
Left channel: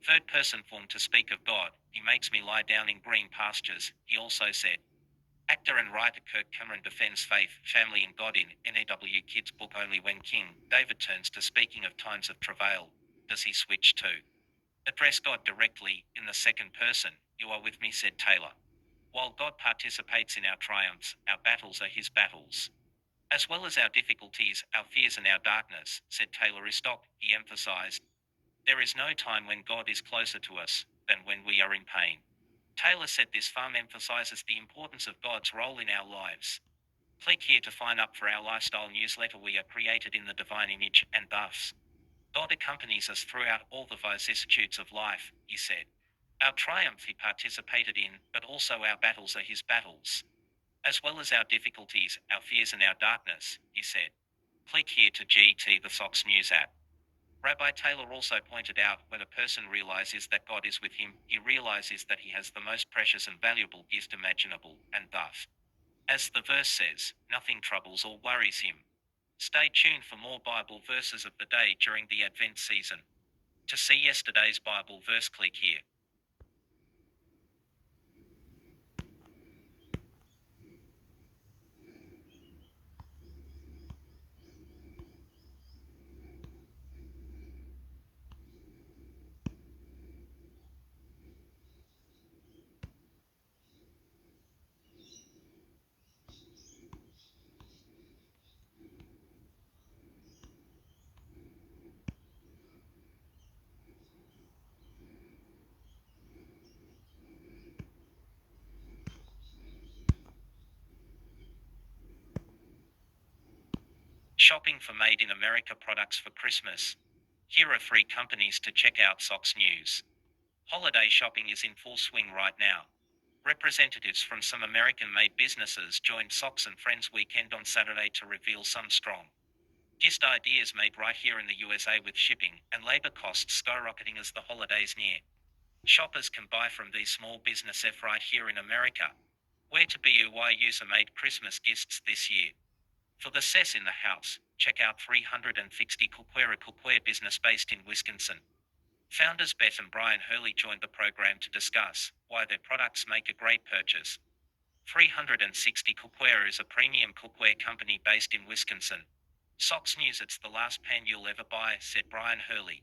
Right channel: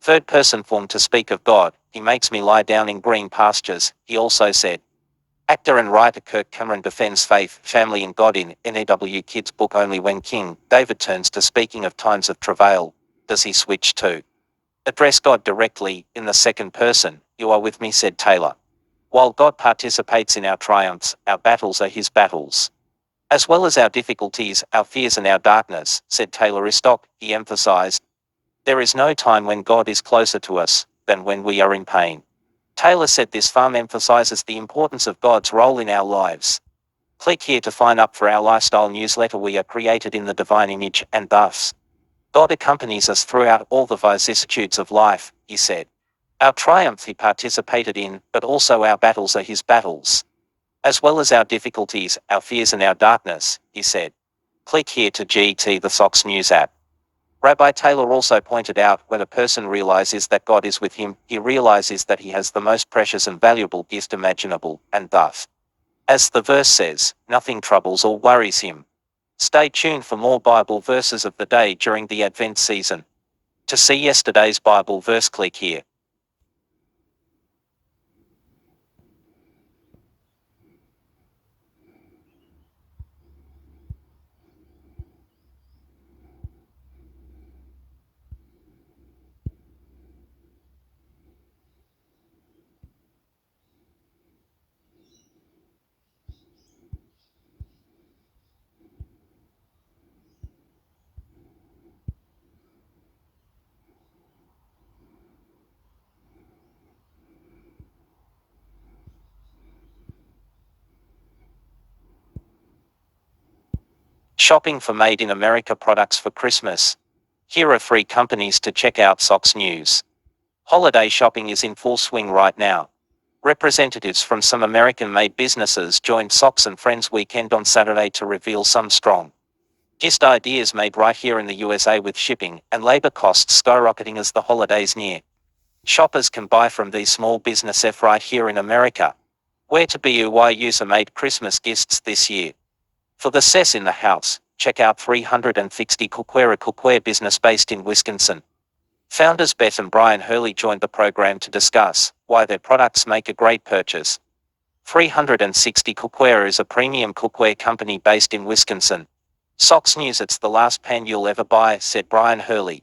third person form to speak of God. He makes me lie down in green pastures, he also said. Actor and writer Kirk Cameron defends faith, family, and God in NEW Kids' book. Only when King David turns to speaking of times of travail does he switch to address God directly, in the second person. You are with me, said Taylor. While God participates in our triumphs, our battles are his battles, as well as our difficulties, our fears, and our darkness, said Taylor Istock. He emphasized, there is no time when God is closer to us than when we are in pain. Taylor said this psalm emphasizes the importance of God's role in our lives. Click here to sign up for our lifestyle newsletter. We are created in the divine image, and thus God accompanies us throughout all the vicissitudes of life, he said. Our triumph he participated in, but also our battles are his battles, as well as our difficulties, our fears, and our darkness, he said. Click here to GT the Sox News app. Rabbi Taylor also pointed out, when a person realizes that God is with him, he realizes that he has the most precious and valuable gift imaginable, and thus, as the verse says, nothing troubles or worries him. Stay tuned for more Bible verses of the day during the Advent season. To see yesterday's Bible verse, click here. Shopping for Made in America products for Christmas. Here are 3 companies to check out. Socks News. Holiday shopping is in full swing right now. Representatives from some American-made businesses joined Socks and Friends weekend on Saturday to reveal some strong gift ideas made right here in the USA, with shipping and labor costs skyrocketing as the holidays near. Shoppers can buy from these small businesses right here in America. Where to buy user-made Christmas gifts this year? For the cess in the house, check out 360 Cookware business based in Wisconsin. Founders Beth and Brian Hurley joined the program to discuss why their products make a great purchase. 360 Cookware is a premium cookware company based in Wisconsin. Socks News: "It's the last pan you'll ever buy," said Brian Hurley.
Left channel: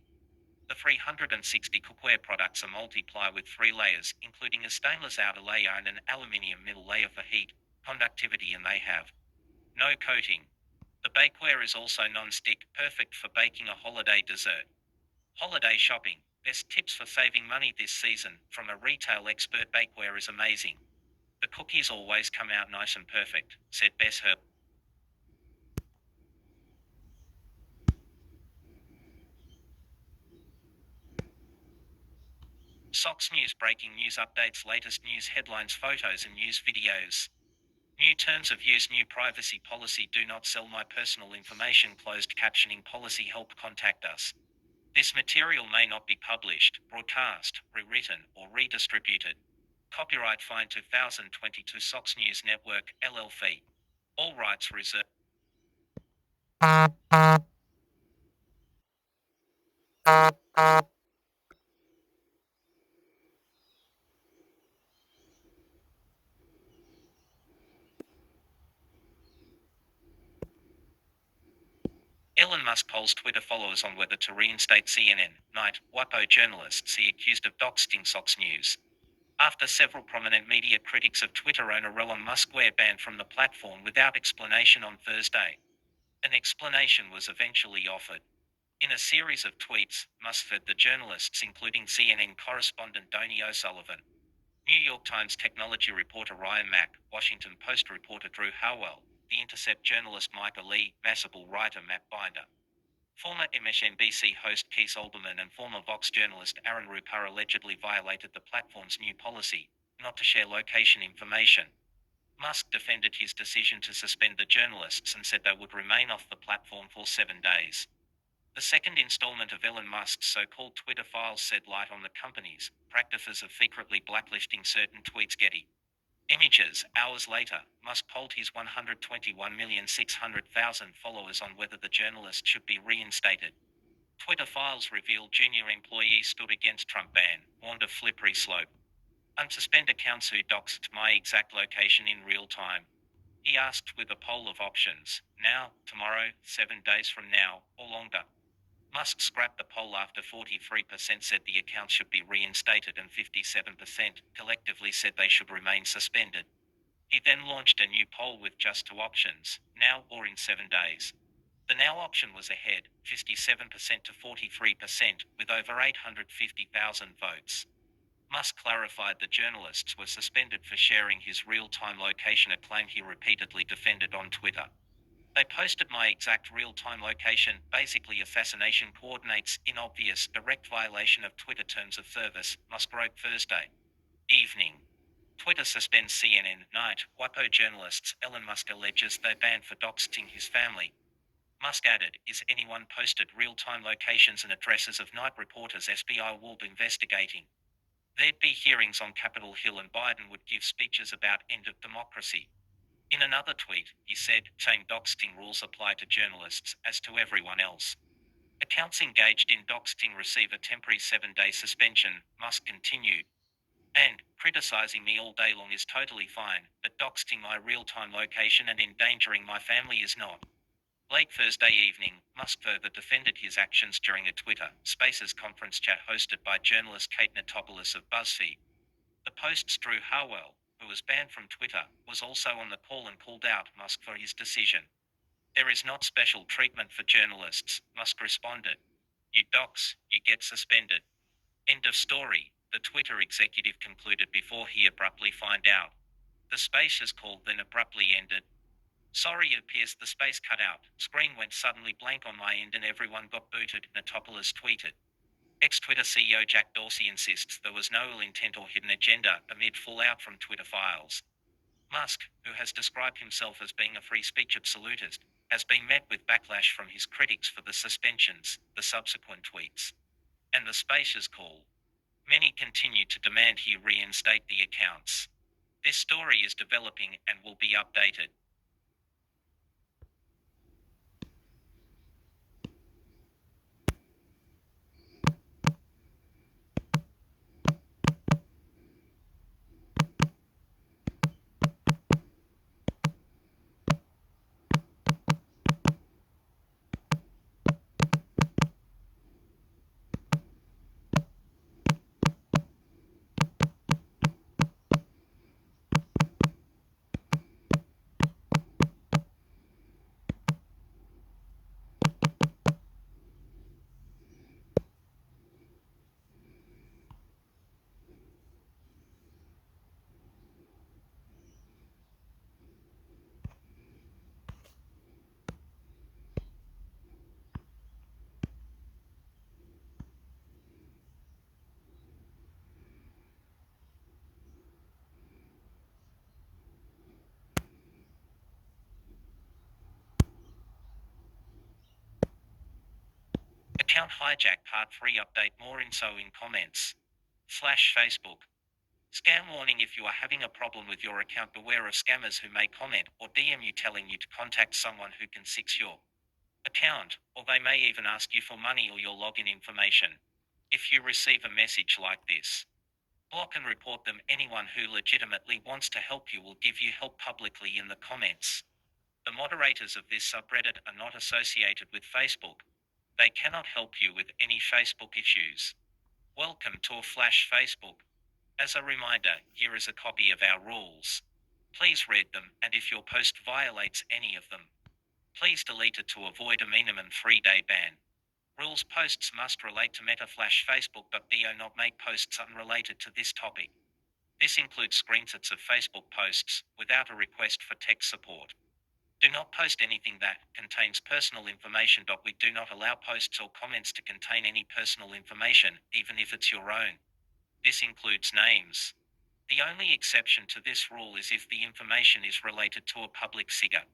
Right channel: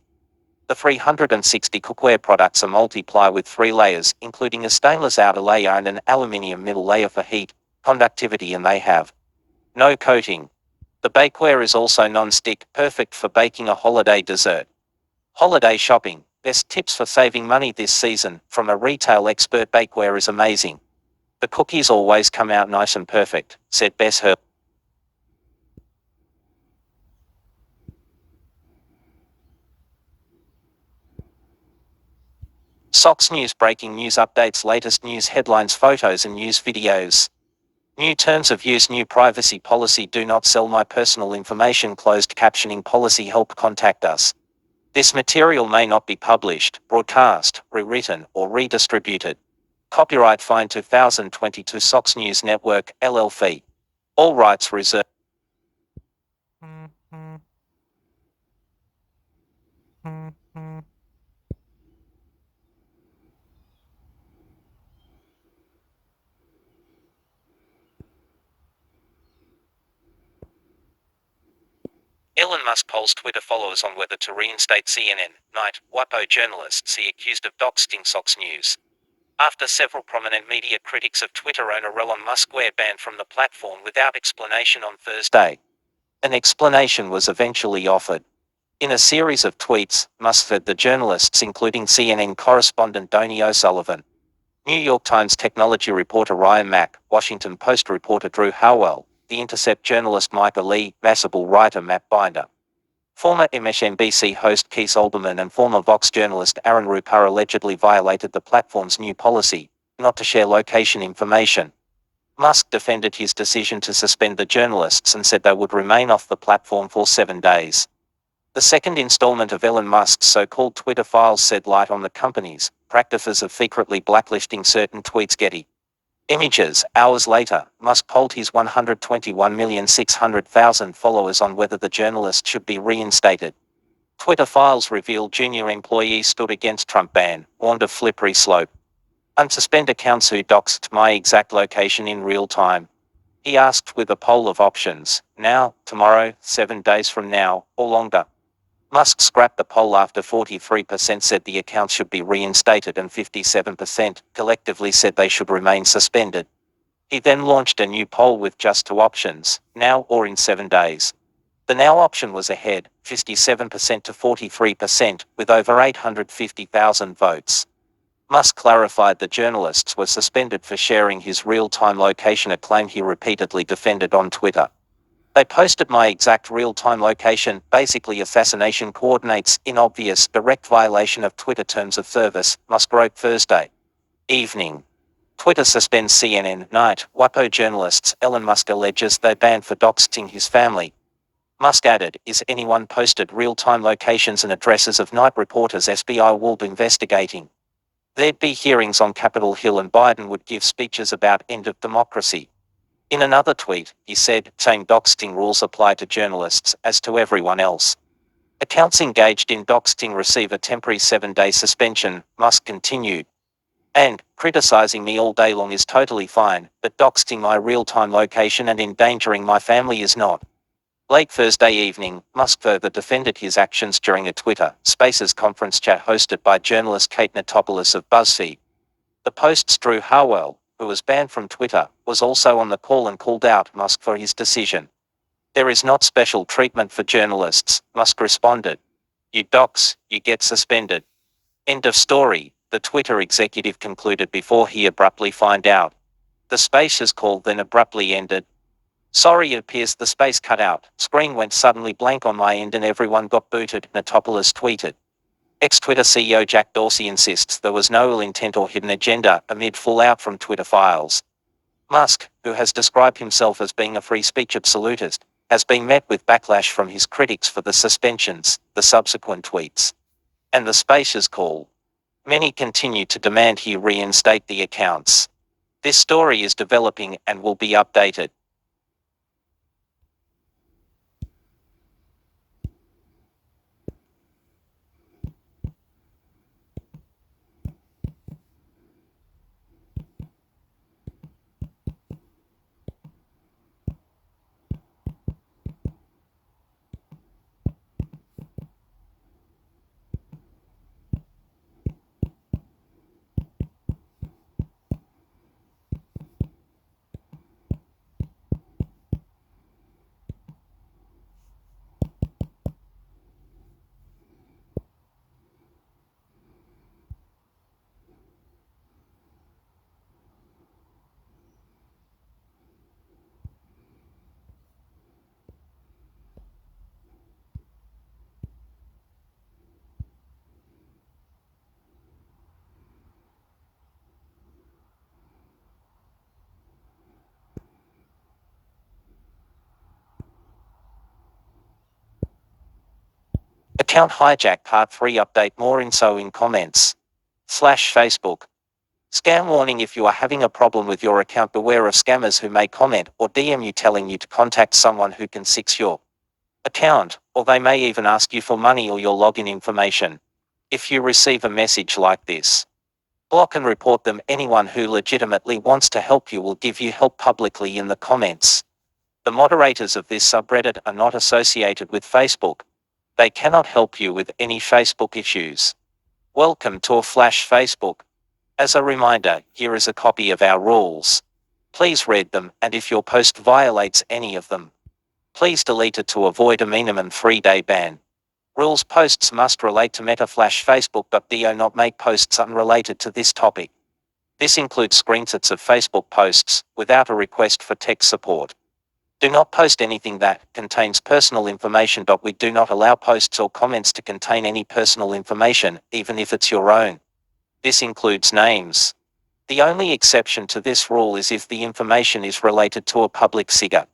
The 360 cookware products are multi-ply with 3 layers, including a stainless outer layer and an aluminium middle layer for heat conductivity, and they have no coating. The bakeware is also non-stick, perfect for baking a holiday dessert. Holiday shopping: best tips for saving money this season from a retail expert. Bakeware is amazing. The cookies always come out nice and perfect, said Bess Herb. Socks News: breaking news updates, latest news headlines, photos and news videos. New terms of use, new privacy policy, do not sell my personal information, closed captioning policy, help contact us. This material may not be published, broadcast, rewritten, or redistributed. Copyright Fine 2022 Socks News Network, LLC. All rights reserved. Elon Musk polls Twitter followers on whether to reinstate CNN. Night, WAPO journalist see accused of doxing. Socks News. After several prominent media critics of Twitter owner Elon Musk were banned from the platform without explanation on Thursday, an explanation was eventually offered. In a series of tweets, Musk fed the journalists, including CNN correspondent Donny O'Sullivan, New York Times technology reporter Ryan Mack, Washington Post reporter Drew Howell, The Intercept journalist Micah Lee, Mashable writer Matt Binder, former MSNBC host Keith Olbermann, and former Vox journalist Aaron Rupar allegedly violated the platform's new policy not to share location information. Musk defended his decision to suspend the journalists and said they would remain off the platform for 7 days. The second installment of Elon Musk's so-called Twitter files shed light on the company's practices of secretly blacklisting certain tweets. Getty Images. Hours later, Musk polled his 121,600,000 followers on whether the journalist should be reinstated. Twitter files revealed junior employees stood against Trump ban, warned of slippery slope. Unsuspend accounts who doxed my exact location in real time. He asked, with a poll of options: now, tomorrow, 7 days from now, or longer. Musk scrapped the poll after 43% said the account should be reinstated and 57% collectively said they should remain suspended. He then launched a new poll with just 2 options: now or in 7 days. The now option was ahead, 57% to 43%, with over 850,000 votes. Musk clarified the journalists were suspended for sharing his real-time location, a claim he repeatedly defended on Twitter. They posted my exact real-time location, basically assassination coordinates, in obvious, direct violation of Twitter terms of service, Musk wrote Thursday evening. Twitter suspends CNN. Night, WAPO journalists. Elon Musk alleges they banned for doxing his family. Musk added, "Is anyone posted real-time locations and addresses of night reporters SBI will be investigating. There'd be hearings on Capitol Hill and Biden would give speeches about end of democracy." In another tweet, he said, saying doxing rules apply to journalists as to everyone else. Accounts engaged in doxing receive a temporary 7-day suspension, Musk continued. And, criticizing me all day long is totally fine, but doxing my real-time location and endangering my family is not. Late Thursday evening, Musk further defended his actions during a Twitter Spaces conference chat hosted by journalist Kate Natopoulos of BuzzFeed. The Post's Drew Harwell, who was banned from Twitter, was also on the call and called out Musk for his decision. "There is not special treatment for journalists," Musk responded. "You dox, you get suspended." End of story, the Twitter executive concluded before he abruptly found out. The Spaces call then abruptly ended. "Sorry, it appears the space cut out. Screen went suddenly blank on my end and everyone got booted," Natopoulos tweeted. Ex-Twitter CEO Jack Dorsey insists there was no ill intent or hidden agenda amid fallout from Twitter files. Musk, who has described himself as being a free speech absolutist, has been met with backlash from his critics for the suspensions, the subsequent tweets, and the Spaces call. Many continue to demand he reinstate the accounts. This story is developing and will be updated. Account hijack part 3 update more info in comments. /Facebook. Scam warning: if you are having a problem with your account, beware of scammers who may comment or DM you telling you to contact someone who can fix your account, or they may even ask you for money or your login information. If you receive a message like this, block and report them. Anyone who legitimately wants to help you will give you help publicly in the comments. The moderators of this subreddit are not associated with Facebook. They cannot help you with any Facebook issues. Welcome to /Facebook. As a reminder, here is a copy of our rules. Please read them, and if your post violates any of them, please delete it to avoid a minimum 3-day ban. Rules: posts must relate to meta /Facebook.do, not make posts unrelated to this topic. This includes screenshots of Facebook posts, without a request for tech support. Do not post anything that contains personal information. We do not allow posts or comments to contain any personal information, even if it's your own. This includes names. The only exception to this rule is if the information is related to a public figure.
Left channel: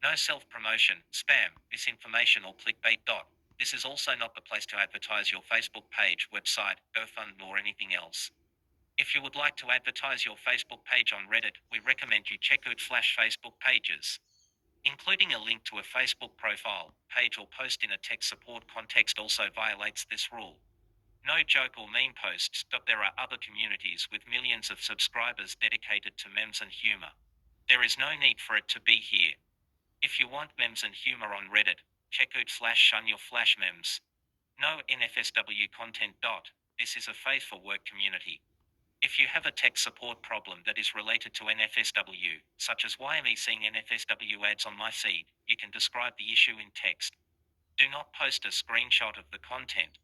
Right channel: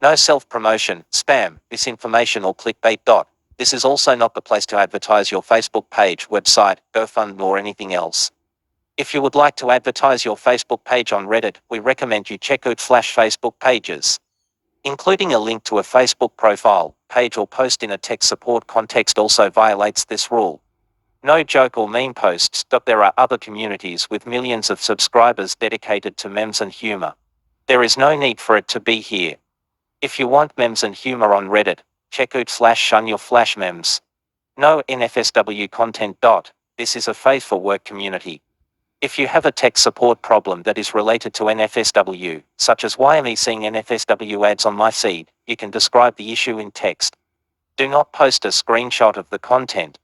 No self-promotion, spam, misinformation or clickbait. This is also not the place to advertise your Facebook page, website, GoFundMe or anything else. If you would like to advertise your Facebook page on Reddit, we recommend you check out /Facebook pages. Including a link to a Facebook profile, page or post in a tech support context also violates this rule. No joke or meme posts. There are other communities with millions of subscribers dedicated to memes and humor. There is no need for it to be here. If you want memes and humor on Reddit, check out /shun your flash memes. No NFSW content. This is a faithful work community. If you have a tech support problem that is related to NFSW, such as why am I seeing NFSW ads on my feed, you can describe the issue in text. Do not post a screenshot of the content.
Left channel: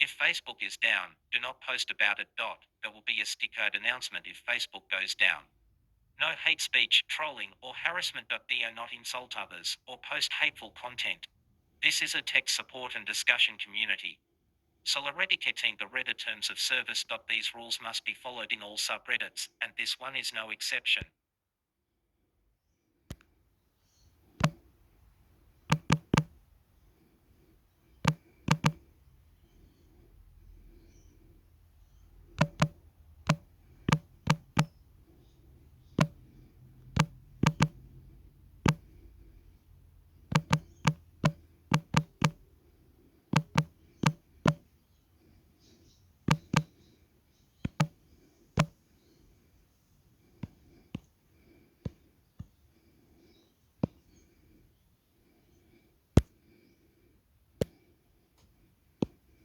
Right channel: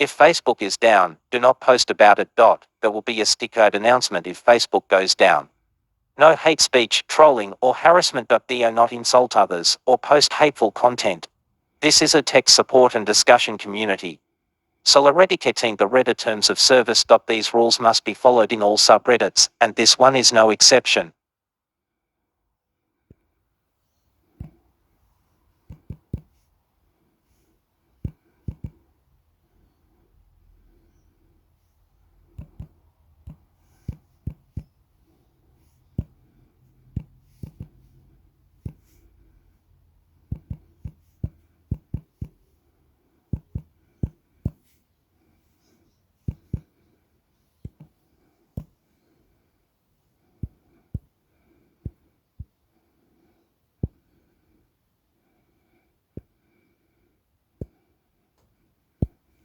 If Facebook is down, do not post about it. There will be a stickered announcement if Facebook goes down. No hate speech, trolling, or harassment. Do not insult others or post hateful content. This is a tech support and discussion community. So eradicating the Reddit terms of service. These rules must be followed in all subreddits, and this one is no exception.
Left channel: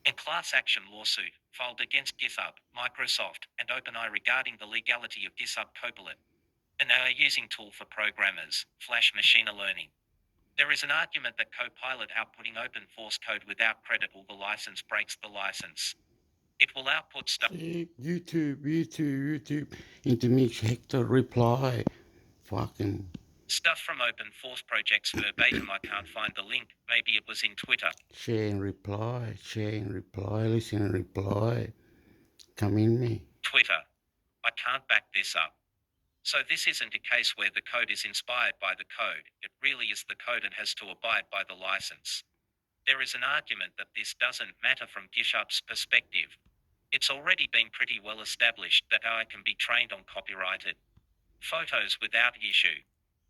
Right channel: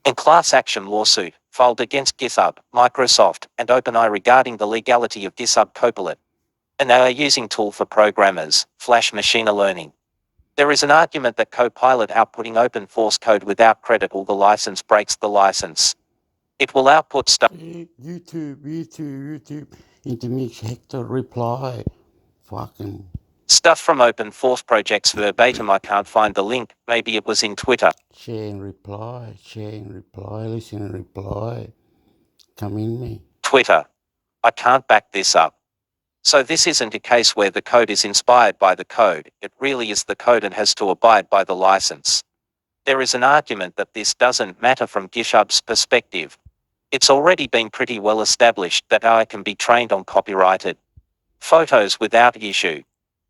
and class action lawsuit filed against GitHub, Microsoft, and OpenAI regarding the legality of GitHub Copilot, an AI using tool for programmers, Flash machine learning. There is an argument that Copilot outputting open source code without credit or the license breaks the license. It will output stuff. YouTube. Intermix, hector, reply. Fucking. Stuff from open source projects verbatim. I can't find the link. Maybe it was in Twitter. Share and reply, listen and reply. Come in me. Twitter. I can't back this up. So this isn't a case where the code is inspired by the code. It really is the code and has to abide by the license. There is an argument that this doesn't matter from GitHub's perspective. It's already been pretty well established that AI can be trained on copyrighted photos without issue.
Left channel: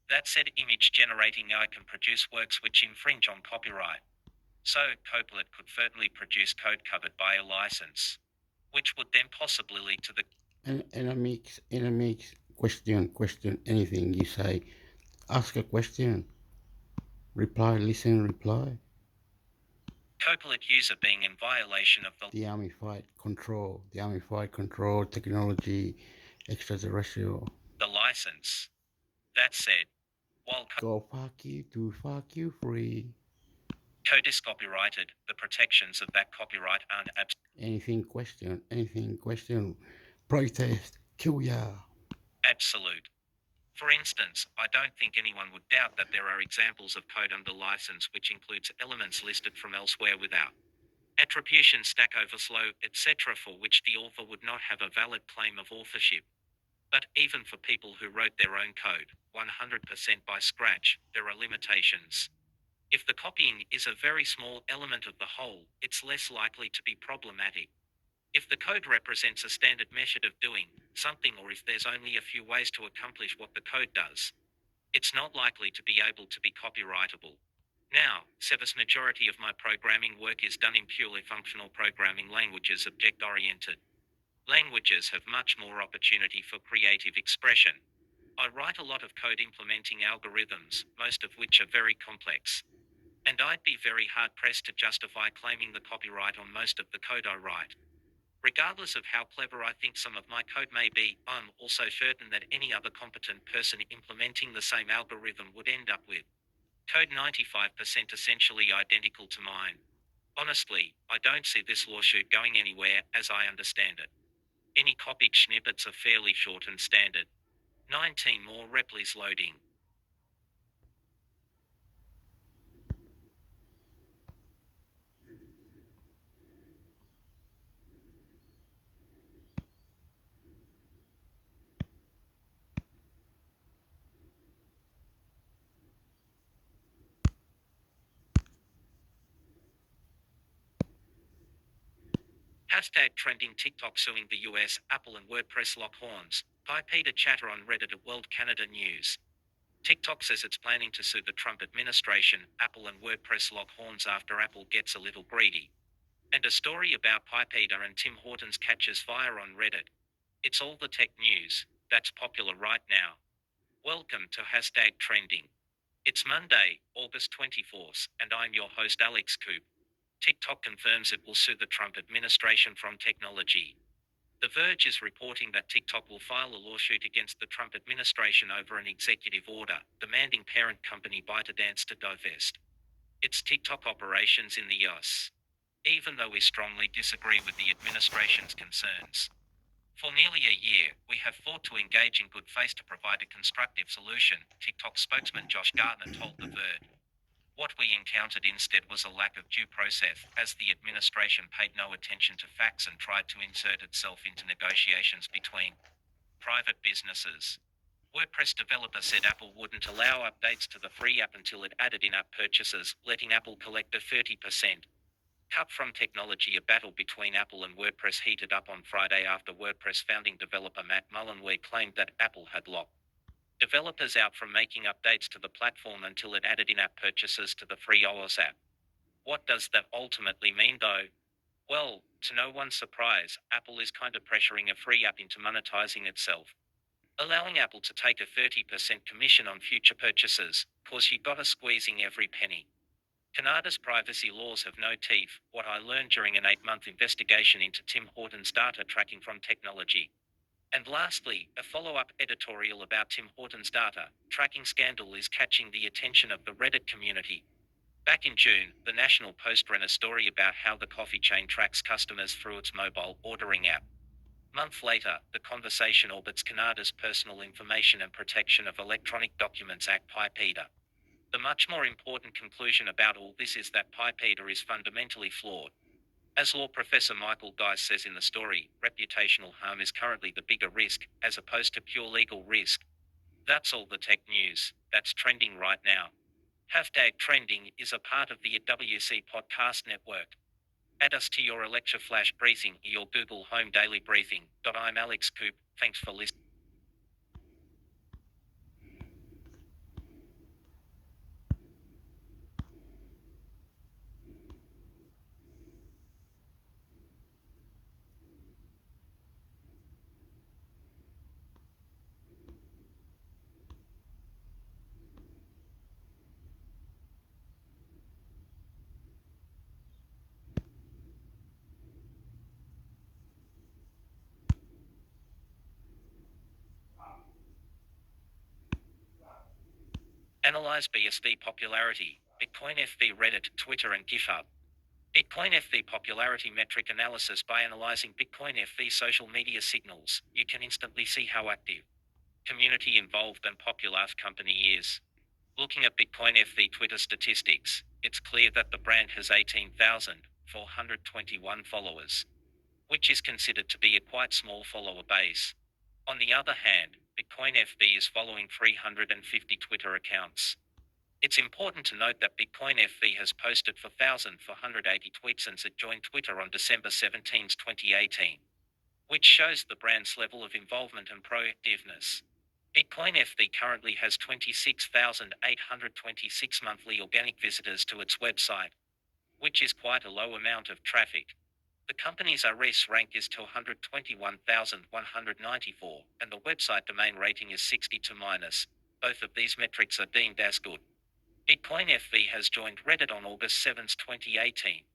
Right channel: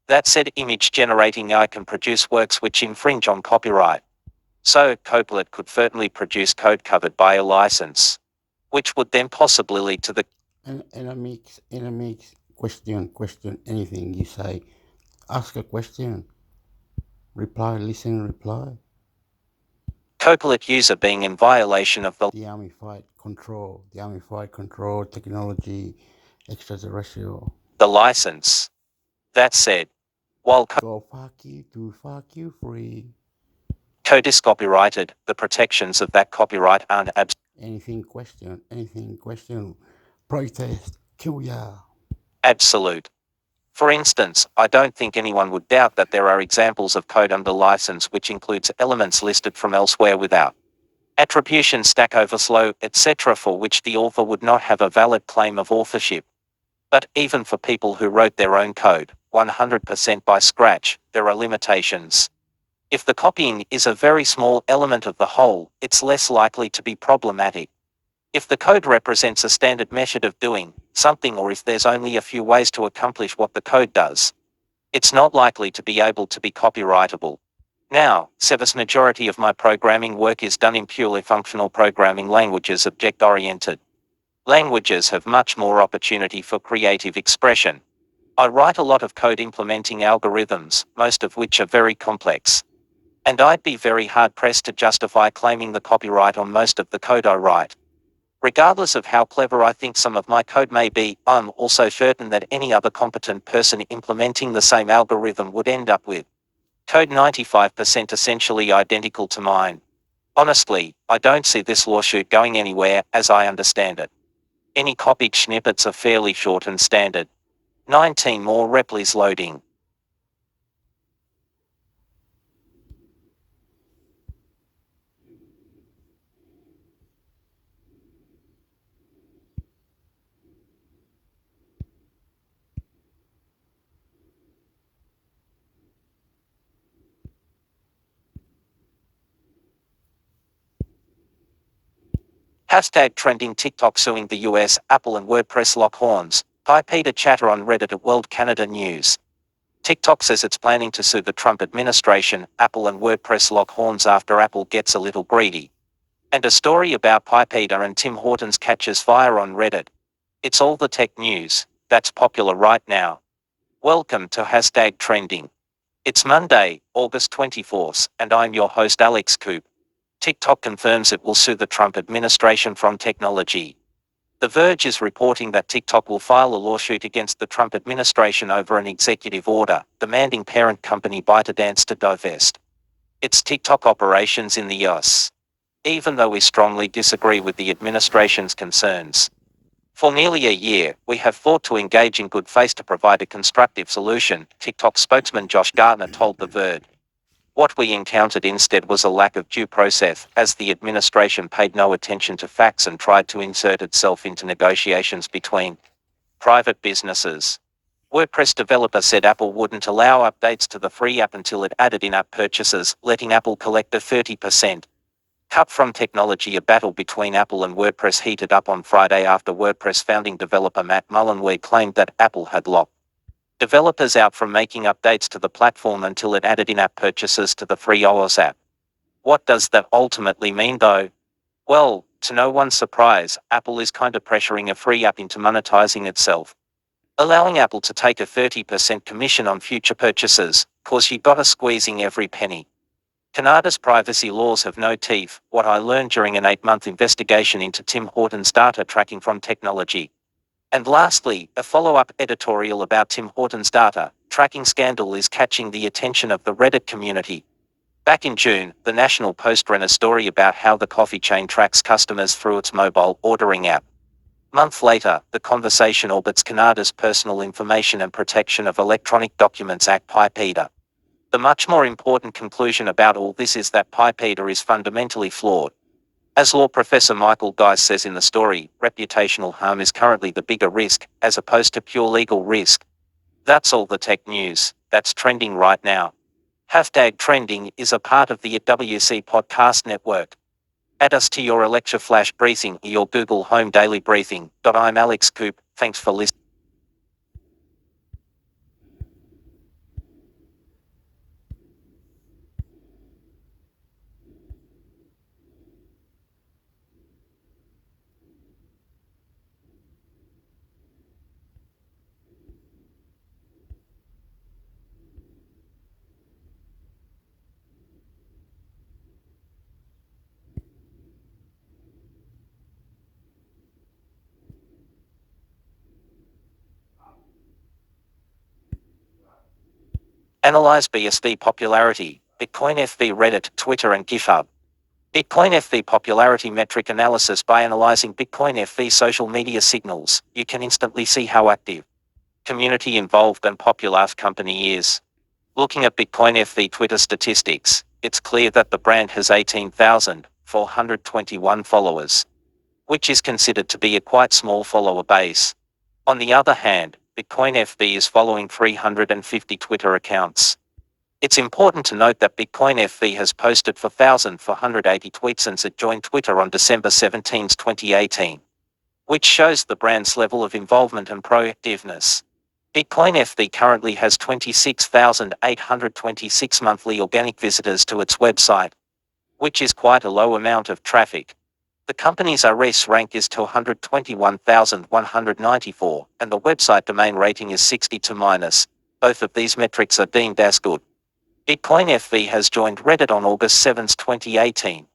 That said, image generating AI can produce works which infringe on copyright. So, Copilot could certainly produce code covered by a license, which would then possibly lead to the intermix, question, anything you say. Ask a question. Reply, listen, reply. Copilot user being in violation of the Armified control, technology, extraterrestrial. The license. That said, while Go fuck you to fuck you free. Code is copyrighted, the protections of that copyright aren't Anything question, protest, kill ya. Absolute. For instance, I don't think anyone would doubt that there are examples of code under license which includes elements listed from elsewhere without attribution, stack overflow, etc., for which the author would not have a valid claim of authorship. But even for people who wrote their own code, 100% by scratch, there are limitations. If the copying is a very small element of the whole, it's less likely to be problematic. If the code represents a standard method of doing something, or if there's only a few ways to accomplish what the code does, it's not likely to be able to be copyrightable. Now, the vast majority of my programming work is done in purely functional programming languages, object-oriented. Languages have much more opportunity for creative expression. I write a lot of code implementing algorithms, most of which are very complex. And I'd be very hard-pressed to justify claiming the copyright on most of the code I write. Regardless of how clever I think some of my code may be, I'm also certain that any other competent person implementing the same algorithm would end up with code 95% essentially identical to mine. Honestly, I don't see this lawsuit going anywhere, as I understand it. Any copied snippets are fairly short and standard. 19 more replis loading. Hashtag trending TikTok suing the US, Apple and WordPress lock horns. Peter chatter on Reddit at World Canada News. TikTok says it's planning to sue the Trump administration, Apple and WordPress lock horns after Apple gets a little greedy. And a story about Peter and Tim Hortons catches fire on Reddit. It's all the tech news that's popular right now. Welcome to Hashtag Trending. It's Monday, August 24th, and I'm your host Alex Coop. TikTok confirms it will sue the Trump administration from technology. The Verge is reporting that TikTok will file a lawsuit against the Trump administration over an executive order demanding parent company ByteDance to divest its TikTok operations in the US. Even though we strongly disagree with the administration's concerns. For nearly a year, we have fought to engage in good faith to provide a constructive solution, TikTok spokesman Josh Gardner told The Verge. What we encountered instead was a lack of due process, as the administration paid no attention to facts and tried to insert itself into negotiations between private businesses. WordPress developer said Apple wouldn't allow updates to the free app until it added in-app purchases, letting Apple collect a 30% cut from technology. A battle between Apple and WordPress heated up on Friday after WordPress founding developer Matt Mullenweg claimed that Apple had locked developers out from making updates to the platform until it added in-app purchases to the free iOS app. What does that ultimately mean though? Well, to no one's surprise, Apple is kind of pressuring a free app into monetizing itself, allowing Apple to take a 30% commission on future purchases, cause you gotta squeezing every penny. Canada's privacy laws have no teeth, what I learned during an 8-month investigation into Tim Hortons data tracking from technology. And lastly, a follow-up editorial about Tim Hortons data tracking scandal is catching the attention of the Reddit community. Back in June, the National Post ran a story about how the coffee chain tracks customers through its mobile ordering app. Month later, the conversation orbits Canada's Personal Information and Protection of Electronic Documents Act (PIPEDA). The much more important conclusion about all this is that PIPEDA is fundamentally flawed. As law professor Michael Geis says in the story, reputational harm is currently the bigger risk, as opposed to pure legal risk. That's all the tech news that's trending right now. #trending is a part of the WC Podcast Network. Add us to your Alexa Flash Briefing or your Google Home Daily Briefing. I'm Alex Coop, thanks for listening. Analyze BSV popularity, Bitcoin FV Reddit, Twitter and GitHub. Bitcoin FV popularity metric analysis. By analyzing Bitcoin FV social media signals, you can instantly see how active, community involved and popular the company is. Looking at Bitcoin FV Twitter statistics, it's clear that the brand has 18,421 followers, which is considered to be a quite small follower base. On the other hand, Bitcoin FV is following 350 Twitter accounts. It's important to note that Bitcoin FV has posted 4,480 tweets since it joined Twitter on December 17, 2018, which shows the brand's level of involvement and proactiveness. Bitcoin FV currently has 26,826 monthly organic visitors to its website, which is quite a low amount of traffic. The company's RS rank is to 121,194, and the website domain rating is 62-. Both of these metrics are deemed as good. Bitcoin FV has joined Reddit on August 7, 2018.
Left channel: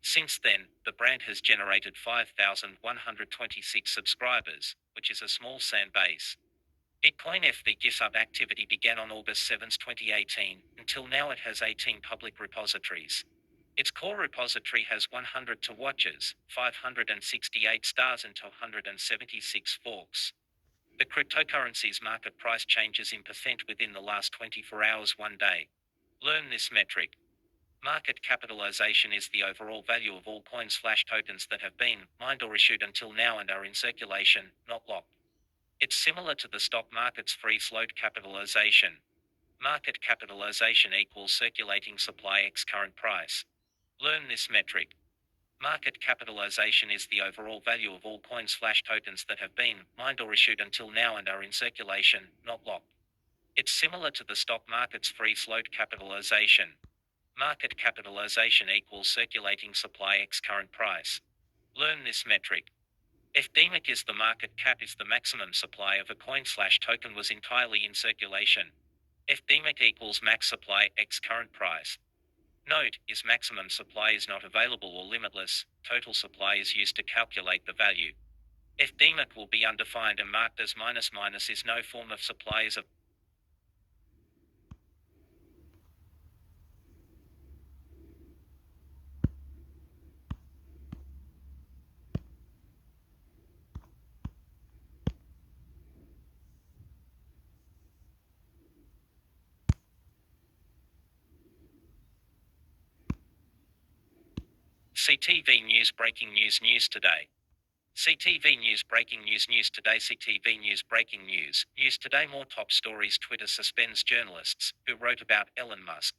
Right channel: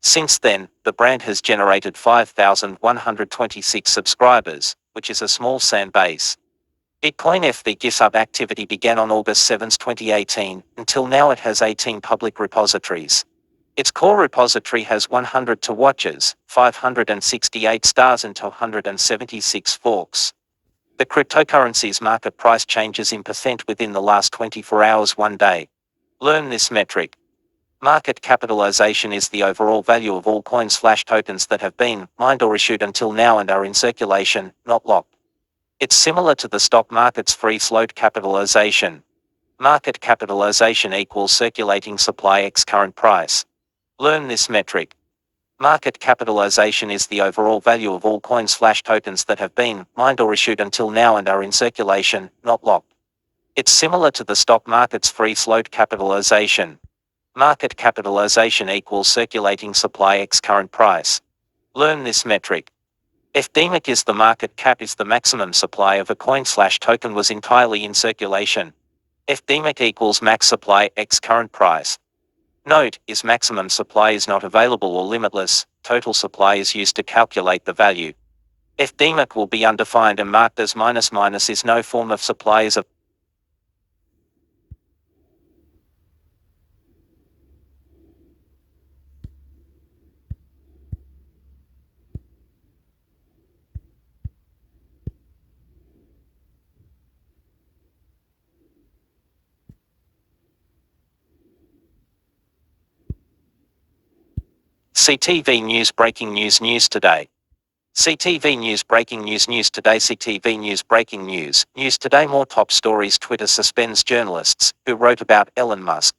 Since then, the brand has generated 5,126 subscribers, which is a small fan base. Bitcoin FV GitHub activity began on August 7, 2018. Until now it has 18 public repositories. Its core repository has 100 to watches, 568 stars and 276 forks. The cryptocurrency's market price changes in percent within the last 24 hours one day. Learn this metric. Market capitalization is the overall value of all coins/tokens that have been mined or issued until now and are in circulation, not locked. It's similar to the stock market's free float capitalization. Market capitalization equals circulating supply x current price. Learn this metric. Market capitalization is the overall value of all coins/tokens that have been mined or issued until now and are in circulation, not locked. It's similar to the stock market's free float capitalization. Market capitalization equals circulating supply x current price. Learn this metric. FDMIC is the market cap is the maximum supply of a coin/token was entirely in circulation. FDMIC equals max supply x current price. Note, is maximum supply is not available or limitless, total supply is used to calculate the value. FDMIC will be undefined and marked as -- is no form of supply is a CTV News Breaking News Today. CTV News Breaking News Today. CTV News Breaking News Today. More top stories. Twitter suspends journalists who wrote about Elon Musk.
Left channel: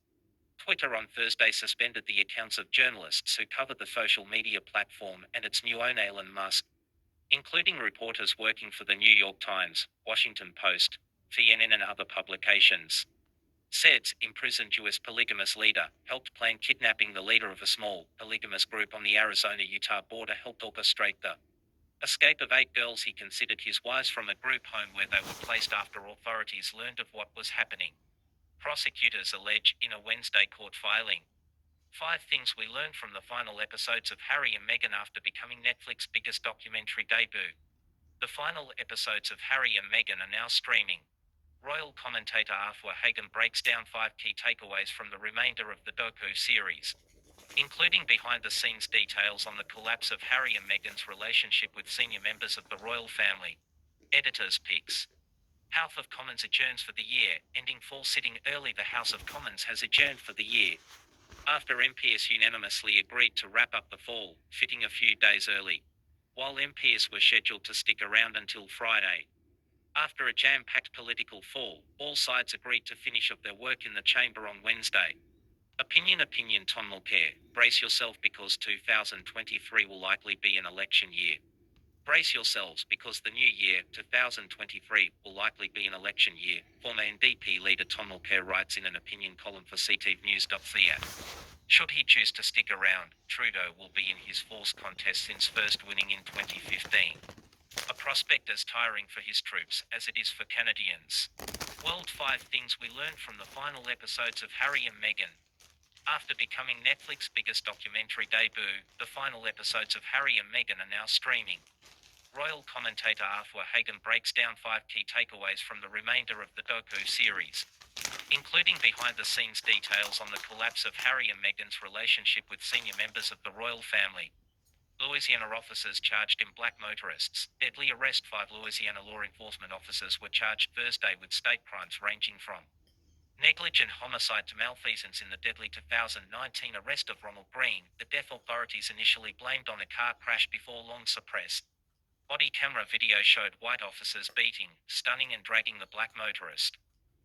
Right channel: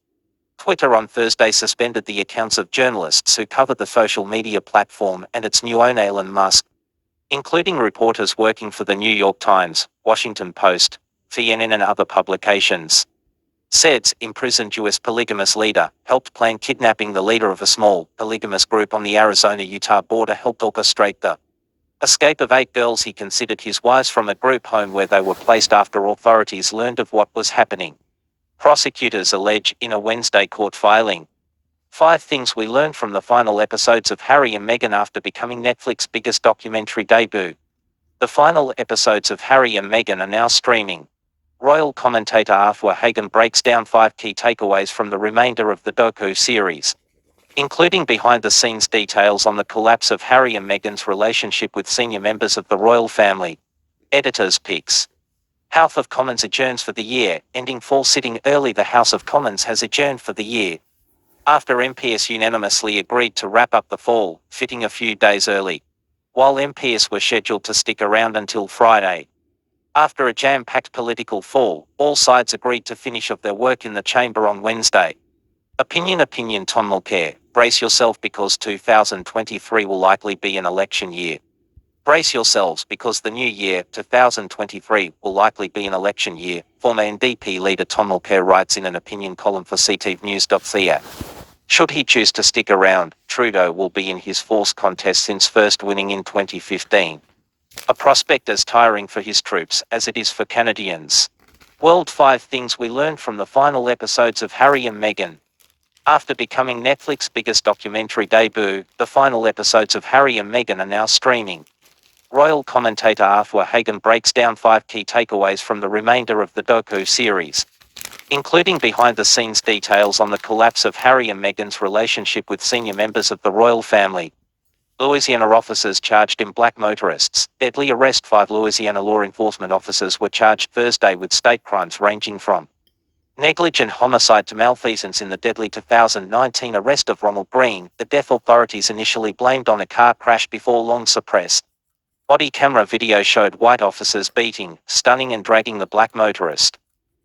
Twitter on Thursday suspended the accounts of journalists who covered the social media platform and its new owner Elon Musk, including reporters working for the New York Times, Washington Post, CNN and other publications. Said imprisoned U.S. polygamous leader helped plan kidnapping. The leader of a small, polygamous group on the Arizona-Utah border helped orchestrate the escape of 8 girls he considered his wives from a group home where they were placed after authorities learned of what was happening. Prosecutors allege in a Wednesday court filing. 5 things we learned from the final episodes of Harry and Meghan after becoming Netflix's biggest documentary debut. The final episodes of Harry and Meghan are now streaming. Royal commentator Arthur Hagan breaks down 5 key takeaways from the remainder of the docu series, including behind-the-scenes details on the collapse of Harry and Meghan's relationship with senior members of the royal family. Editor's picks. House of Commons adjourns for the year, ending fall sitting early. The House of Commons has adjourned for the year, after MPs unanimously agreed to wrap up the fall, fitting a few days early, while MPs were scheduled to stick around until Friday. After a jam-packed political fall, all sides agreed to finish off their work in the chamber on Wednesday. Opinion Tom Mulcair, brace yourself because 2023 will likely be an election year. Brace yourselves because the new year, 2023, will likely be an election year, former NDP leader Tom Mulcair writes in an opinion column for ctvnews.ca. Should he choose to stick around, Trudeau will be in his fourth contest since first winning in 2015. A prospect as tiring for his troops as it is for Canadians. World 5 things we learned from the final episodes of Harry and Meghan. After becoming Netflix's biggest documentary debut, the final episodes of Harry and Meghan are now streaming. Royal commentator Arthur Hagan breaks down 5 key takeaways from the remainder of the docu series, including behind-the-scenes details on the collapse of Harry and Meghan's relationship with senior members of the royal family. Louisiana officers charged in black motorists. Deadly arrest. 5 Louisiana law enforcement officers were charged Thursday with state crimes ranging from negligent homicide to malfeasance in the deadly 2019 arrest of Ronald Green. The death authorities initially blamed on a car crash before long suppressed. Body camera video showed white officers beating, stunning and dragging the black motorist.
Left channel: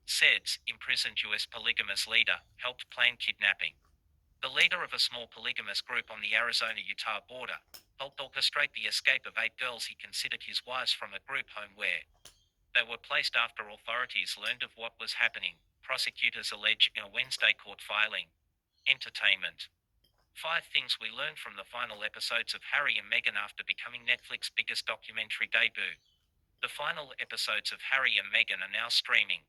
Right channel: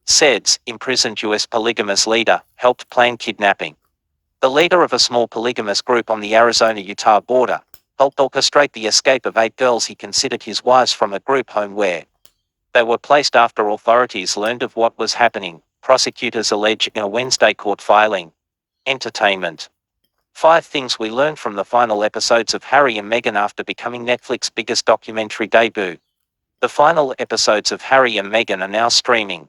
SEDS, imprisoned U.S. polygamous leader, helped plan kidnapping. The leader of a small polygamous group on the Arizona-Utah border helped orchestrate the escape of 8 girls he considered his wives from a group home where they were placed after authorities learned of what was happening, prosecutors allege in a Wednesday court filing. Entertainment. 5 things we learned from the final episodes of Harry and Meghan after becoming Netflix's biggest documentary debut. The final episodes of Harry and Meghan are now streaming.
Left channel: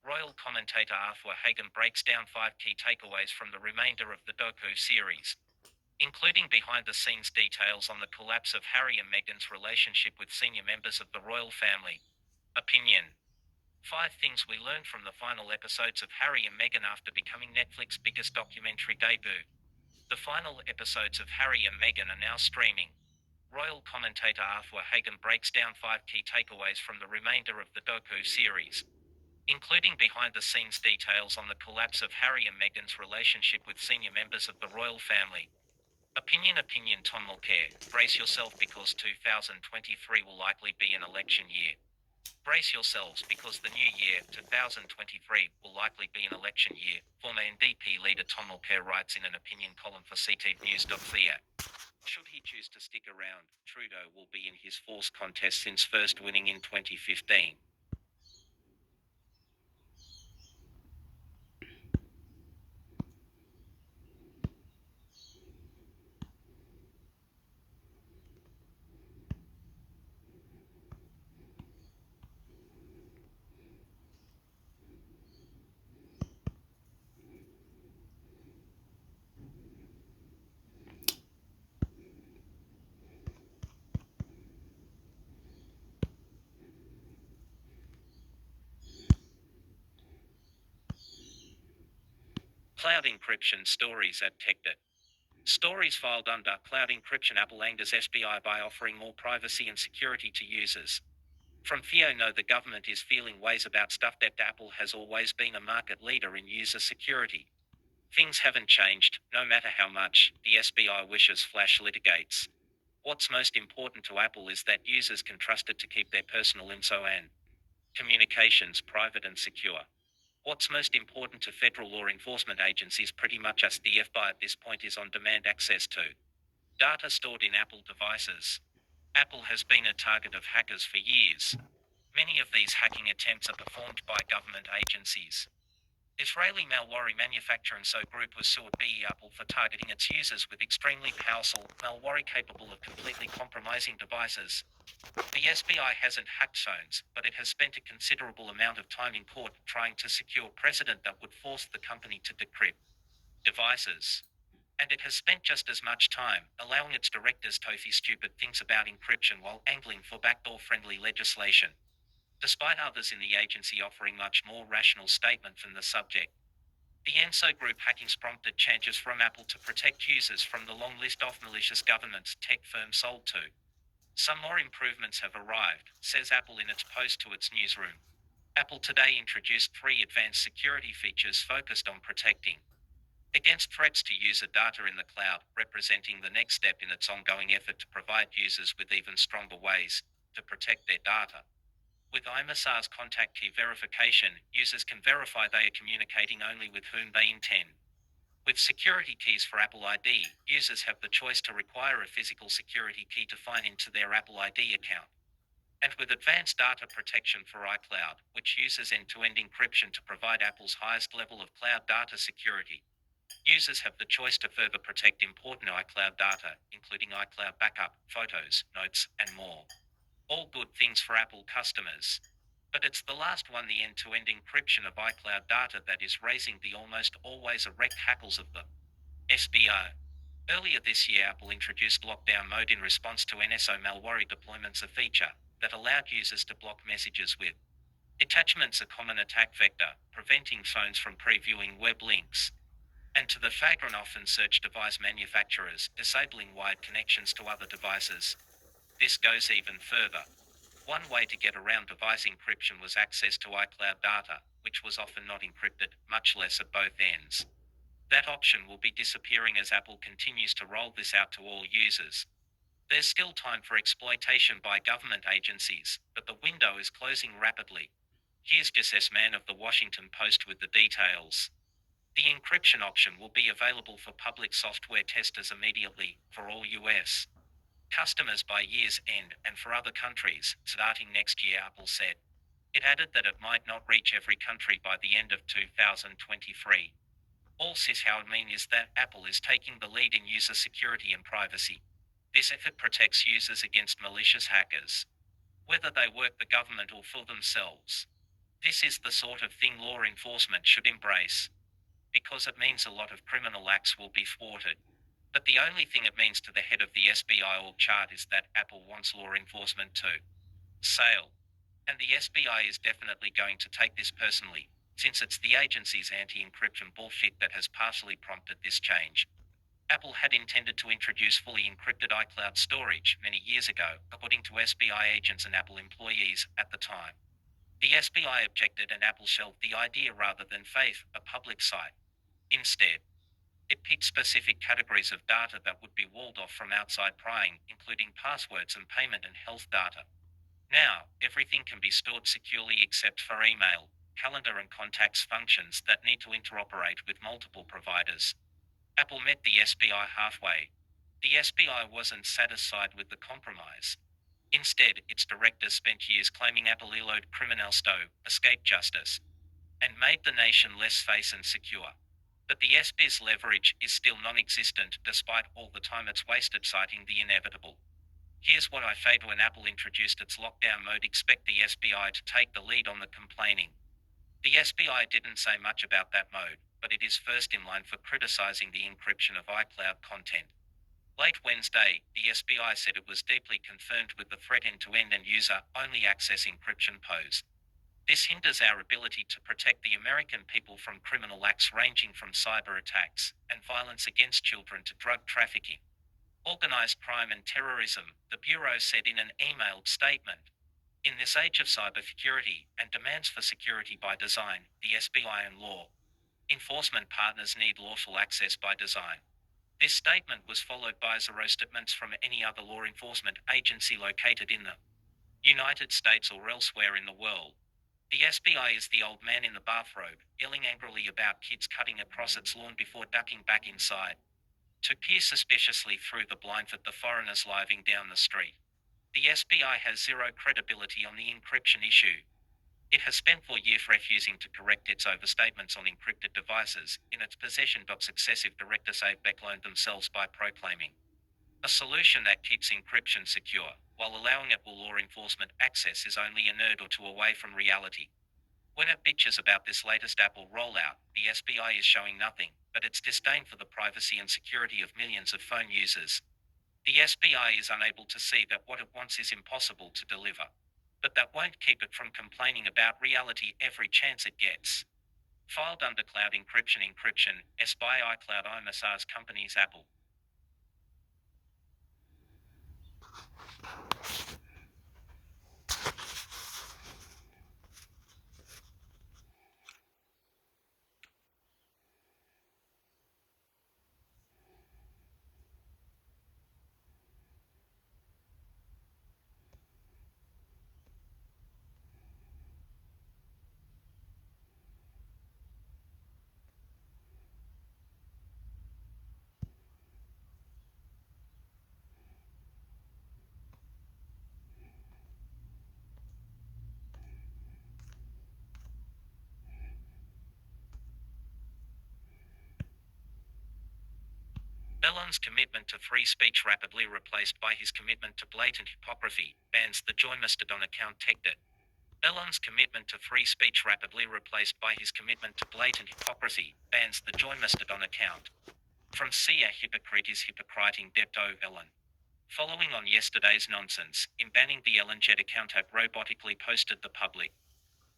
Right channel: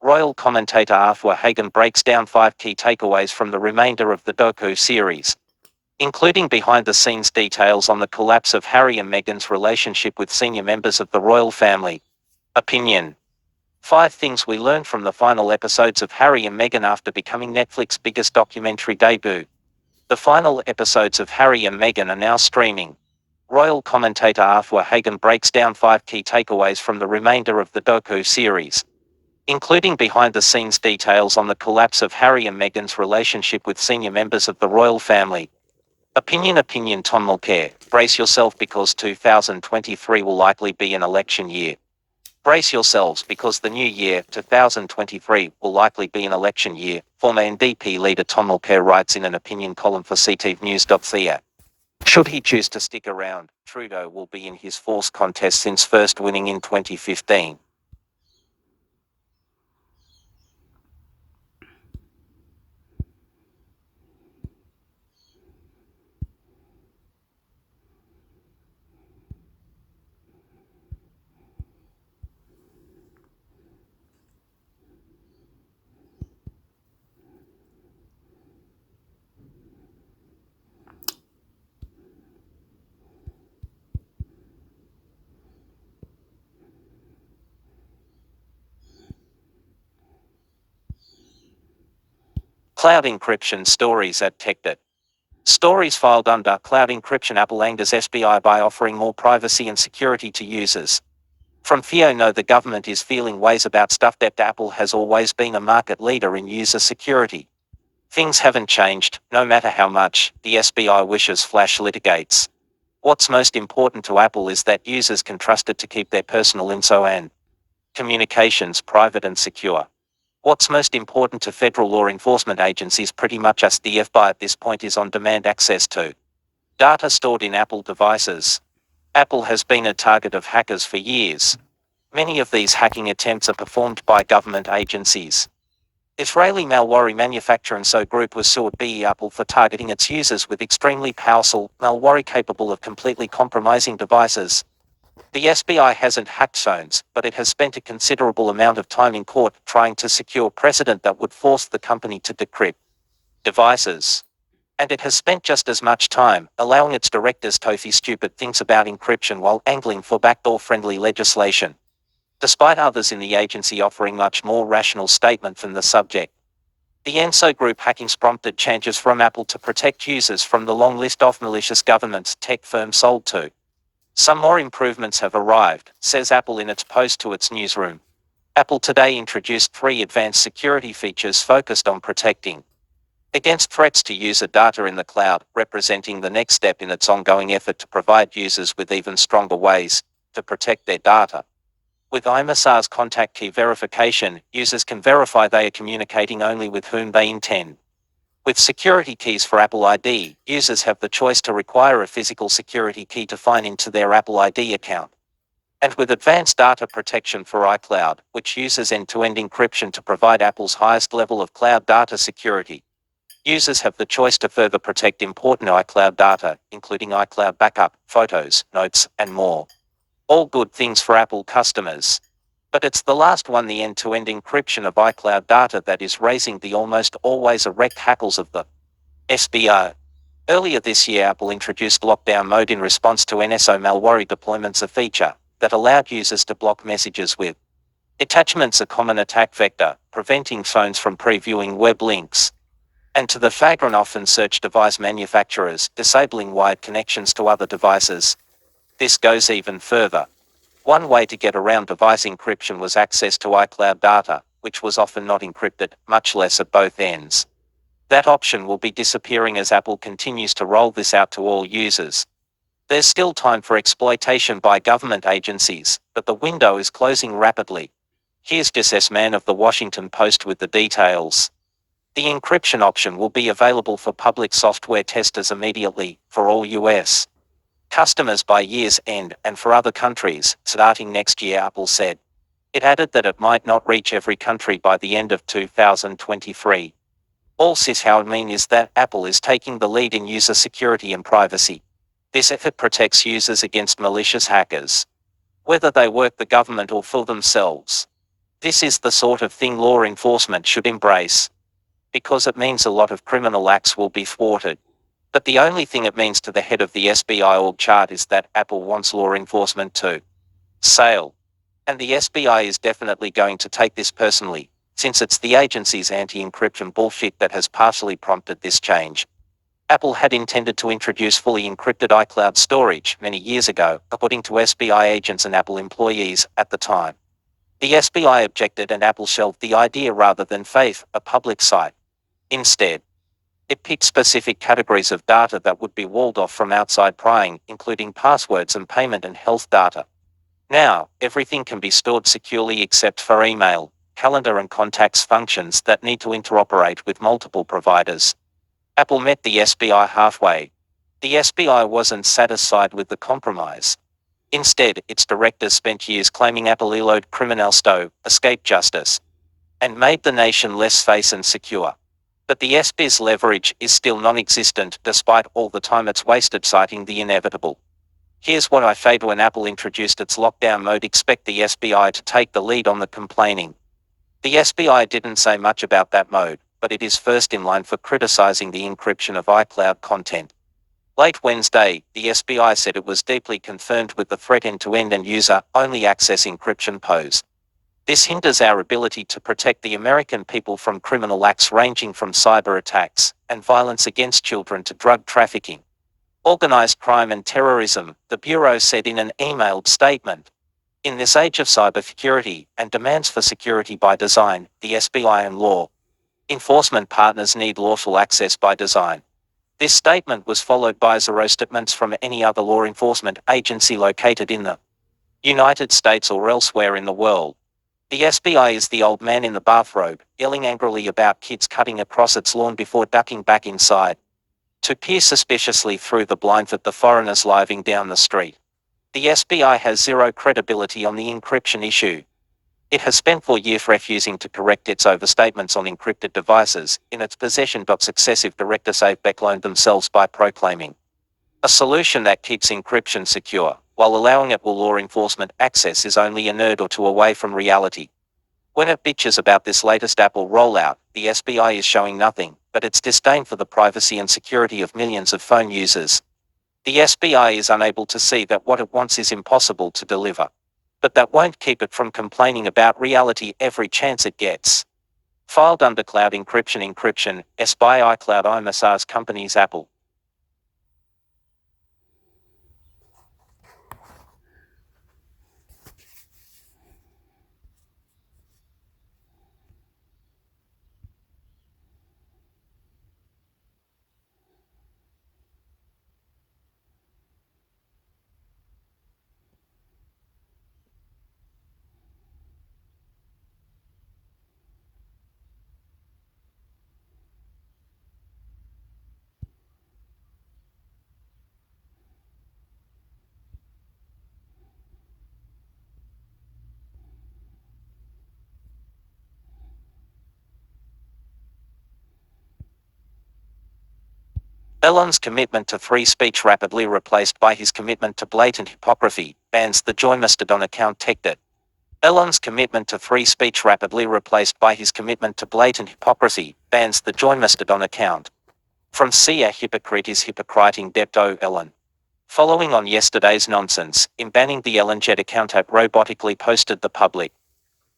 Royal commentator Arthur Hagan breaks down 5 key takeaways from the remainder of the docu series, including behind-the-scenes details on the collapse of Harry and Meghan's relationship with senior members of the royal family. Opinion. 5 things we learned from the final episodes of Harry and Meghan after becoming Netflix's biggest documentary debut. The final episodes of Harry and Meghan are now streaming. Royal commentator Arthur Hagan breaks down 5 key takeaways from the remainder of the docu series, including behind-the-scenes details on the collapse of Harry and Meghan's relationship with senior members of the royal family. Opinion Tom Mulcair, brace yourself because 2023 will likely be an election year. Brace yourselves because the new year, 2023, will likely be an election year, former NDP leader Tom Mulcair writes in an opinion column for ctvnews.ca. Should he choose to stick around, Trudeau will be in his fourth contest since first winning in 2015. Cloud encryption stories at TechDet. Stories filed under cloud encryption. Apple angers SBI by offering more privacy and security to users. From No, the government is feeling ways about stuff. That Apple has always been a market leader in user security. Things haven't changed, no matter how much the SBI wishes Flash litigates. What's most important to Apple is that users can trust it to keep their personal info and communications private and secure. What's most important to federal law enforcement agencies, pretty much as the FBI at this point, is on-demand access to data stored in Apple devices. Apple has been a target of hackers for years. Many of these hacking attempts are performed by government agencies. Israeli malware manufacturer So Group was sued by Apple for targeting its users with extremely powerful malware capable of completely compromising devices. The SBI hasn't hacked phones, but it has spent a considerable amount of time in court trying to secure precedent that would force the company to decrypt devices. And it has spent just as much time allowing its directors to say stupid things about encryption while angling for backdoor-friendly legislation, despite others in the agency offering much more rational statement from the subject. The ENSO group hackings prompted changes from Apple to protect users from the long list of malicious governments tech firms sold to. Some more improvements have arrived, says Apple in its post to its newsroom. Apple today introduced 3 advanced security features focused on protecting against threats to user data in the cloud, representing the next step in its ongoing effort to provide users with even stronger ways to protect their data. With IMSA's contact key verification, users can verify they are communicating only with whom they intend. With security keys for Apple ID, users have the choice to require a physical security key to sign into their Apple ID account. And with advanced data protection for iCloud, which uses end-to-end encryption to provide Apple's highest level of cloud data security, users have the choice to further protect important iCloud data, including iCloud backup, photos, notes, and more. All good things for Apple customers. But it's the last one, the end-to-end encryption of iCloud data, that is raising the almost always erect hackles of the SBO. Earlier this year, Apple introduced lockdown mode in response to NSO malware deployments, a feature that allowed users to block messages with attachments, a common attack vector, preventing phones from previewing web links. And to the flagrant often search device manufacturers, disabling wired connections to other devices. This goes even further. One way to get around device encryption was access to iCloud data, which was often not encrypted, much less at both ends. That option will be disappearing as Apple continues to roll this out to all users. There's still time for exploitation by government agencies, but the window is closing rapidly. Here's Jess S. Mann of the Washington Post with the details. The encryption option will be available for public software testers immediately, for all US customers by year's end, and for other countries, starting next year, Apple said. It added that it might not reach every country by the end of 2023. All this how I mean is that Apple is taking the lead in user security and privacy. This effort protects users against malicious hackers, whether they work the government or for themselves. This is the sort of thing law enforcement should embrace, because it means a lot of criminal acts will be thwarted. But the only thing it means to the head of the SBI org chart is that Apple wants law enforcement to sail. And the SBI is definitely going to take this personally, since it's the agency's anti-encryption bullshit that has partially prompted this change. Apple had intended to introduce fully encrypted iCloud storage many years ago, according to SBI agents and Apple employees at the time. The SBI objected and Apple shelved the idea rather than Faith, a public site. Instead, it picked specific categories of data that would be walled off from outside prying, including passwords and payment and health data. Now, everything can be stored securely except for email, calendar and contacts functions that need to interoperate with multiple providers. Apple met the SBI halfway. The SBI wasn't satisfied with the compromise. Instead, its directors spent years claiming Apple eluded criminal stow, escaped justice, and made the nation less safe and secure. But the SBI's leverage is still non-existent despite all the time it's wasted citing the inevitable. Here's what I said when Apple introduced its lockdown mode: expect the SBI to take the lead on the complaining. The SBI didn't say much about that mode, but it is first in line for criticizing the encryption of iCloud content. Late Wednesday, the SBI said it was deeply concerned with the threat end-to-end and user-only access encryption pose. This hinders our ability to protect the American people from criminal acts ranging from cyber attacks and violence against children to drug trafficking, organized crime and terrorism, the Bureau said in an emailed statement. In this age of cybersecurity and demands for security by design, the SBI and law enforcement partners need lawful access by design. This statement was followed by zero statements from any other law enforcement agency located in the United States or elsewhere in the world. The SBI is the old man in the bathrobe, yelling angrily about kids cutting across its lawn before ducking back inside to peer suspiciously through the blinds at the foreigners living down the street. The SBI has zero credibility on the encryption issue. It has spent 4 years refusing to correct its overstatements on encrypted devices in its possession. Successive directors have backloaned themselves by proclaiming a solution that keeps encryption secure, while allowing it will law enforcement access is only a nerd or two away from reality. When it bitches about this latest Apple rollout, the SBI is showing nothing but but its disdain for the privacy and security of millions of phone users. The SBI is unable to see that what it wants is impossible to deliver. But that won't keep it from complaining about reality every chance it gets. Filed under cloud encryption, SBI iCloud IMSR's companies Apple. Elon's commitment to free speech rapidly replaced by his commitment to blatant hypocrisy, bans the Join Mastodon account hector. Elon's commitment to free speech rapidly replaced by his commitment to blatant hypocrisy, bans the Join Mastodon account. From See a hypocrite is hypocriting depto Elon. Following on yesterday's nonsense, in banning the ElonJet account app robotically posted the public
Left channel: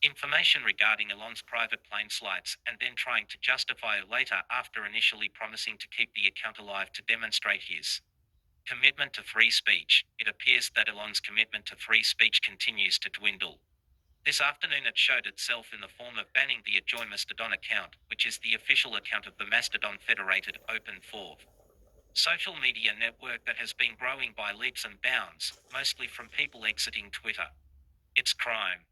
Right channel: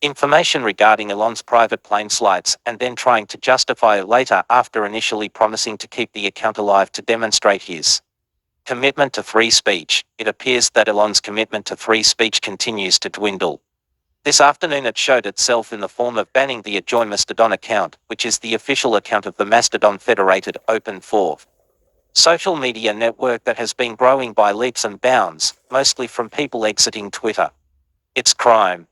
information regarding Elon's private plane flights and then trying to justify it later after initially promising to keep the account alive to demonstrate his commitment to free speech. It appears that Elon's commitment to free speech continues to dwindle. This afternoon it showed itself in the form of banning the Join Mastodon account, which is the official account of the Mastodon Federated Open 4 social media network that has been growing by leaps and bounds, mostly from people exiting Twitter. It's crime.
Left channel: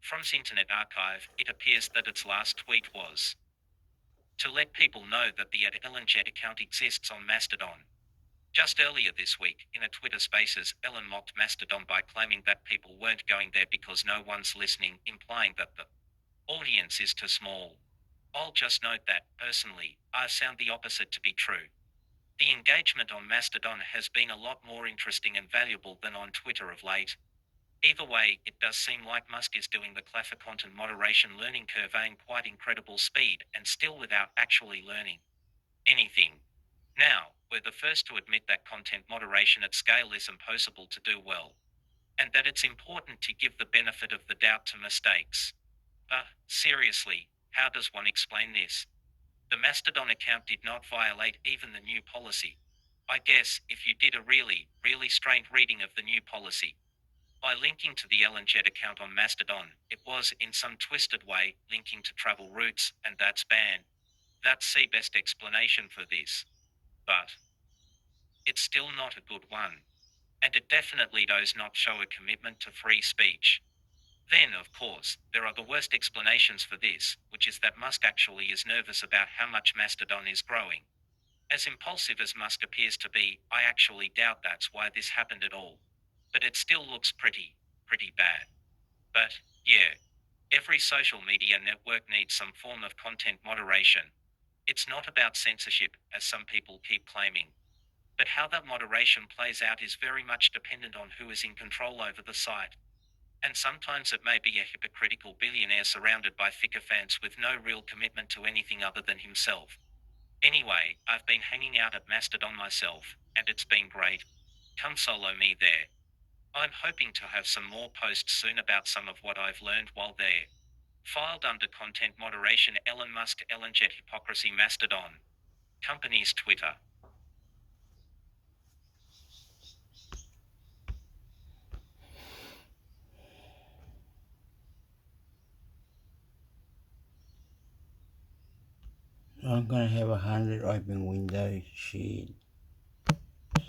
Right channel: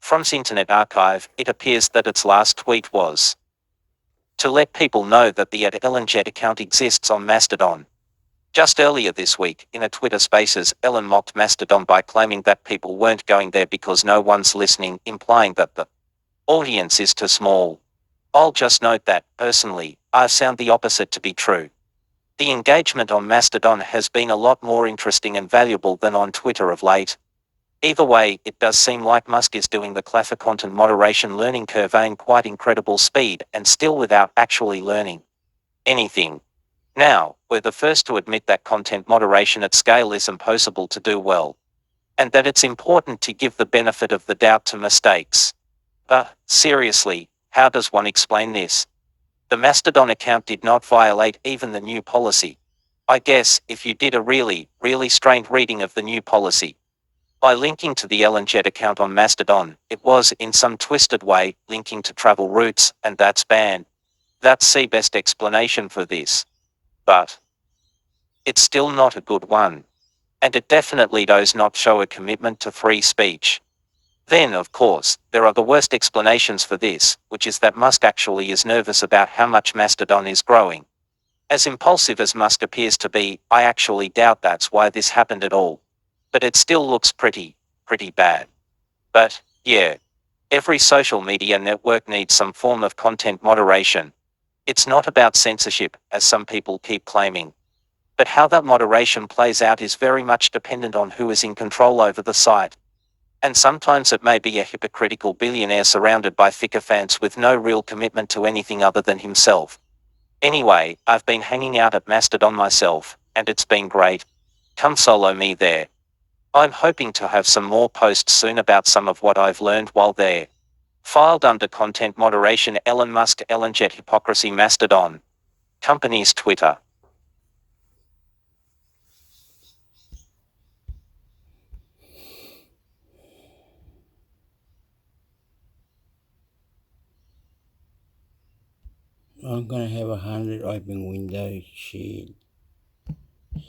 From Internet Archive, it appears that its last tweet was to let people know that the @ElonJet account exists on Mastodon. Just earlier this week, in a Twitter Spaces, Elon mocked Mastodon by claiming that people weren't going there because no one's listening, implying that the audience is too small. I'll just note that, personally, I found the opposite to be true. The engagement on Mastodon has been a lot more interesting and valuable than on Twitter of late. Either way, it does seem like Musk is doing the classic content moderation learning curve in quite incredible speed and still without actually learning anything. Now, we're the first to admit that content moderation at scale is impossible to do well, and that it's important to give the benefit of the doubt to mistakes. But, seriously, how does one explain this? The Mastodon account did not violate even the new policy. I guess, if you did a really, really strained reading of the new policy, by linking to the ElonJet account on Mastodon, it was, in some twisted way, linking to travel routes, and that's banned. That's the best explanation for this. But it's still not a good one. And it definitely does not show a commitment to free speech. Then, of course, there are the worst explanations for this, which is that Musk actually is nervous about how much Mastodon is growing. As impulsive as Musk appears to be, I actually doubt that's why this happened at all. But it still looks pretty bad. But, yeah. Every social media network needs some form of content moderation. It's not about censorship, as some people keep claiming. But how that moderation plays out is very much dependent on who is in control over the site. And sometimes it may be a hypocritical billionaire surrounded by sycophants with no real commitment to anything other than himself. Anyway, I've been hanging out at Mastodon myself, and it's been great. Come solo me there. I'm hoping to have some more posts soon about some of what I've learned while there. Filed under content moderation Elon Musk ElonJet hypocrisy Mastodon. Company's Twitter. I'm gonna have 100 open windows, shit,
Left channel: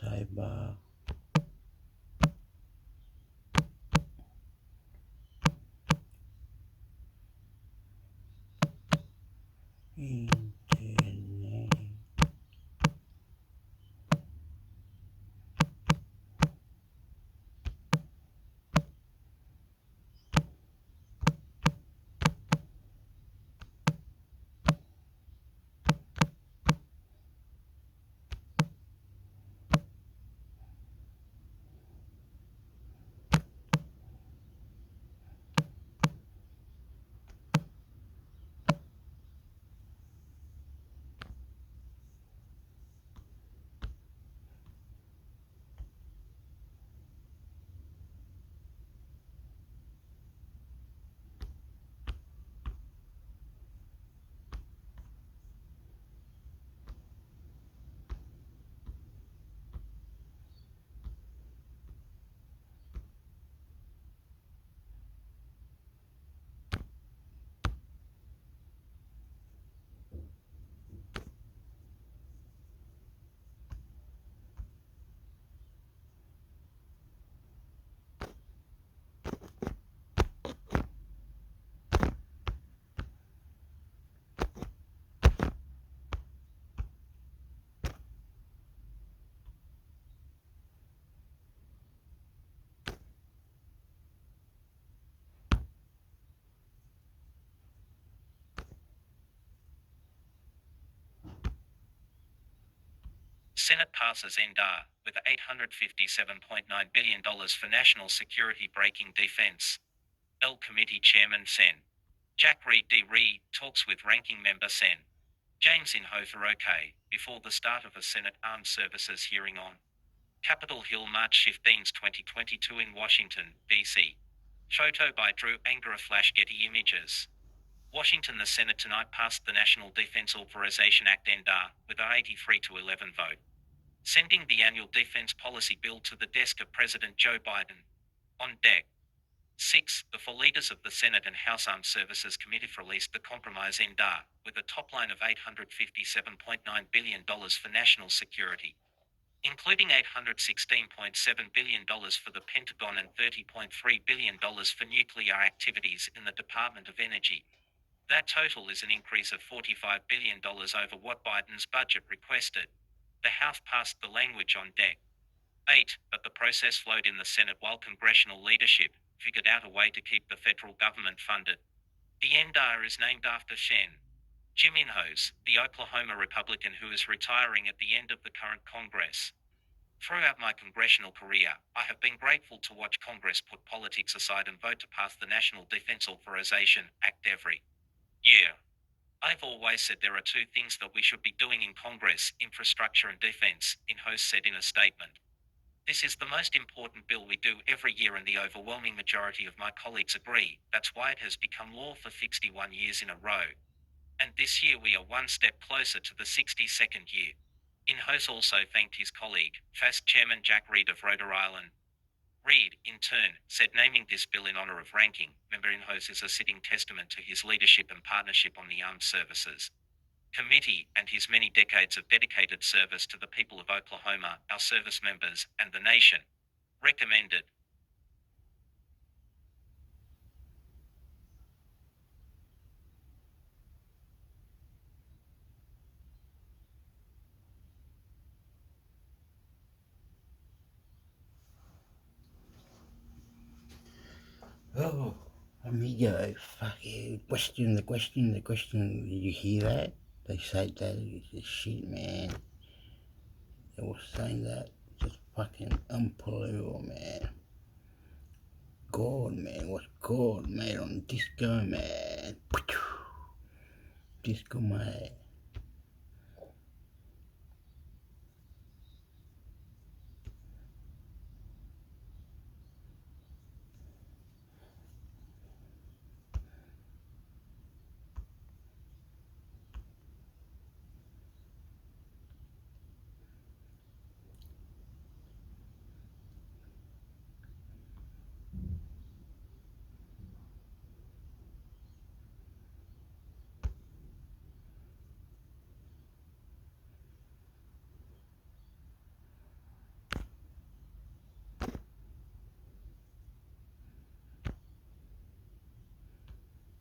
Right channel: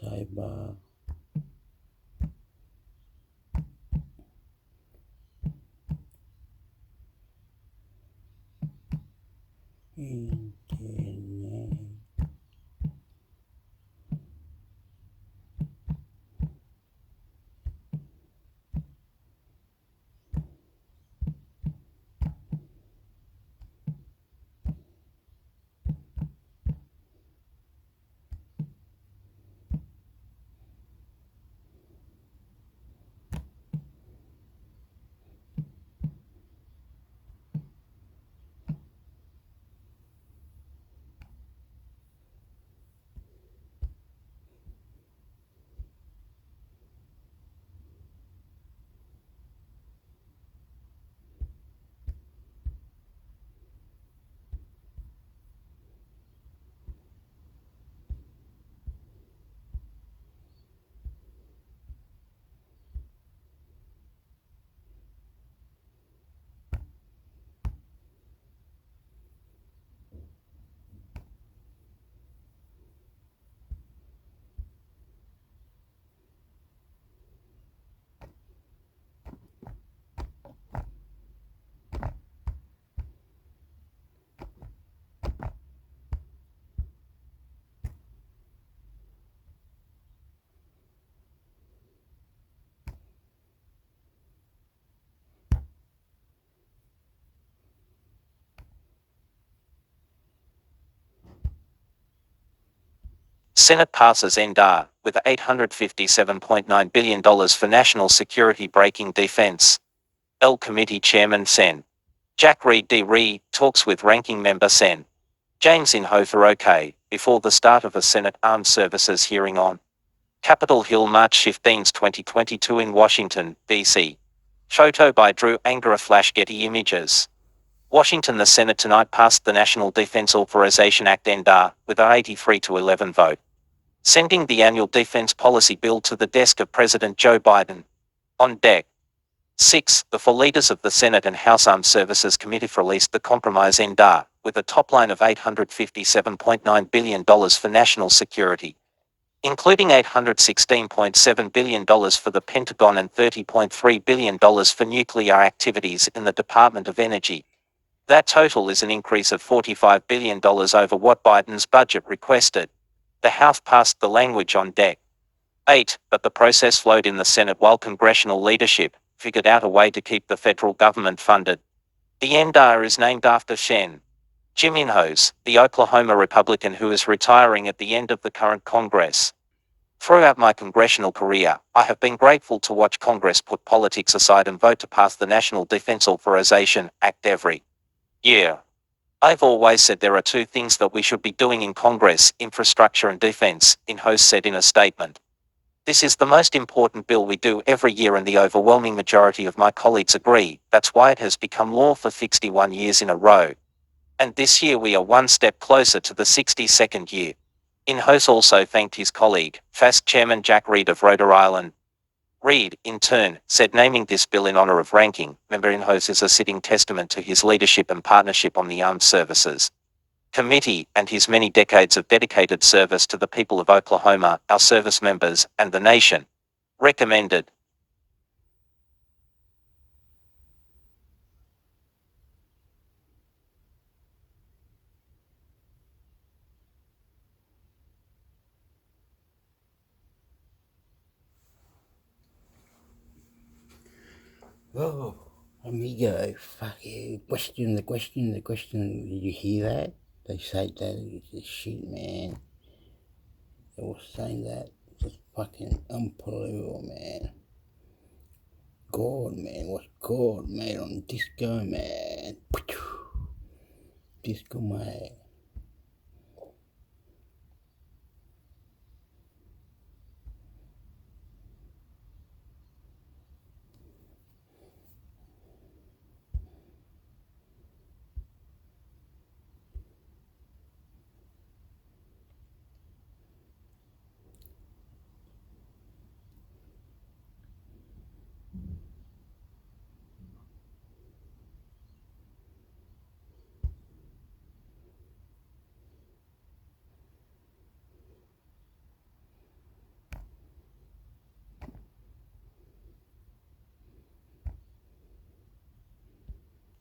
sidebar. Internet. Senate passes NDAR, with $857.9 billion for national security breaking defense. L Committee Chairman Sen. Jack Reed D. Reed talks with Ranking Member Sen. James Inhofe OK, before the start of a Senate Armed Services hearing on Capitol Hill March 15, 2022 in Washington, D.C. Photo by Drew Angara Flash Getty Images. Washington. The Senate tonight passed the National Defense Authorization Act NDAR, with an 83-11 vote, sending the annual defense policy bill to the desk of President Joe Biden. On deck. 6. The four leaders of the Senate and House Armed Services Committees released the compromise NDAR, with a top line of $857.9 billion for national security, including $816.7 billion for the Pentagon and $30.3 billion for nuclear activities in the Department of Energy. That total is an increase of $45 billion over what Biden's budget requested. The House passed the language on deck. 8. But the process flowed in the Senate while congressional leadership figured out a way to keep the federal government funded. The NDAR is named after Sen. Jim Inhofe, the Oklahoma Republican who is retiring at the end of the current Congress. Throughout my congressional career, I have been grateful to watch Congress put politics aside and vote to pass the National Defense Authorization Act every year. I've always said there are two things that we should be doing in Congress: infrastructure and defense, Inhofe said in a statement. This is the most important bill we do every year, and the overwhelming majority of my colleagues agree. That's why it has become law for 61 years in a row. And this year we are one step closer to the 62nd year. Inhofe also thanked his colleague, FAST Chairman Jack Reed of Rhode Island. Reed, in turn, said naming this bill in honor of Ranking Member Inhofe is a sitting testament to his leadership and partnership on the Armed Services Committee and his many decades of dedicated service to the people of Oklahoma, our service members, and the nation. Recommended. Oh, amigo, fucking the question. Did you hear that? They said that it's shit, man. They were saying that. Just fucking unbelievable, man. God, man. What's God made on disco, man? Disco, man.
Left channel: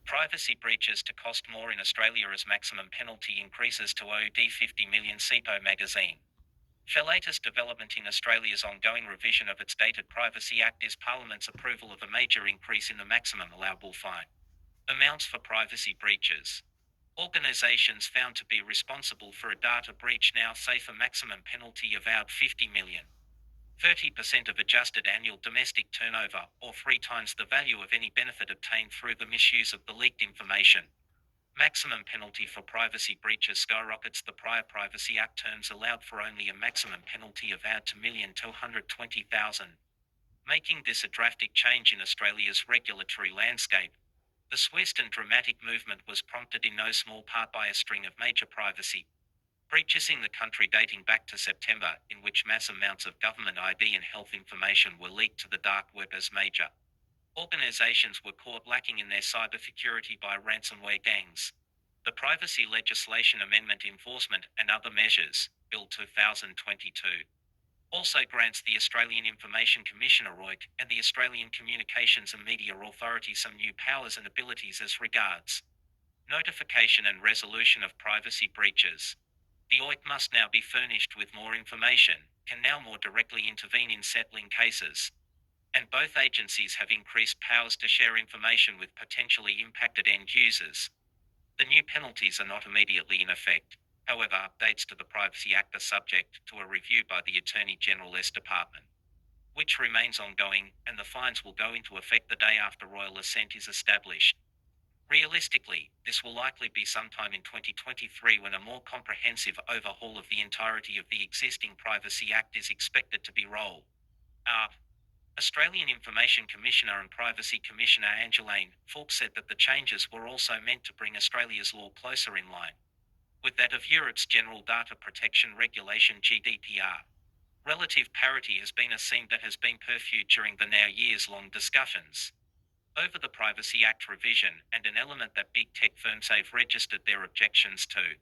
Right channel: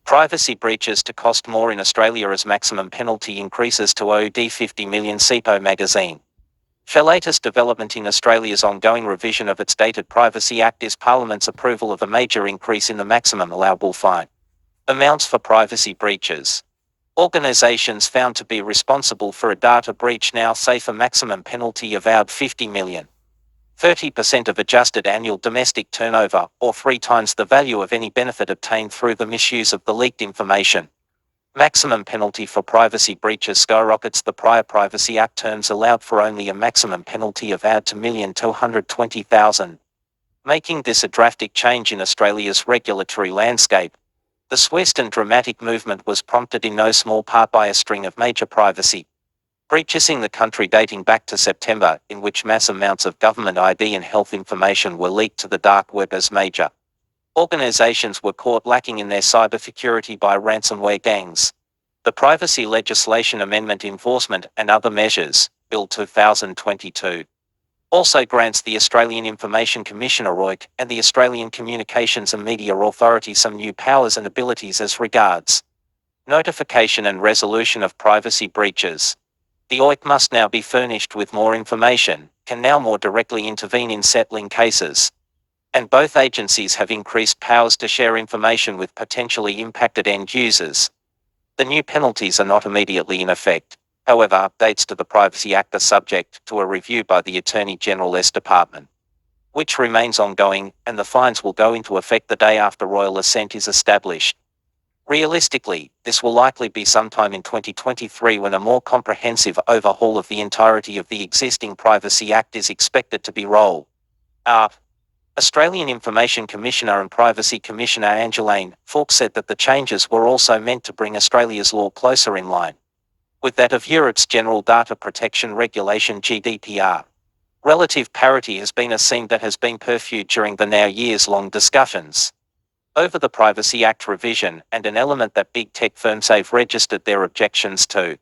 Privacy breaches to cost more in Australia as maximum penalty increases to OD 50 million. CEPO magazine. The latest development in Australia's ongoing revision of its dated Privacy Act is Parliament's approval of a major increase in the maximum allowable fine amounts for privacy breaches. Organisations found to be responsible for a data breach now face a maximum penalty of around 50 million. 30% of adjusted annual domestic turnover, or 3 times the value of any benefit obtained through the misuse of the leaked information. Maximum penalty for privacy breaches skyrockets. The prior Privacy Act terms allowed for only a maximum penalty of around $2,220,000, making this a drastic change in Australia's regulatory landscape. The swift and dramatic movement was prompted in no small part by a string of major privacy breaches in the country dating back to September, in which mass amounts of government ID and health information were leaked to the dark web as major organizations were caught lacking in their cybersecurity by ransomware gangs. The Privacy Legislation Amendment Enforcement and Other Measures, Bill 2022, also grants the Australian Information Commissioner (OIC) and the Australian Communications and Media Authority some new powers and abilities as regards notification and resolution of privacy breaches. The OIC must now be furnished with more information, can now more directly intervene in settling cases, and both agencies have increased powers to share information with potentially impacted end users. The new penalties are not immediately in effect. However, updates to the Privacy Act are subject to a review by the Attorney General's Department, which remains ongoing, and the fines will go into effect the day after royal assent is established. Realistically, this will likely be sometime in 2023 when a more comprehensive overhaul of the entirety of the existing Privacy Act is expected to be rolled out. Australian Information Commissioner and Privacy Commissioner Angeline Fawkes said that the changes were also meant to bring Australia's law closer in line with that of Europe's General Data Protection Regulation (GDPR). Relative parity has been a theme that has been pursued during the now years-long discussions over the Privacy Act revision, and an element that big tech firms have registered their objections to.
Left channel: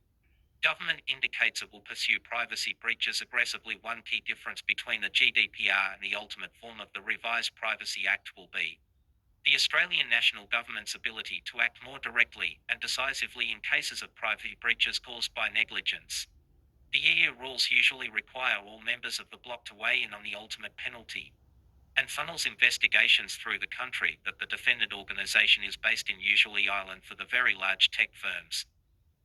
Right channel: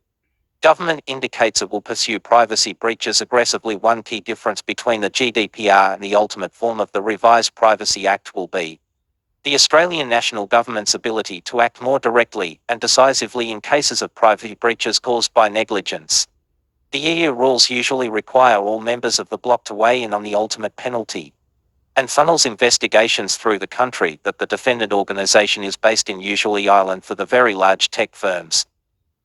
Government indicates it will pursue privacy breaches aggressively. One key difference between the GDPR and the ultimate form of the revised Privacy Act will be the Australian national government's ability to act more directly and decisively in cases of privacy breaches caused by negligence. The EU rules usually require all members of the bloc to weigh in on the ultimate penalty, and funnels investigations through the country that the defendant organisation is based in, usually Ireland for the very large tech firms.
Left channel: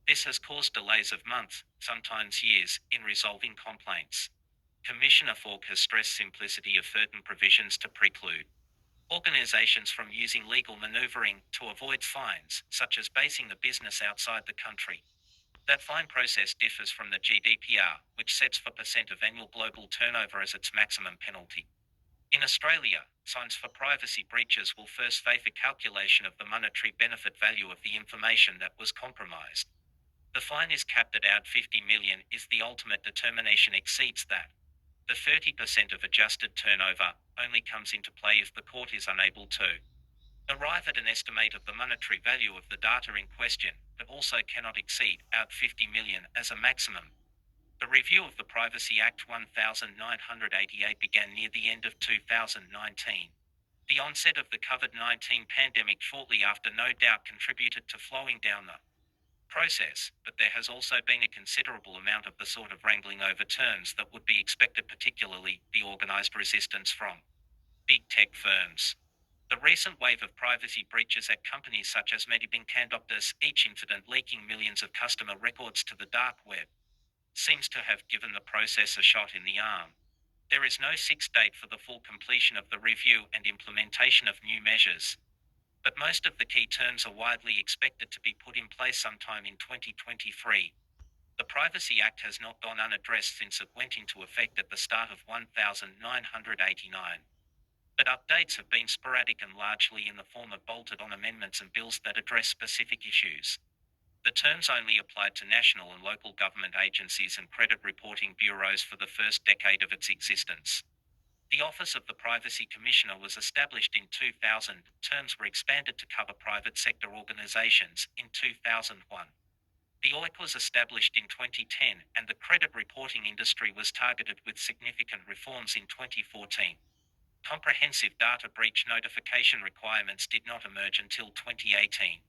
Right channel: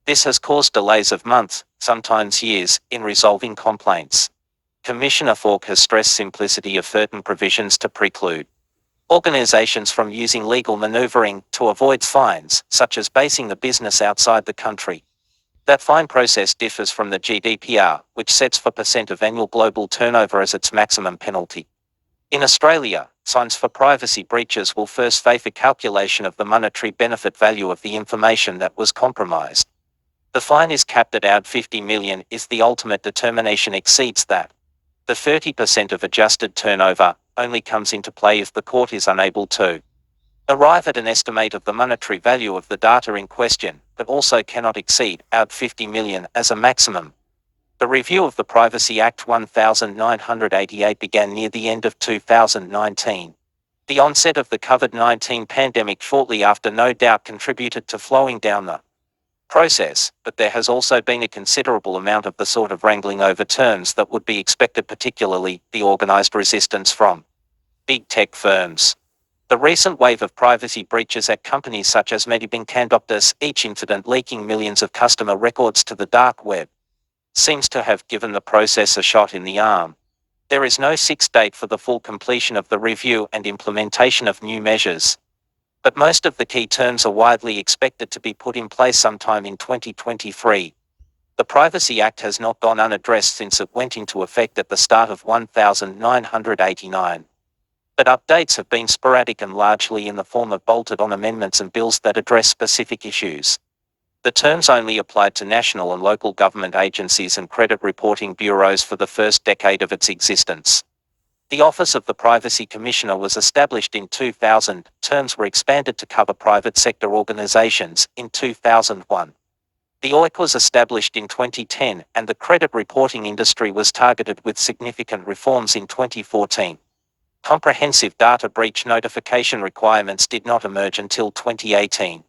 This has caused delays of months, sometimes years, in resolving complaints. Commissioner Fawkes has stressed simplicity of certain provisions to preclude organisations from using legal manoeuvring to avoid fines, such as basing the business outside the country. That fine process differs from the GDPR, which sets 4% of annual global turnover as its maximum penalty. In Australia, fines for privacy breaches will first face a calculation of the monetary benefit value of the information that was compromised. The fine is capped at $50 million if the ultimate determination exceeds that. The 30% of adjusted turnover only comes into play if the court is unable to arrive at an estimate of the monetary value of the data in question, but also cannot exceed $50 million as a maximum. The review of the Privacy Act 1988 began near the end of 2019. The onset of the COVID-19 pandemic shortly after no doubt contributed to slowing down the process, but there has also been a considerable amount of the sort of wrangling over terms that would be expected, particularly the organised resistance from big tech firms. The recent wave of privacy breaches at companies such as Medibank and Optus, each incident leaking millions of customer records to the dark web, seems to have given the process a shot in the arm. There is no fixed date for the full completion of the review and implementation of new measures, but most of the key terms are widely expected to be put in place sometime in 2023. The Privacy Act has not gone unaddressed since it went into effect at the start of 1989. But updates have been sporadic and largely in the form of bolted-on amendments and bills that address specific issues. The terms only applied to national and local government agencies and credit reporting bureaus for the first decade of its existence. The Office of the Privacy Commissioner was established in 2000, terms were expanded to cover private sector organisations in 2001. The OIC was established in 2010, and the credit reporting industry was targeted with significant reforms in 2014. Comprehensive data breach notification requirements did not emerge until 2018.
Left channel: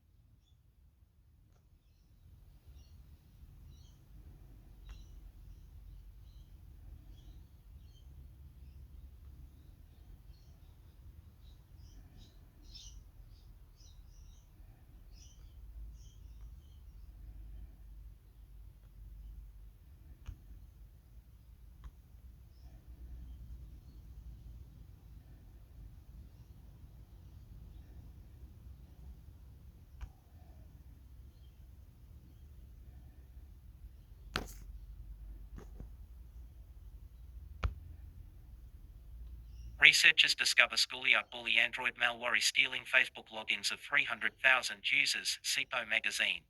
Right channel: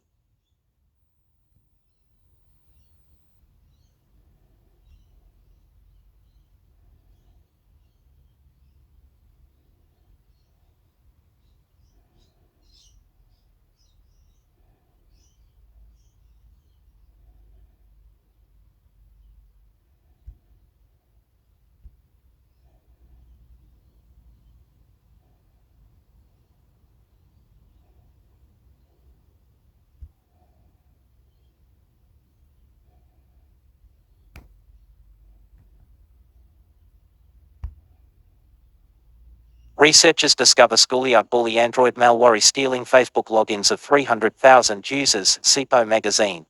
Researchers discover schoolyard bully Android malware stealing Facebook logins of 300,000 users, SIPO magazine.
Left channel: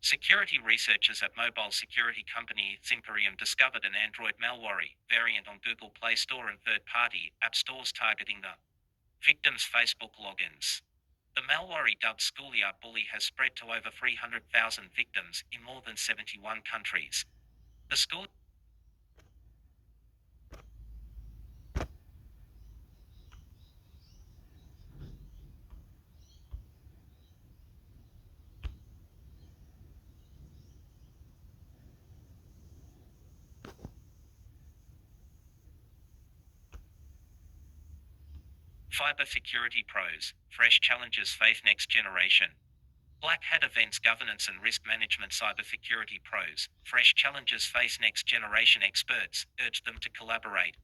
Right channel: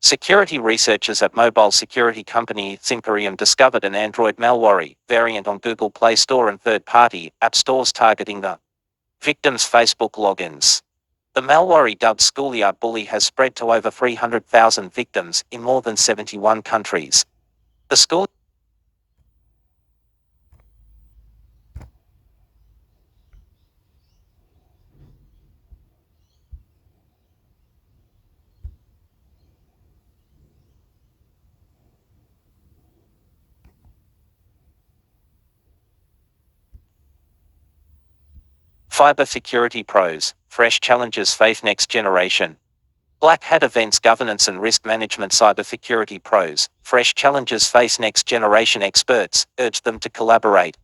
Security researchers at mobile security company Zimperium discovered an Android malware variant on Google Play Store and third-party app stores targeting the victims' Facebook logins. The malware, dubbed Schoolyard Bully, has spread to over 300,000 victims in more than 71 countries. The school Cyber Security Pros, fresh challenges face next generation. Black Hat Events Governance and Risk Management Cybersecurity Pros, fresh challenges face next generation experts, urge them to collaborate.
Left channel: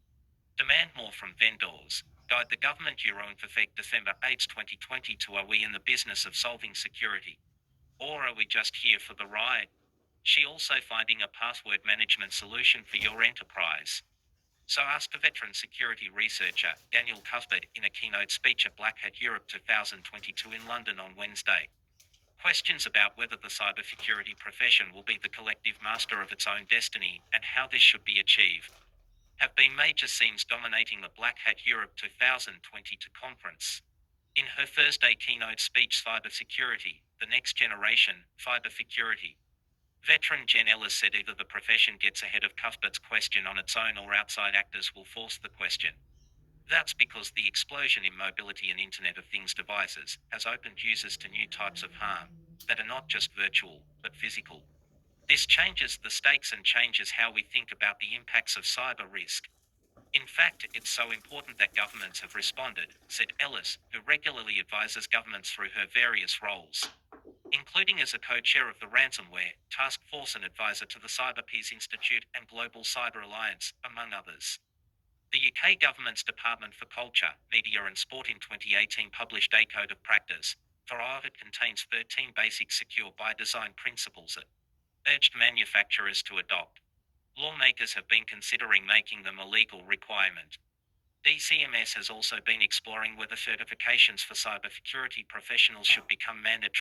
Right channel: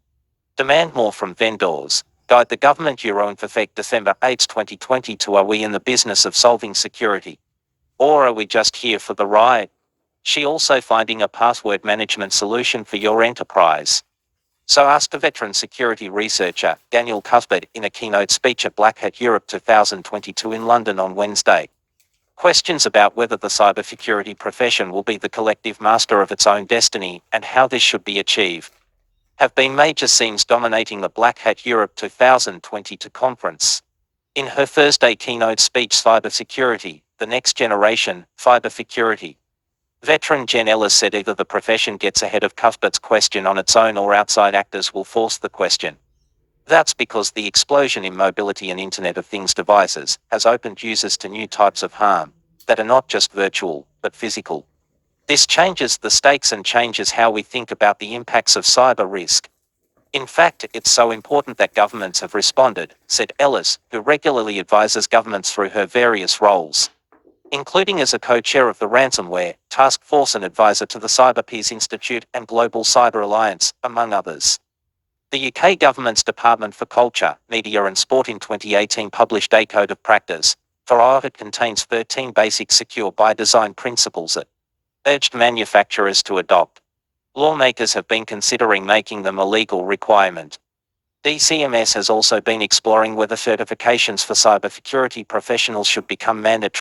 Demand more from vendors. Guide the government Euro and Perfect December 8, 2022. Are we in the business of solving security? Or are we just here for the ride? She also finding a password management solution for your enterprise. So asked a veteran security researcher, Daniel Cuthbert, in a keynote speech at Black Hat Europe 2022 in London on Wednesday. Questions about whether the cybersecurity profession will be the collective master of its own destiny and how this should be achieved have been major themes dominating the Black Hat Europe 2022 conference. In her Thursday keynote speech, Cybersecurity, the Next Generation, Cybersecurity, veteran Jen Ellis said either the profession gets ahead of Cuthbert's question on its own or outside actors will force the question. That's because the explosion in mobility and Internet of Things devices has opened users to new types of harm that are not just virtual, but physical. This changes the stakes and changes how we think about the impacts of cyber risk. In fact, it's so important that governments have responded, said Ellis, who regularly advises governments through her various roles, including as a co-chair of the Ransomware Task Force and advisor to the Cyber Peace Institute and Global Cyber Alliance, among others. The UK government's Department for Culture, Media and Sport in 2018 published a Code of Practice for IoT. It contains 13 basic secure by design principles that urged manufacturers to adopt. Lawmakers have been considering making them a legal requirement. DCMS has also been exploring whether certifications for cybersecurity professionals should become mandatory.